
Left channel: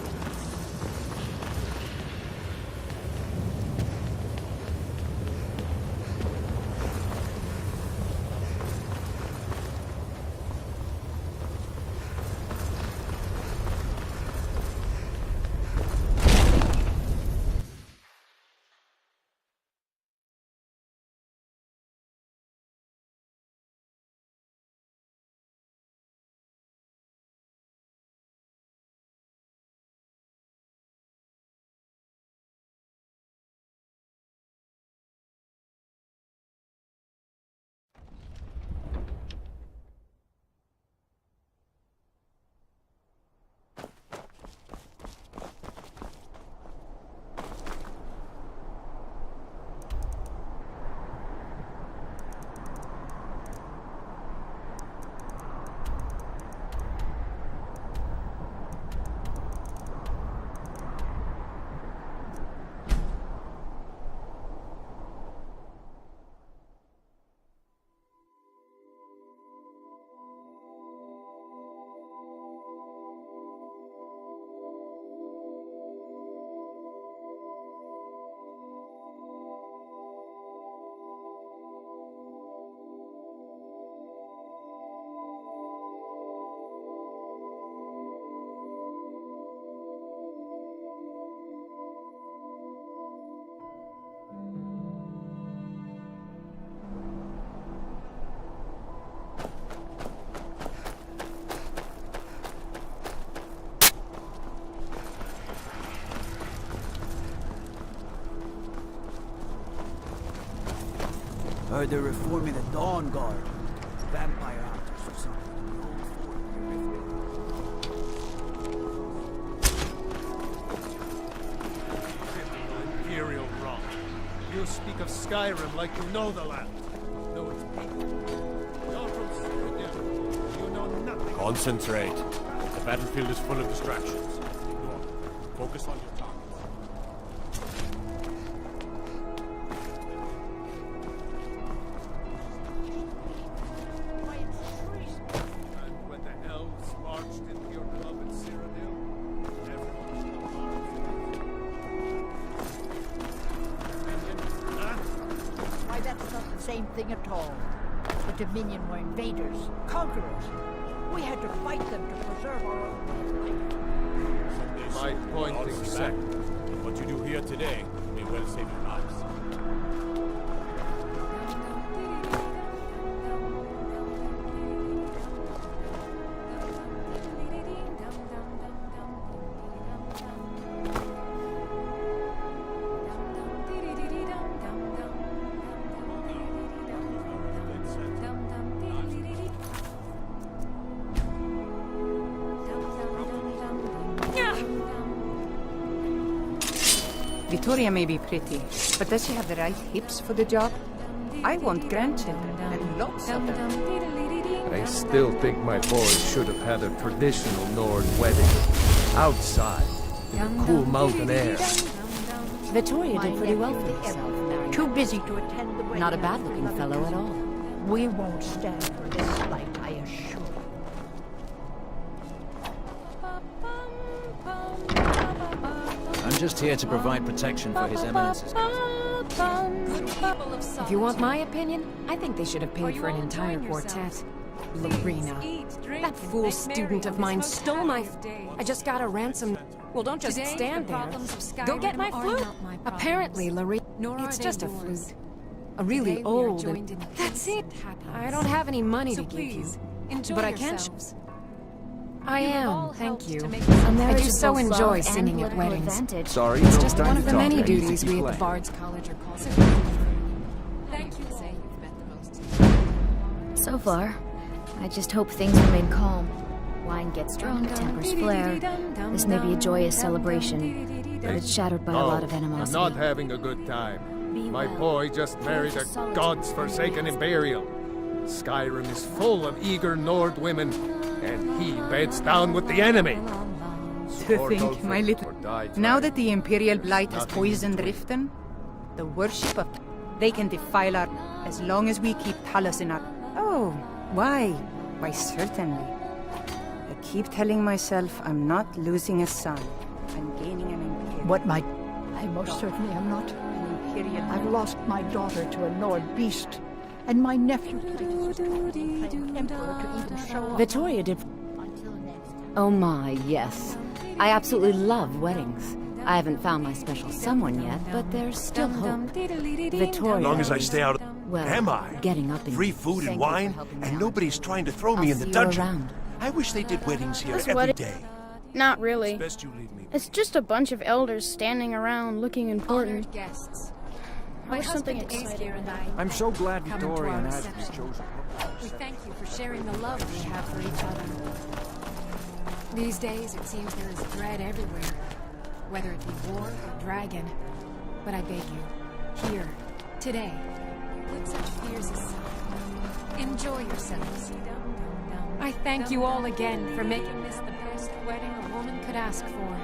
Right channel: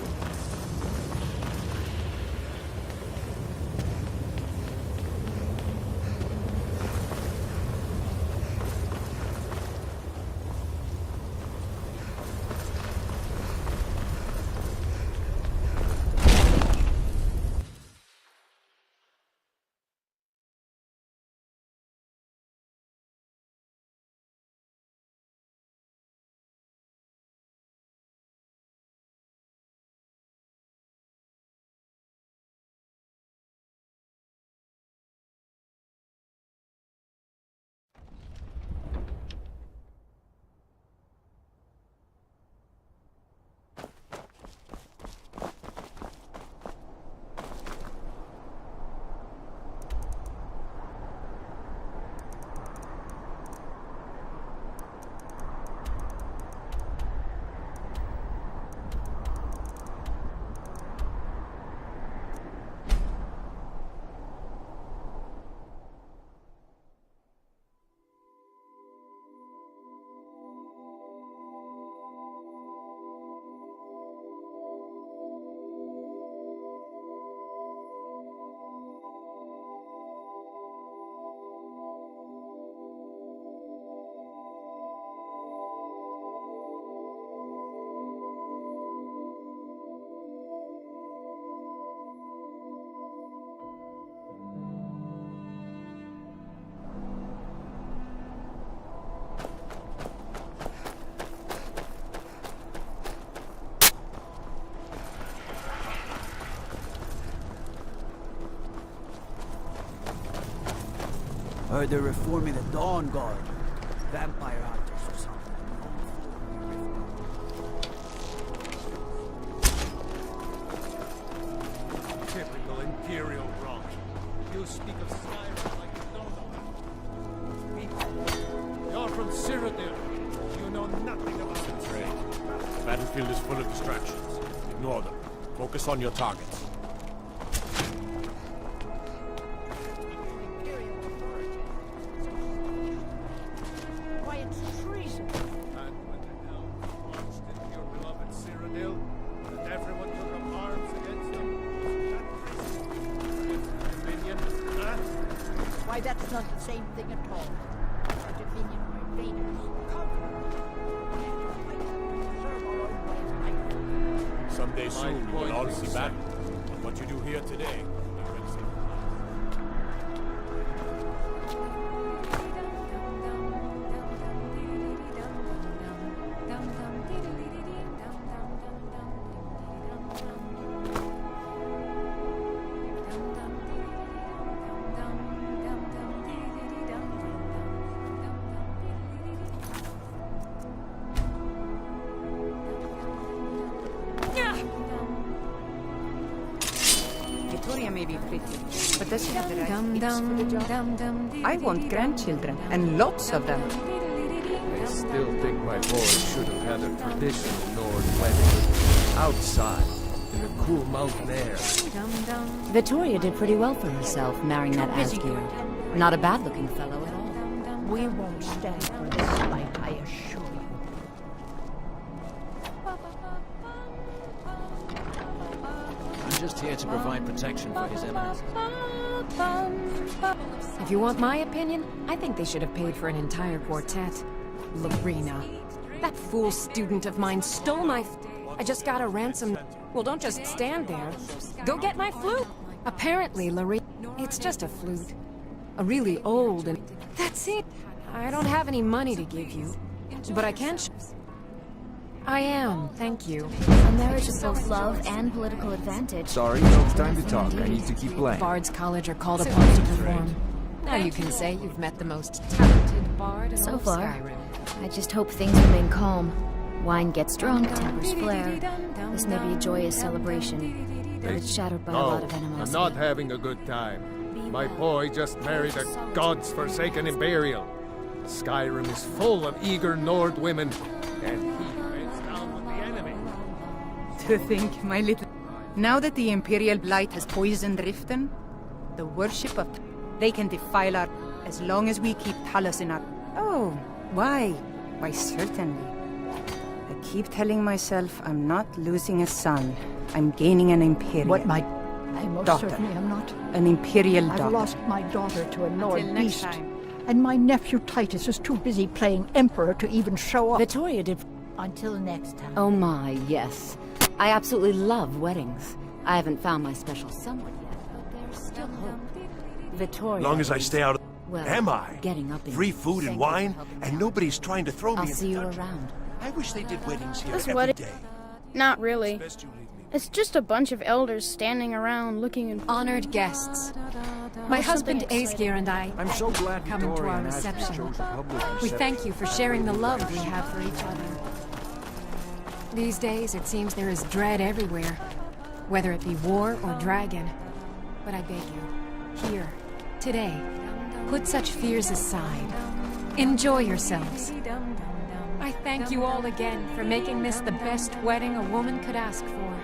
Heard they're reforming the Dawn Guard. Vampire hunters or something in the old fort near Riften. Typical Imperial rot. You speak of Skyrim like you know the land. Know its people. You're from Cyrodiil. You know nothing. Concentrate. The battlefield is full of distractions. Ignore them. Focus on your targets. That's not the same thing at all. The Dominion were invaders, conquerors. We had to fight them to preserve our own way of life. Someday soon, you will all see back. And what you do here today may well save your lives. Victoria may be pretty, but does she have the right hips for the job? I want grandchildren, and lots of them. I still think my boy should have had a traditional Nord wedding. Outside, in the cool mountain air. Victoria did pretty well for herself, marrying Too that busy Askew. to attend the wedding. Not a bad-looking fellow at all. We won't stand for this slight, I assure you. I'm just here to provide protection for His Eminence's. If you want my opinion, I think they should have paid for an entire quartet. Lorena. That fool student of mine stole my... I just got a ransom. Well, don't just stand there. Go get my flute. Apparently, Lorena... It's just a flute. A really old and... That's it. I don't have any money to give you. But I can... I am, thank you. A marriage I do of so both enjoy love and singing at political weddings. advantage. Sorry, It's no just time one to of the talk. many I need to duties keep we at the playing. Bard's College are called upon to perform. Now you can say you've met the most talented bard. So far, I just hope things remain calm. Wine gets drunk, tempers flare. This may be a joyous celebration, but it's shadowed by a lot of animosity. I'm not having a good time. My boy just married a god's-forsaken Imperial. Skyrim is full of eager Nord women, and he beds down with the enemy. To think, my little... Now that the Imperial Blight has poisoned Riften, the worship of... They can defile our... as long as we keep Talos in our... Oh, why? Why, certainly. I keep telling myself I'm not losing a son. I'm gaining an Imperial... What my... I most daughter. certainly am not. An Imperial I've daughter. lost my daughter to a Nord beast. And my nephew Titus is too busy playing Emperor to even show up. Vittoria did... Until next time. Oh my, yes. I absolutely love weddings. I haven't found my special someone yet, but there's still hope. Vittoria... As long as I stay out of... Well, am I? Getting up in... Free food and wine, and nobody's trying to throw me in the dungeon. Around. I wish they did weddings here This every wedding- day. Not really. It's just a bunch of elders standing around looking important. Honored guests. My husband Aesgeir and I I'm so glad come to Victoria our and Ashley reception. chose a public We reception. thank you for sharing the love we have for each other. These days, it seems there is dread everywhere, whether it be war or dragon. But I beg you, here, today, put such fears aside. Enjoy yourselves. I thank you all again for making this the best wedding a woman could ask for.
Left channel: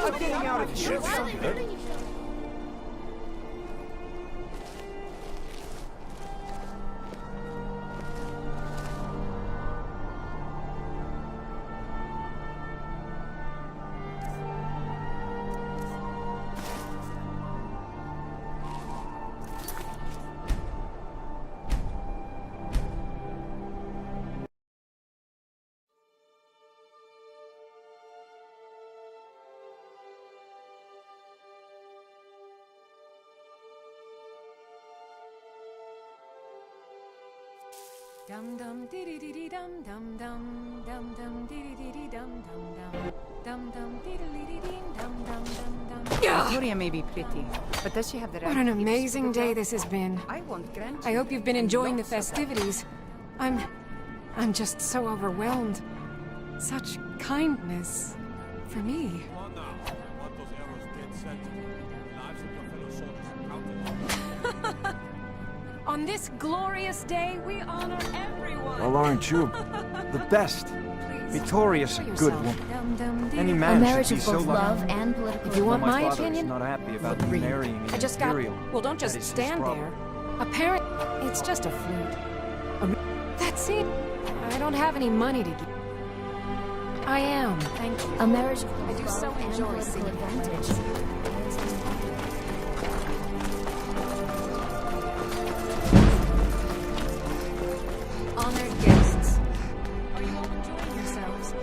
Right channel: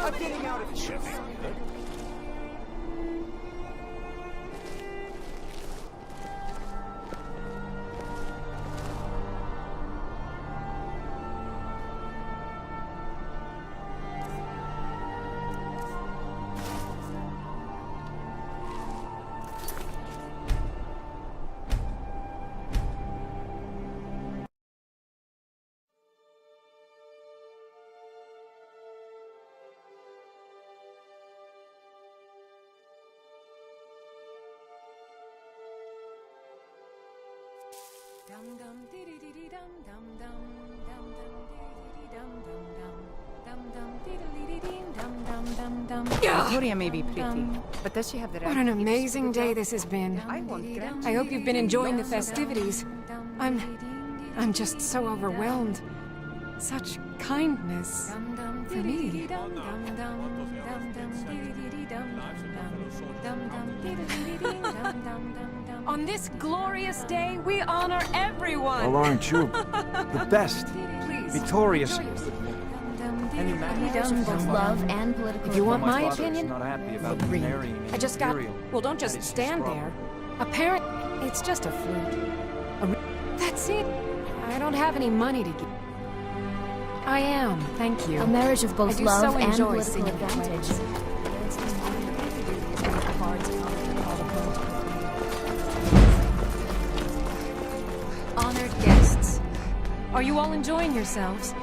I'm getting out of here. Dum dum dee dee dee dum dum dum dum dum dee dee dee dum dum dum dee dee dee dum dum dum dum. Victoria may be pretty, but does she have the right... What an amazing day this has been. I hope you've been enjoying the festivities. I'm just so overwhelmed. Such kindness for me. On this glorious day, we honor everyone. Well, aren't you? The best. Please, Victoria's a enjoy good yourself. woman. Any man A marriage should of be both so love lucky. and political... If you want My my father opinion, is not happy about read. marrying an I just got... imperial. Well, don't That just is his stand problem. there. It's just a flute. That's it. I don't have any money to give. I am, thank you. A marriage of I both do love so and enjoy political singing advantage. Honored guests, are you all enjoying yourselves?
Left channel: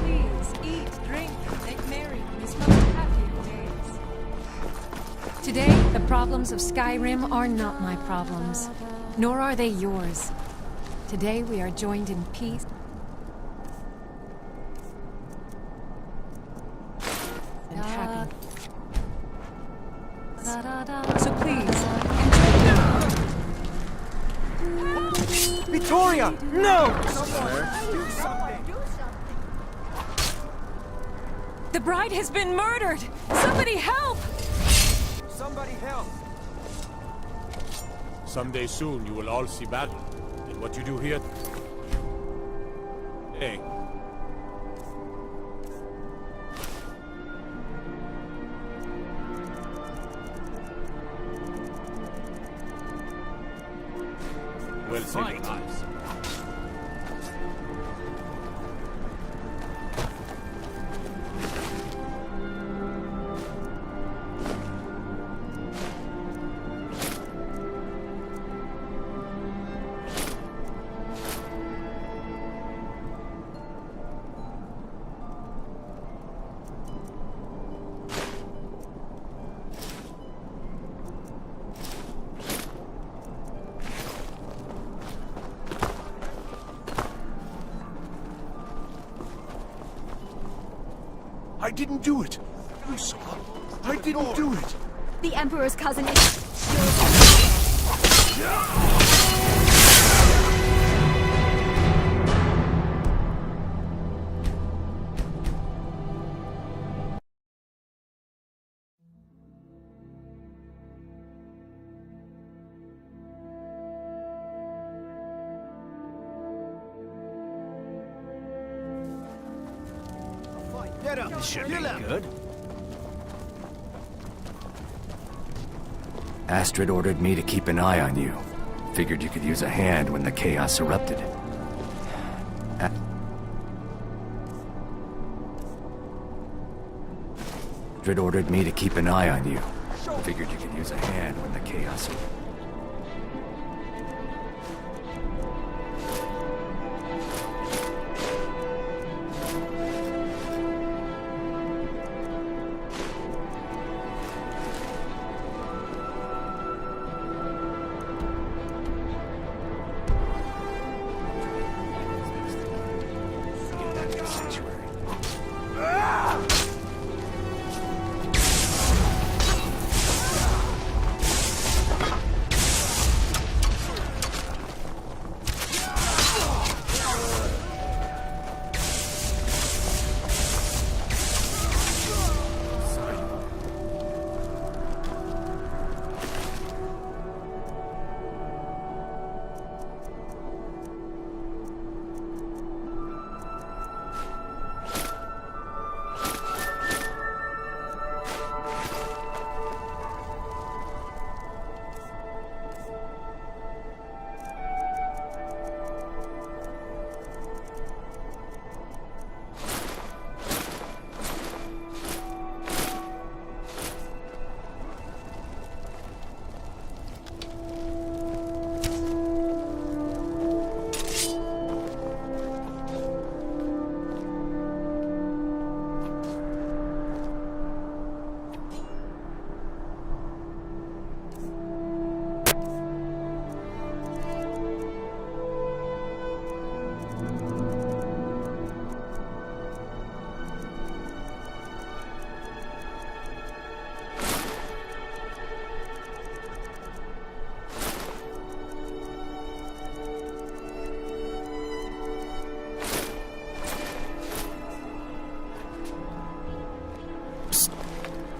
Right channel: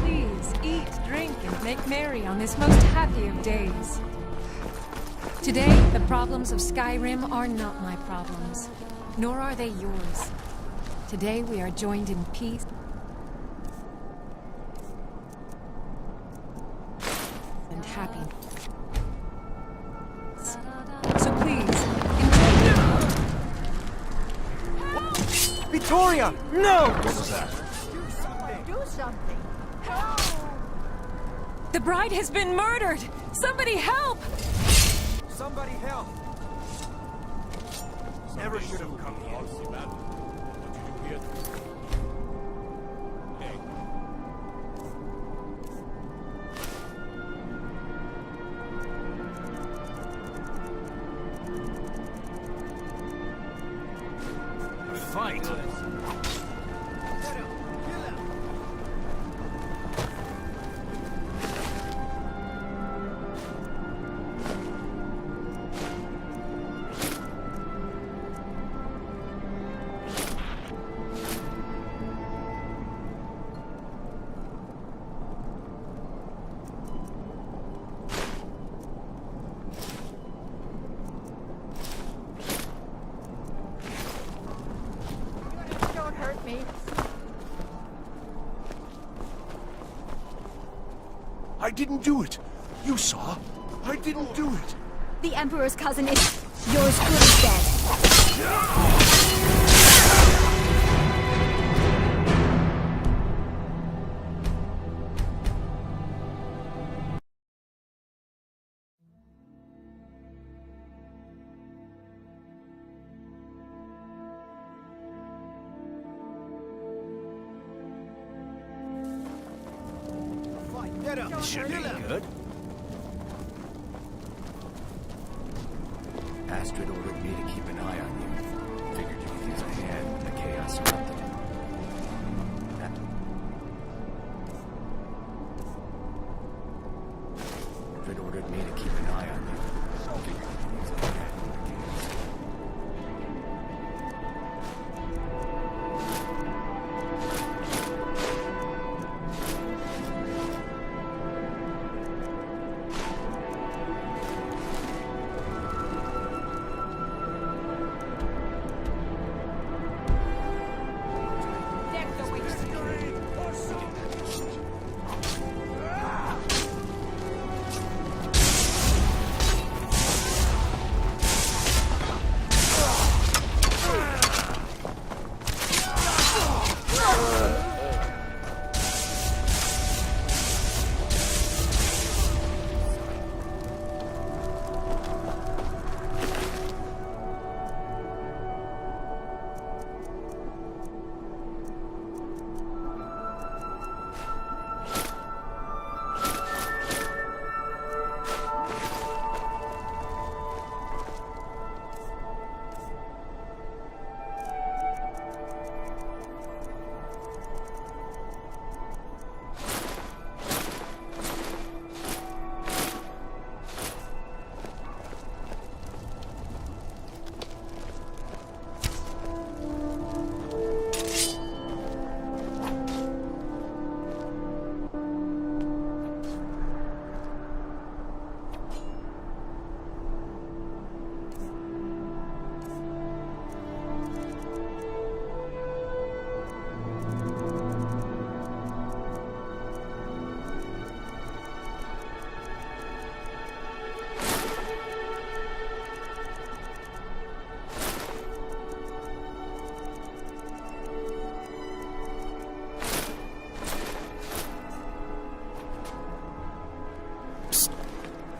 Please eat, drink, and make merry on this most happy of days. Today, the problems of Skyrim are not my problems, nor are they yours. Today, we are joined in peace and happy. So please, enjoy. Victoria! No! Do something! Do something. Help! The bride has been murdered! Somebody help! Somebody help! Someday soon you will all see battle. And what you do here... Hey. We'll fight. I didn't do it. You saw. I didn't do it. The Emperor's cousin is... yours is dead. Get up. This should be good. Astrid ordered me to keep an eye on you. Figured you could use a hand when the chaos erupted. Astrid ordered me to keep an eye on you. Figured you could use a hand when the chaos erupted.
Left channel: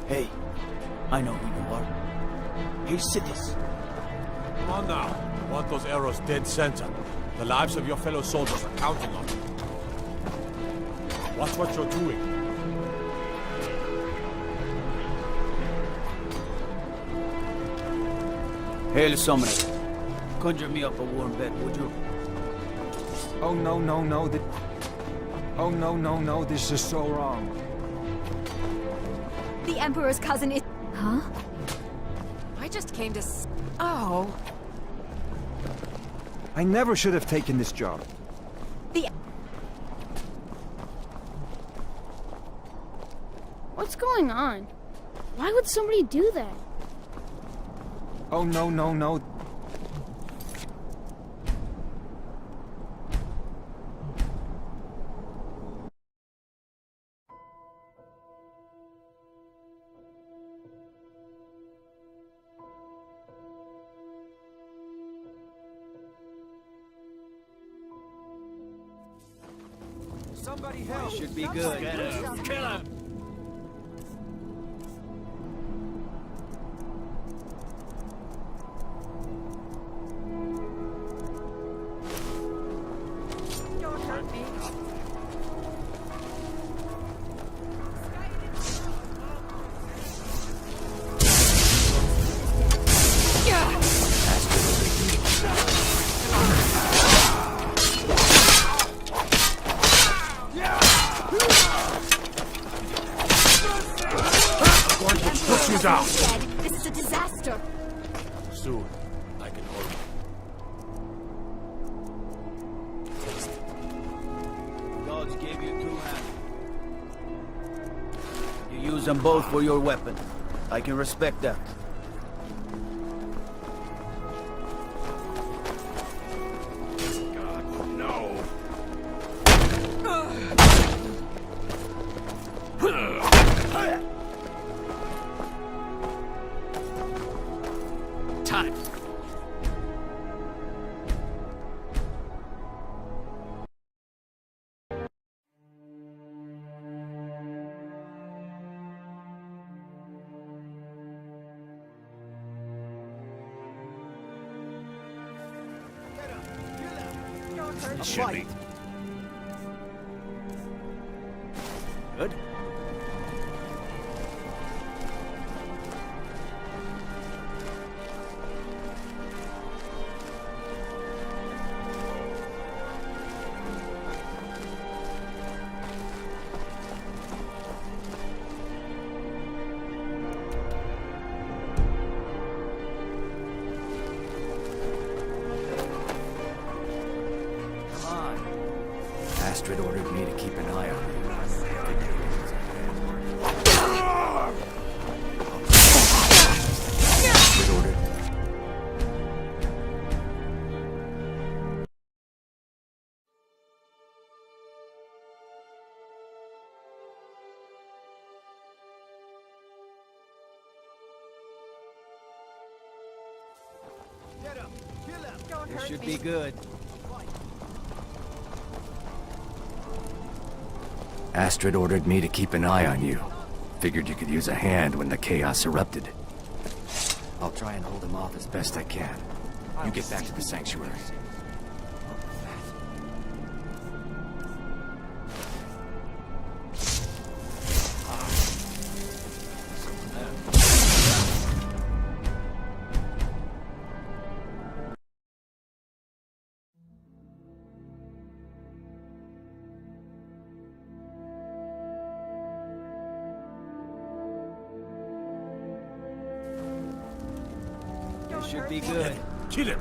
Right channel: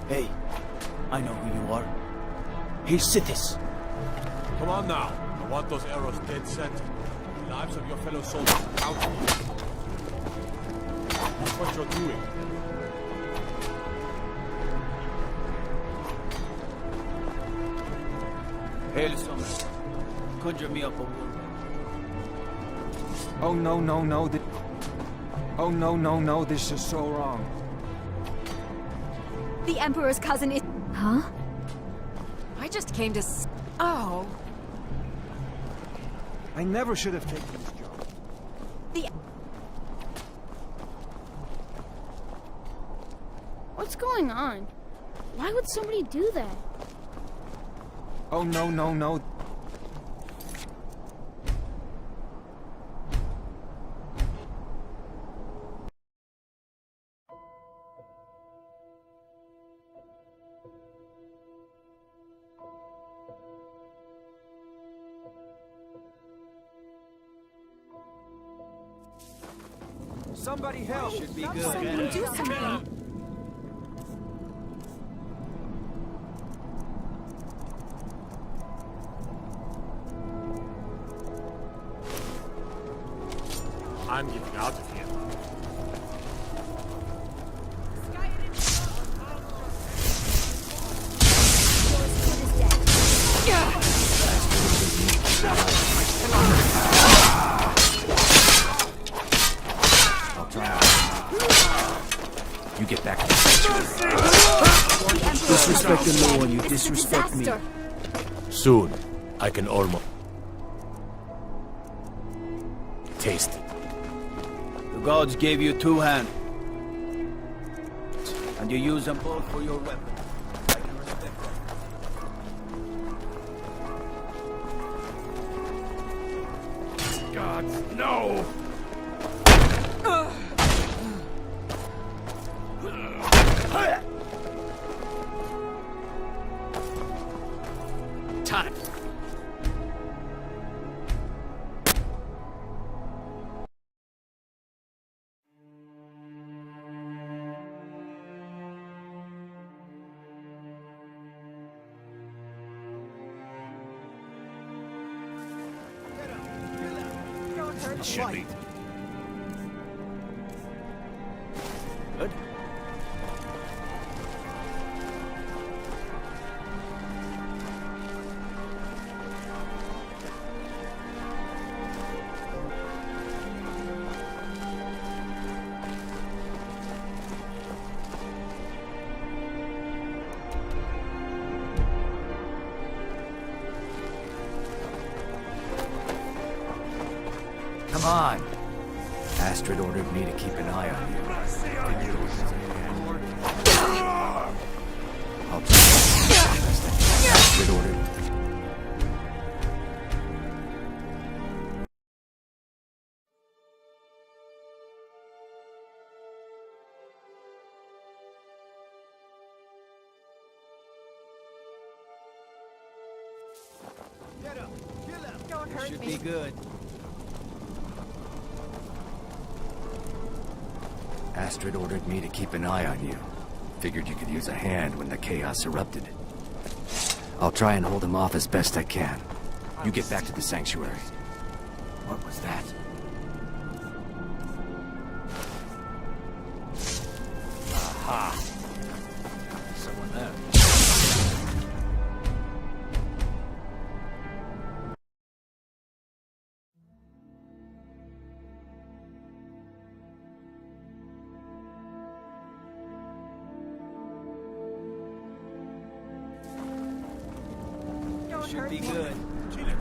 Hey, I know who you are. Hey, Sithis. Come on now. I want those arrows dead center. The lives of your fellow soldiers are counting on you. Watch what you're doing. Hail Summoner. Conjure me up a warm bed, would you? Oh no, no, no, oh no, no, no, this is so wrong. The Emperor's cousin is... Huh? I just came to Oh. I never should have taken this job. What's going on? Why would somebody do that? Oh no, no, no. Somebody help! Should be good. Kill him! I'm getting out of here. You get back here. This is a disaster. Soon, I can almost taste it. The gods gave you two hands. And you use them both for your weapon. I can respect that. God, no! Time. Don't hurt Should me. be. Good. Come on. Astrid ordered me to keep an eye on you. Astrid ordered. Get up! Kill him! Don't This hurt should me. be good. Astrid ordered me to keep an eye on you. Figured you could use a hand when the chaos erupted. I'll try and hold him off as best I can. You get back to the sanctuary. What was that? Aha. Someone there. This should be good. Kill him.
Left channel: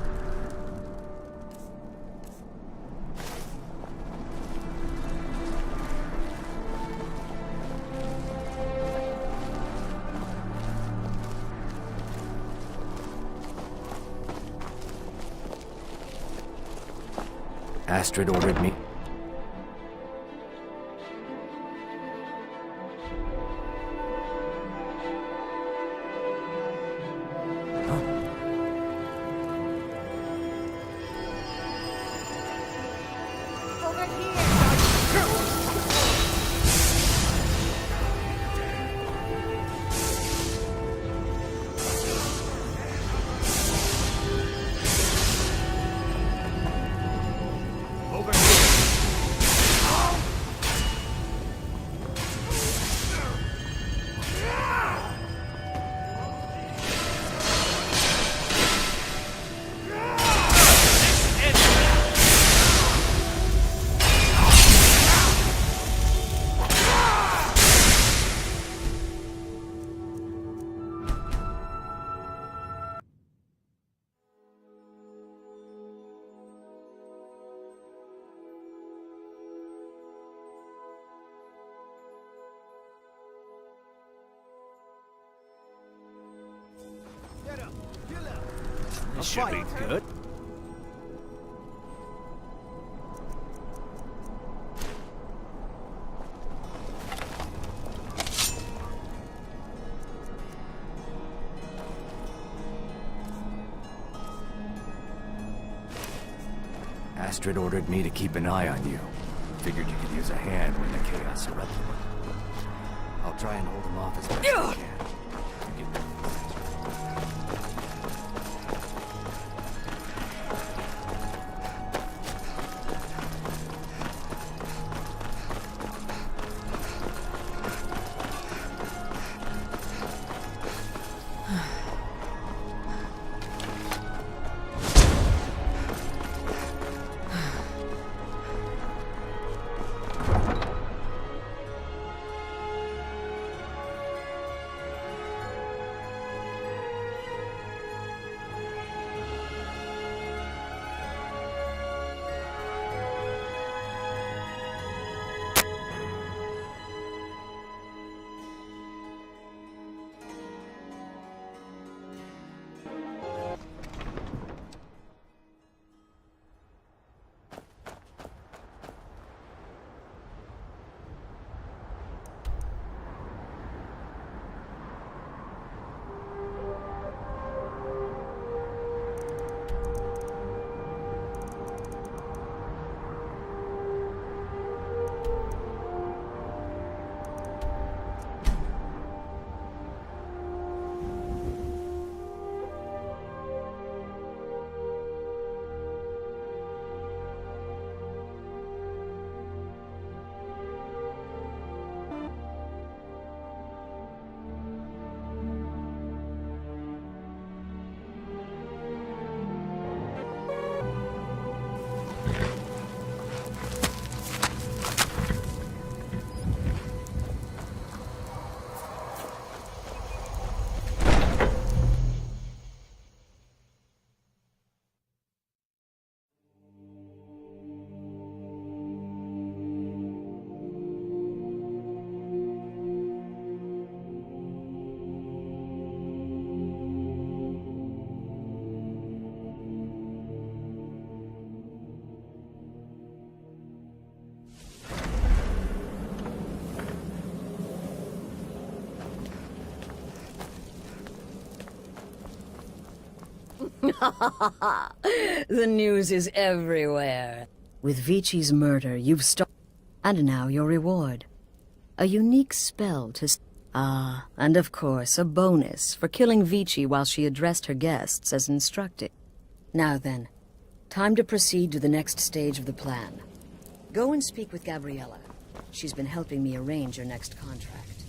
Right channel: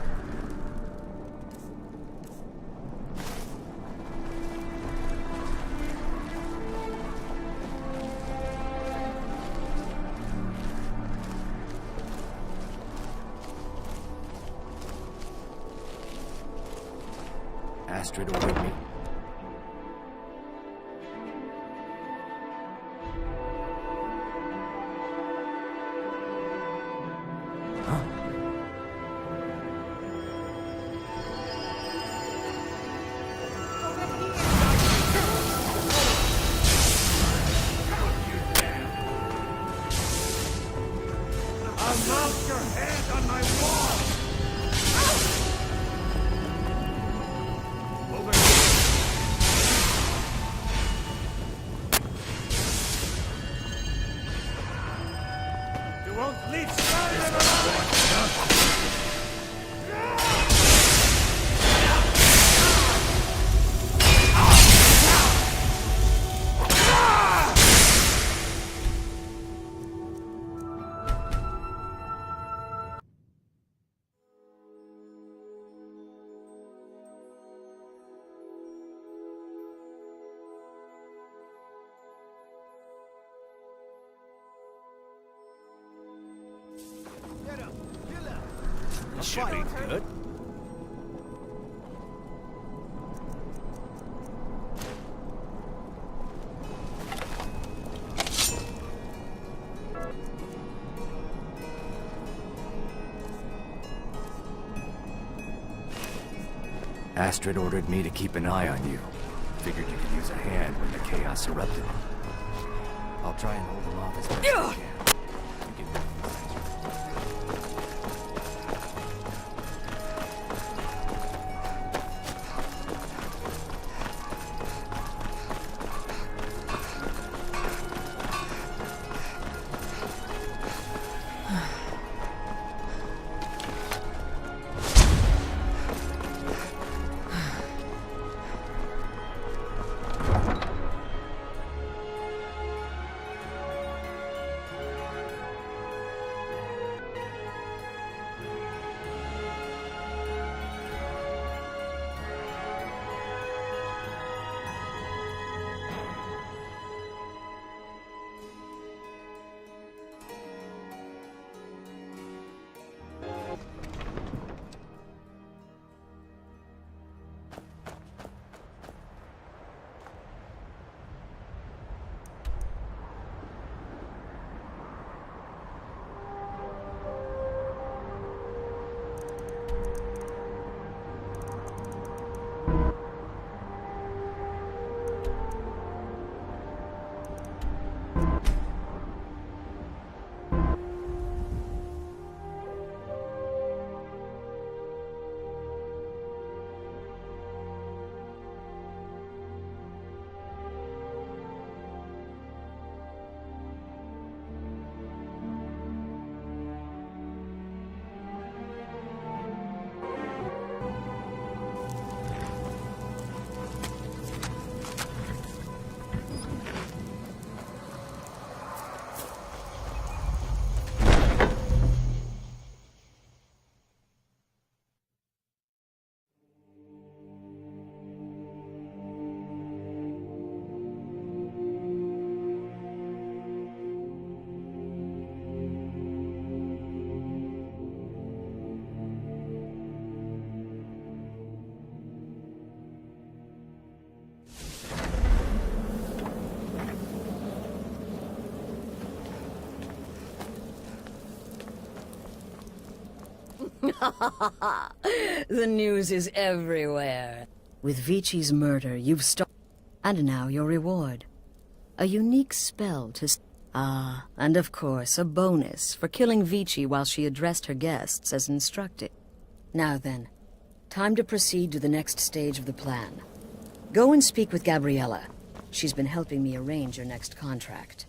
Astrid ordered me. Over here. Announce your hand on my wall! Over here! You won't leave Skyrim alone! Get up! Kill him! This should be good. Astrid ordered me to keep an eye on you. Figured you could use a hand when the chaos erupted. I'll try and hold him off as best I can. You get back to the sanctuary. The news is everywhere. With Vici's murder, you've stopped. And now your reward. A unique spell to... and of course, a bonus for killing Vici while she addressed her guests as instructed. Now then, time to proceed to the next stage of the plan. Go and speak with Gabriella. She's been helping me arrange your next contract.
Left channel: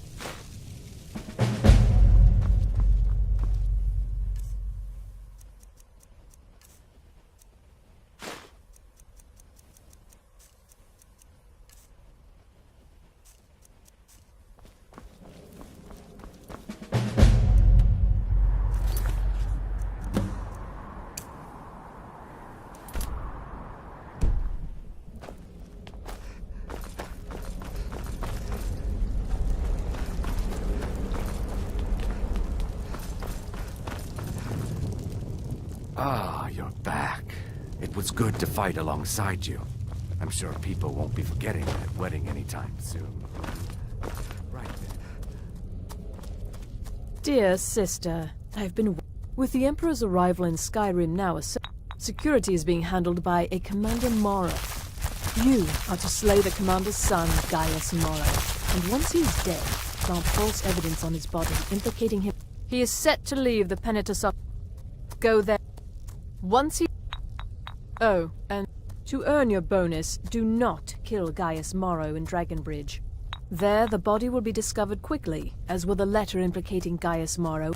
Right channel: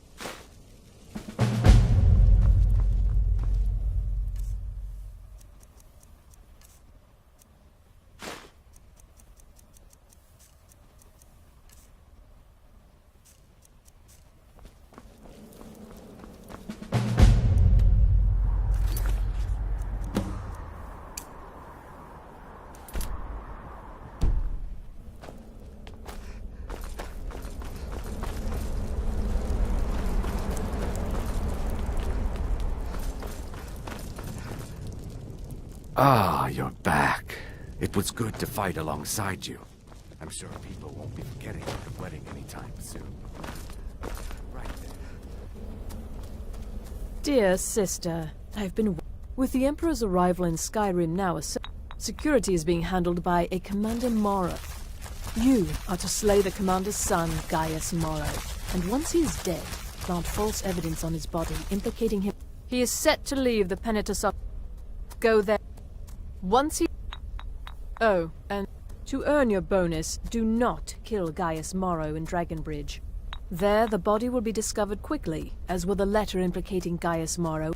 Ah, you're back. It was good to fight alongside you. I'm sure people won't be forgetting their wedding anytime soon. Right then. Dear sister, I've been... With the Emperor's arrival in Skyrim now, security is being handled by a Commander Morrow. You are to slay the Commander's son, Gaius Morrow, and once he is dead, plant false evidence on his body implicating him. He is set to leave the Penitus. Go there. Once he... Oh, and to earn your bonus, do not kill Gaius Morrow in Dragonbridge. There, the body will be discovered quickly, as will the letter implicating Gaius Morrow.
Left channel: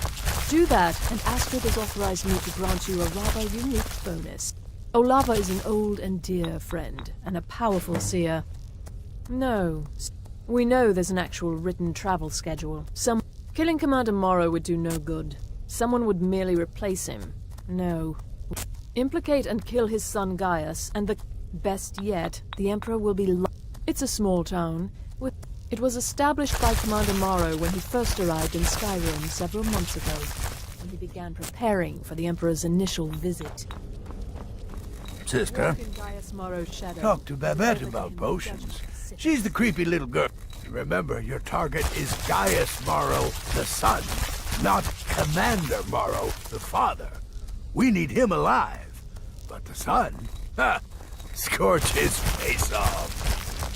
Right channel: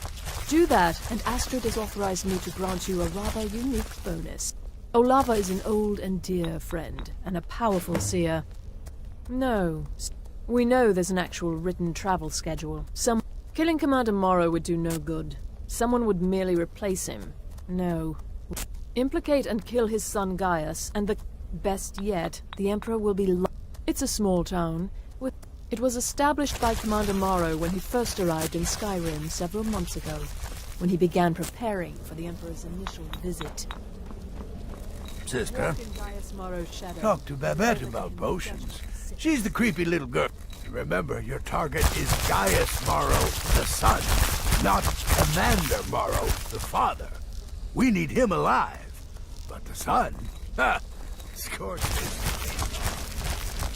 Do that, and Astrid has authorized me to grant you a rather unique bonus. Olava is an old and dear friend, and a powerful seer. No, we know there's an actual written travel schedule. Killing Commander Morrow would do no good. Someone would merely replace him. No. Implicate and kill his son Gaius, and best yet, the Emperor will be It's a small town. It was established by Commander Morrow when he first arrived in Skyrim several months ago, when he began preparing for the Emperor's initial visit. Sister, talk to Babette about potions. She's the creepy little girl. Remember, your target is Gaius Morrow, the son, not Commander Morrow, the father. We need him alive. But the son? Ha! Scorch his face off.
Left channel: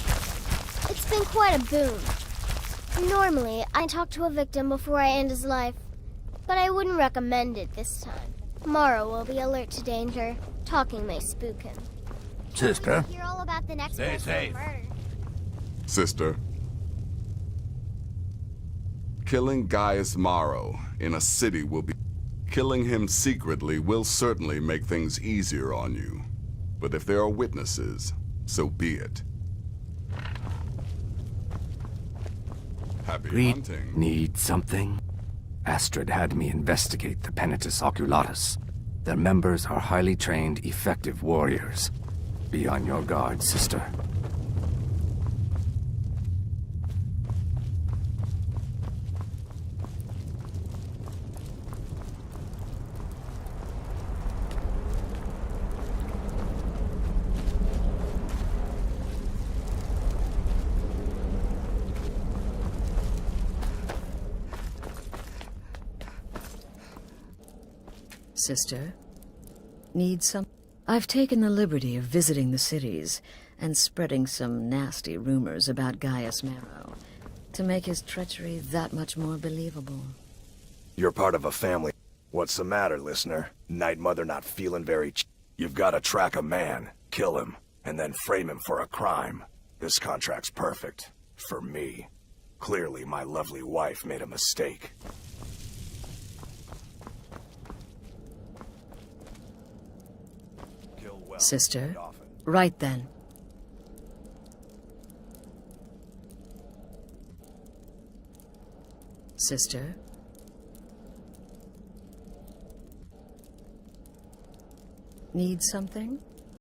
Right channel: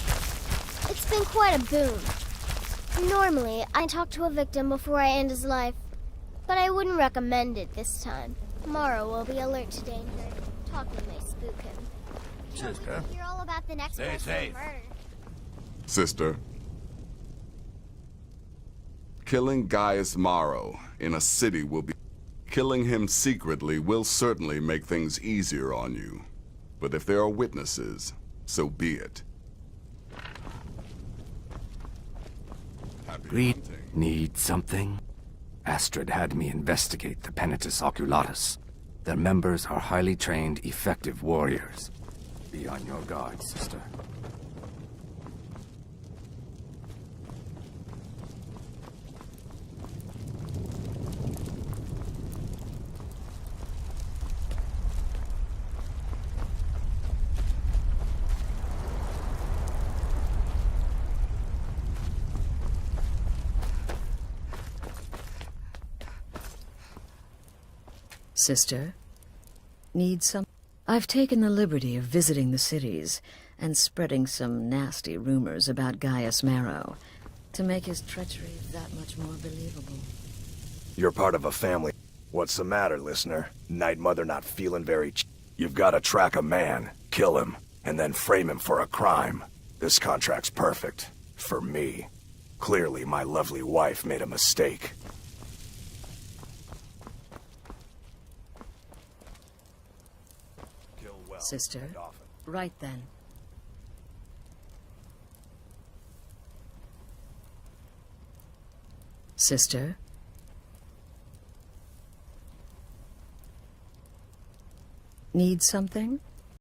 been quite a boon. Normally, I talk to a victim before I end his life, but I wouldn't recommend it this time. Morrow will be alert to danger. Talking may spook him. Sister, Hear all about the next stay person safe. murdered. Sister. Killing Gaius Maro in a city will be... Killing him secretly will certainly make things easier on you. But if there are witnesses, so be it. Happy hunting. Need something? Astrid had me investigate the Penitus Oculatus. Their members are highly trained, effective warriors. Be on your guard, sister. Sister? Need some? I've taken the liberty of visiting the cities and spreading some nasty rumors about Gaius Maro to make his treachery that much more believable. You're part of a family. What's the matter, listener? Night Mother not feeling very You've got to track a man, kill him, and then frame him for a crime. This contract's perfect. For me. Clearly, my lovely wife made a mistake. Sister? Right then. Sister? Need something?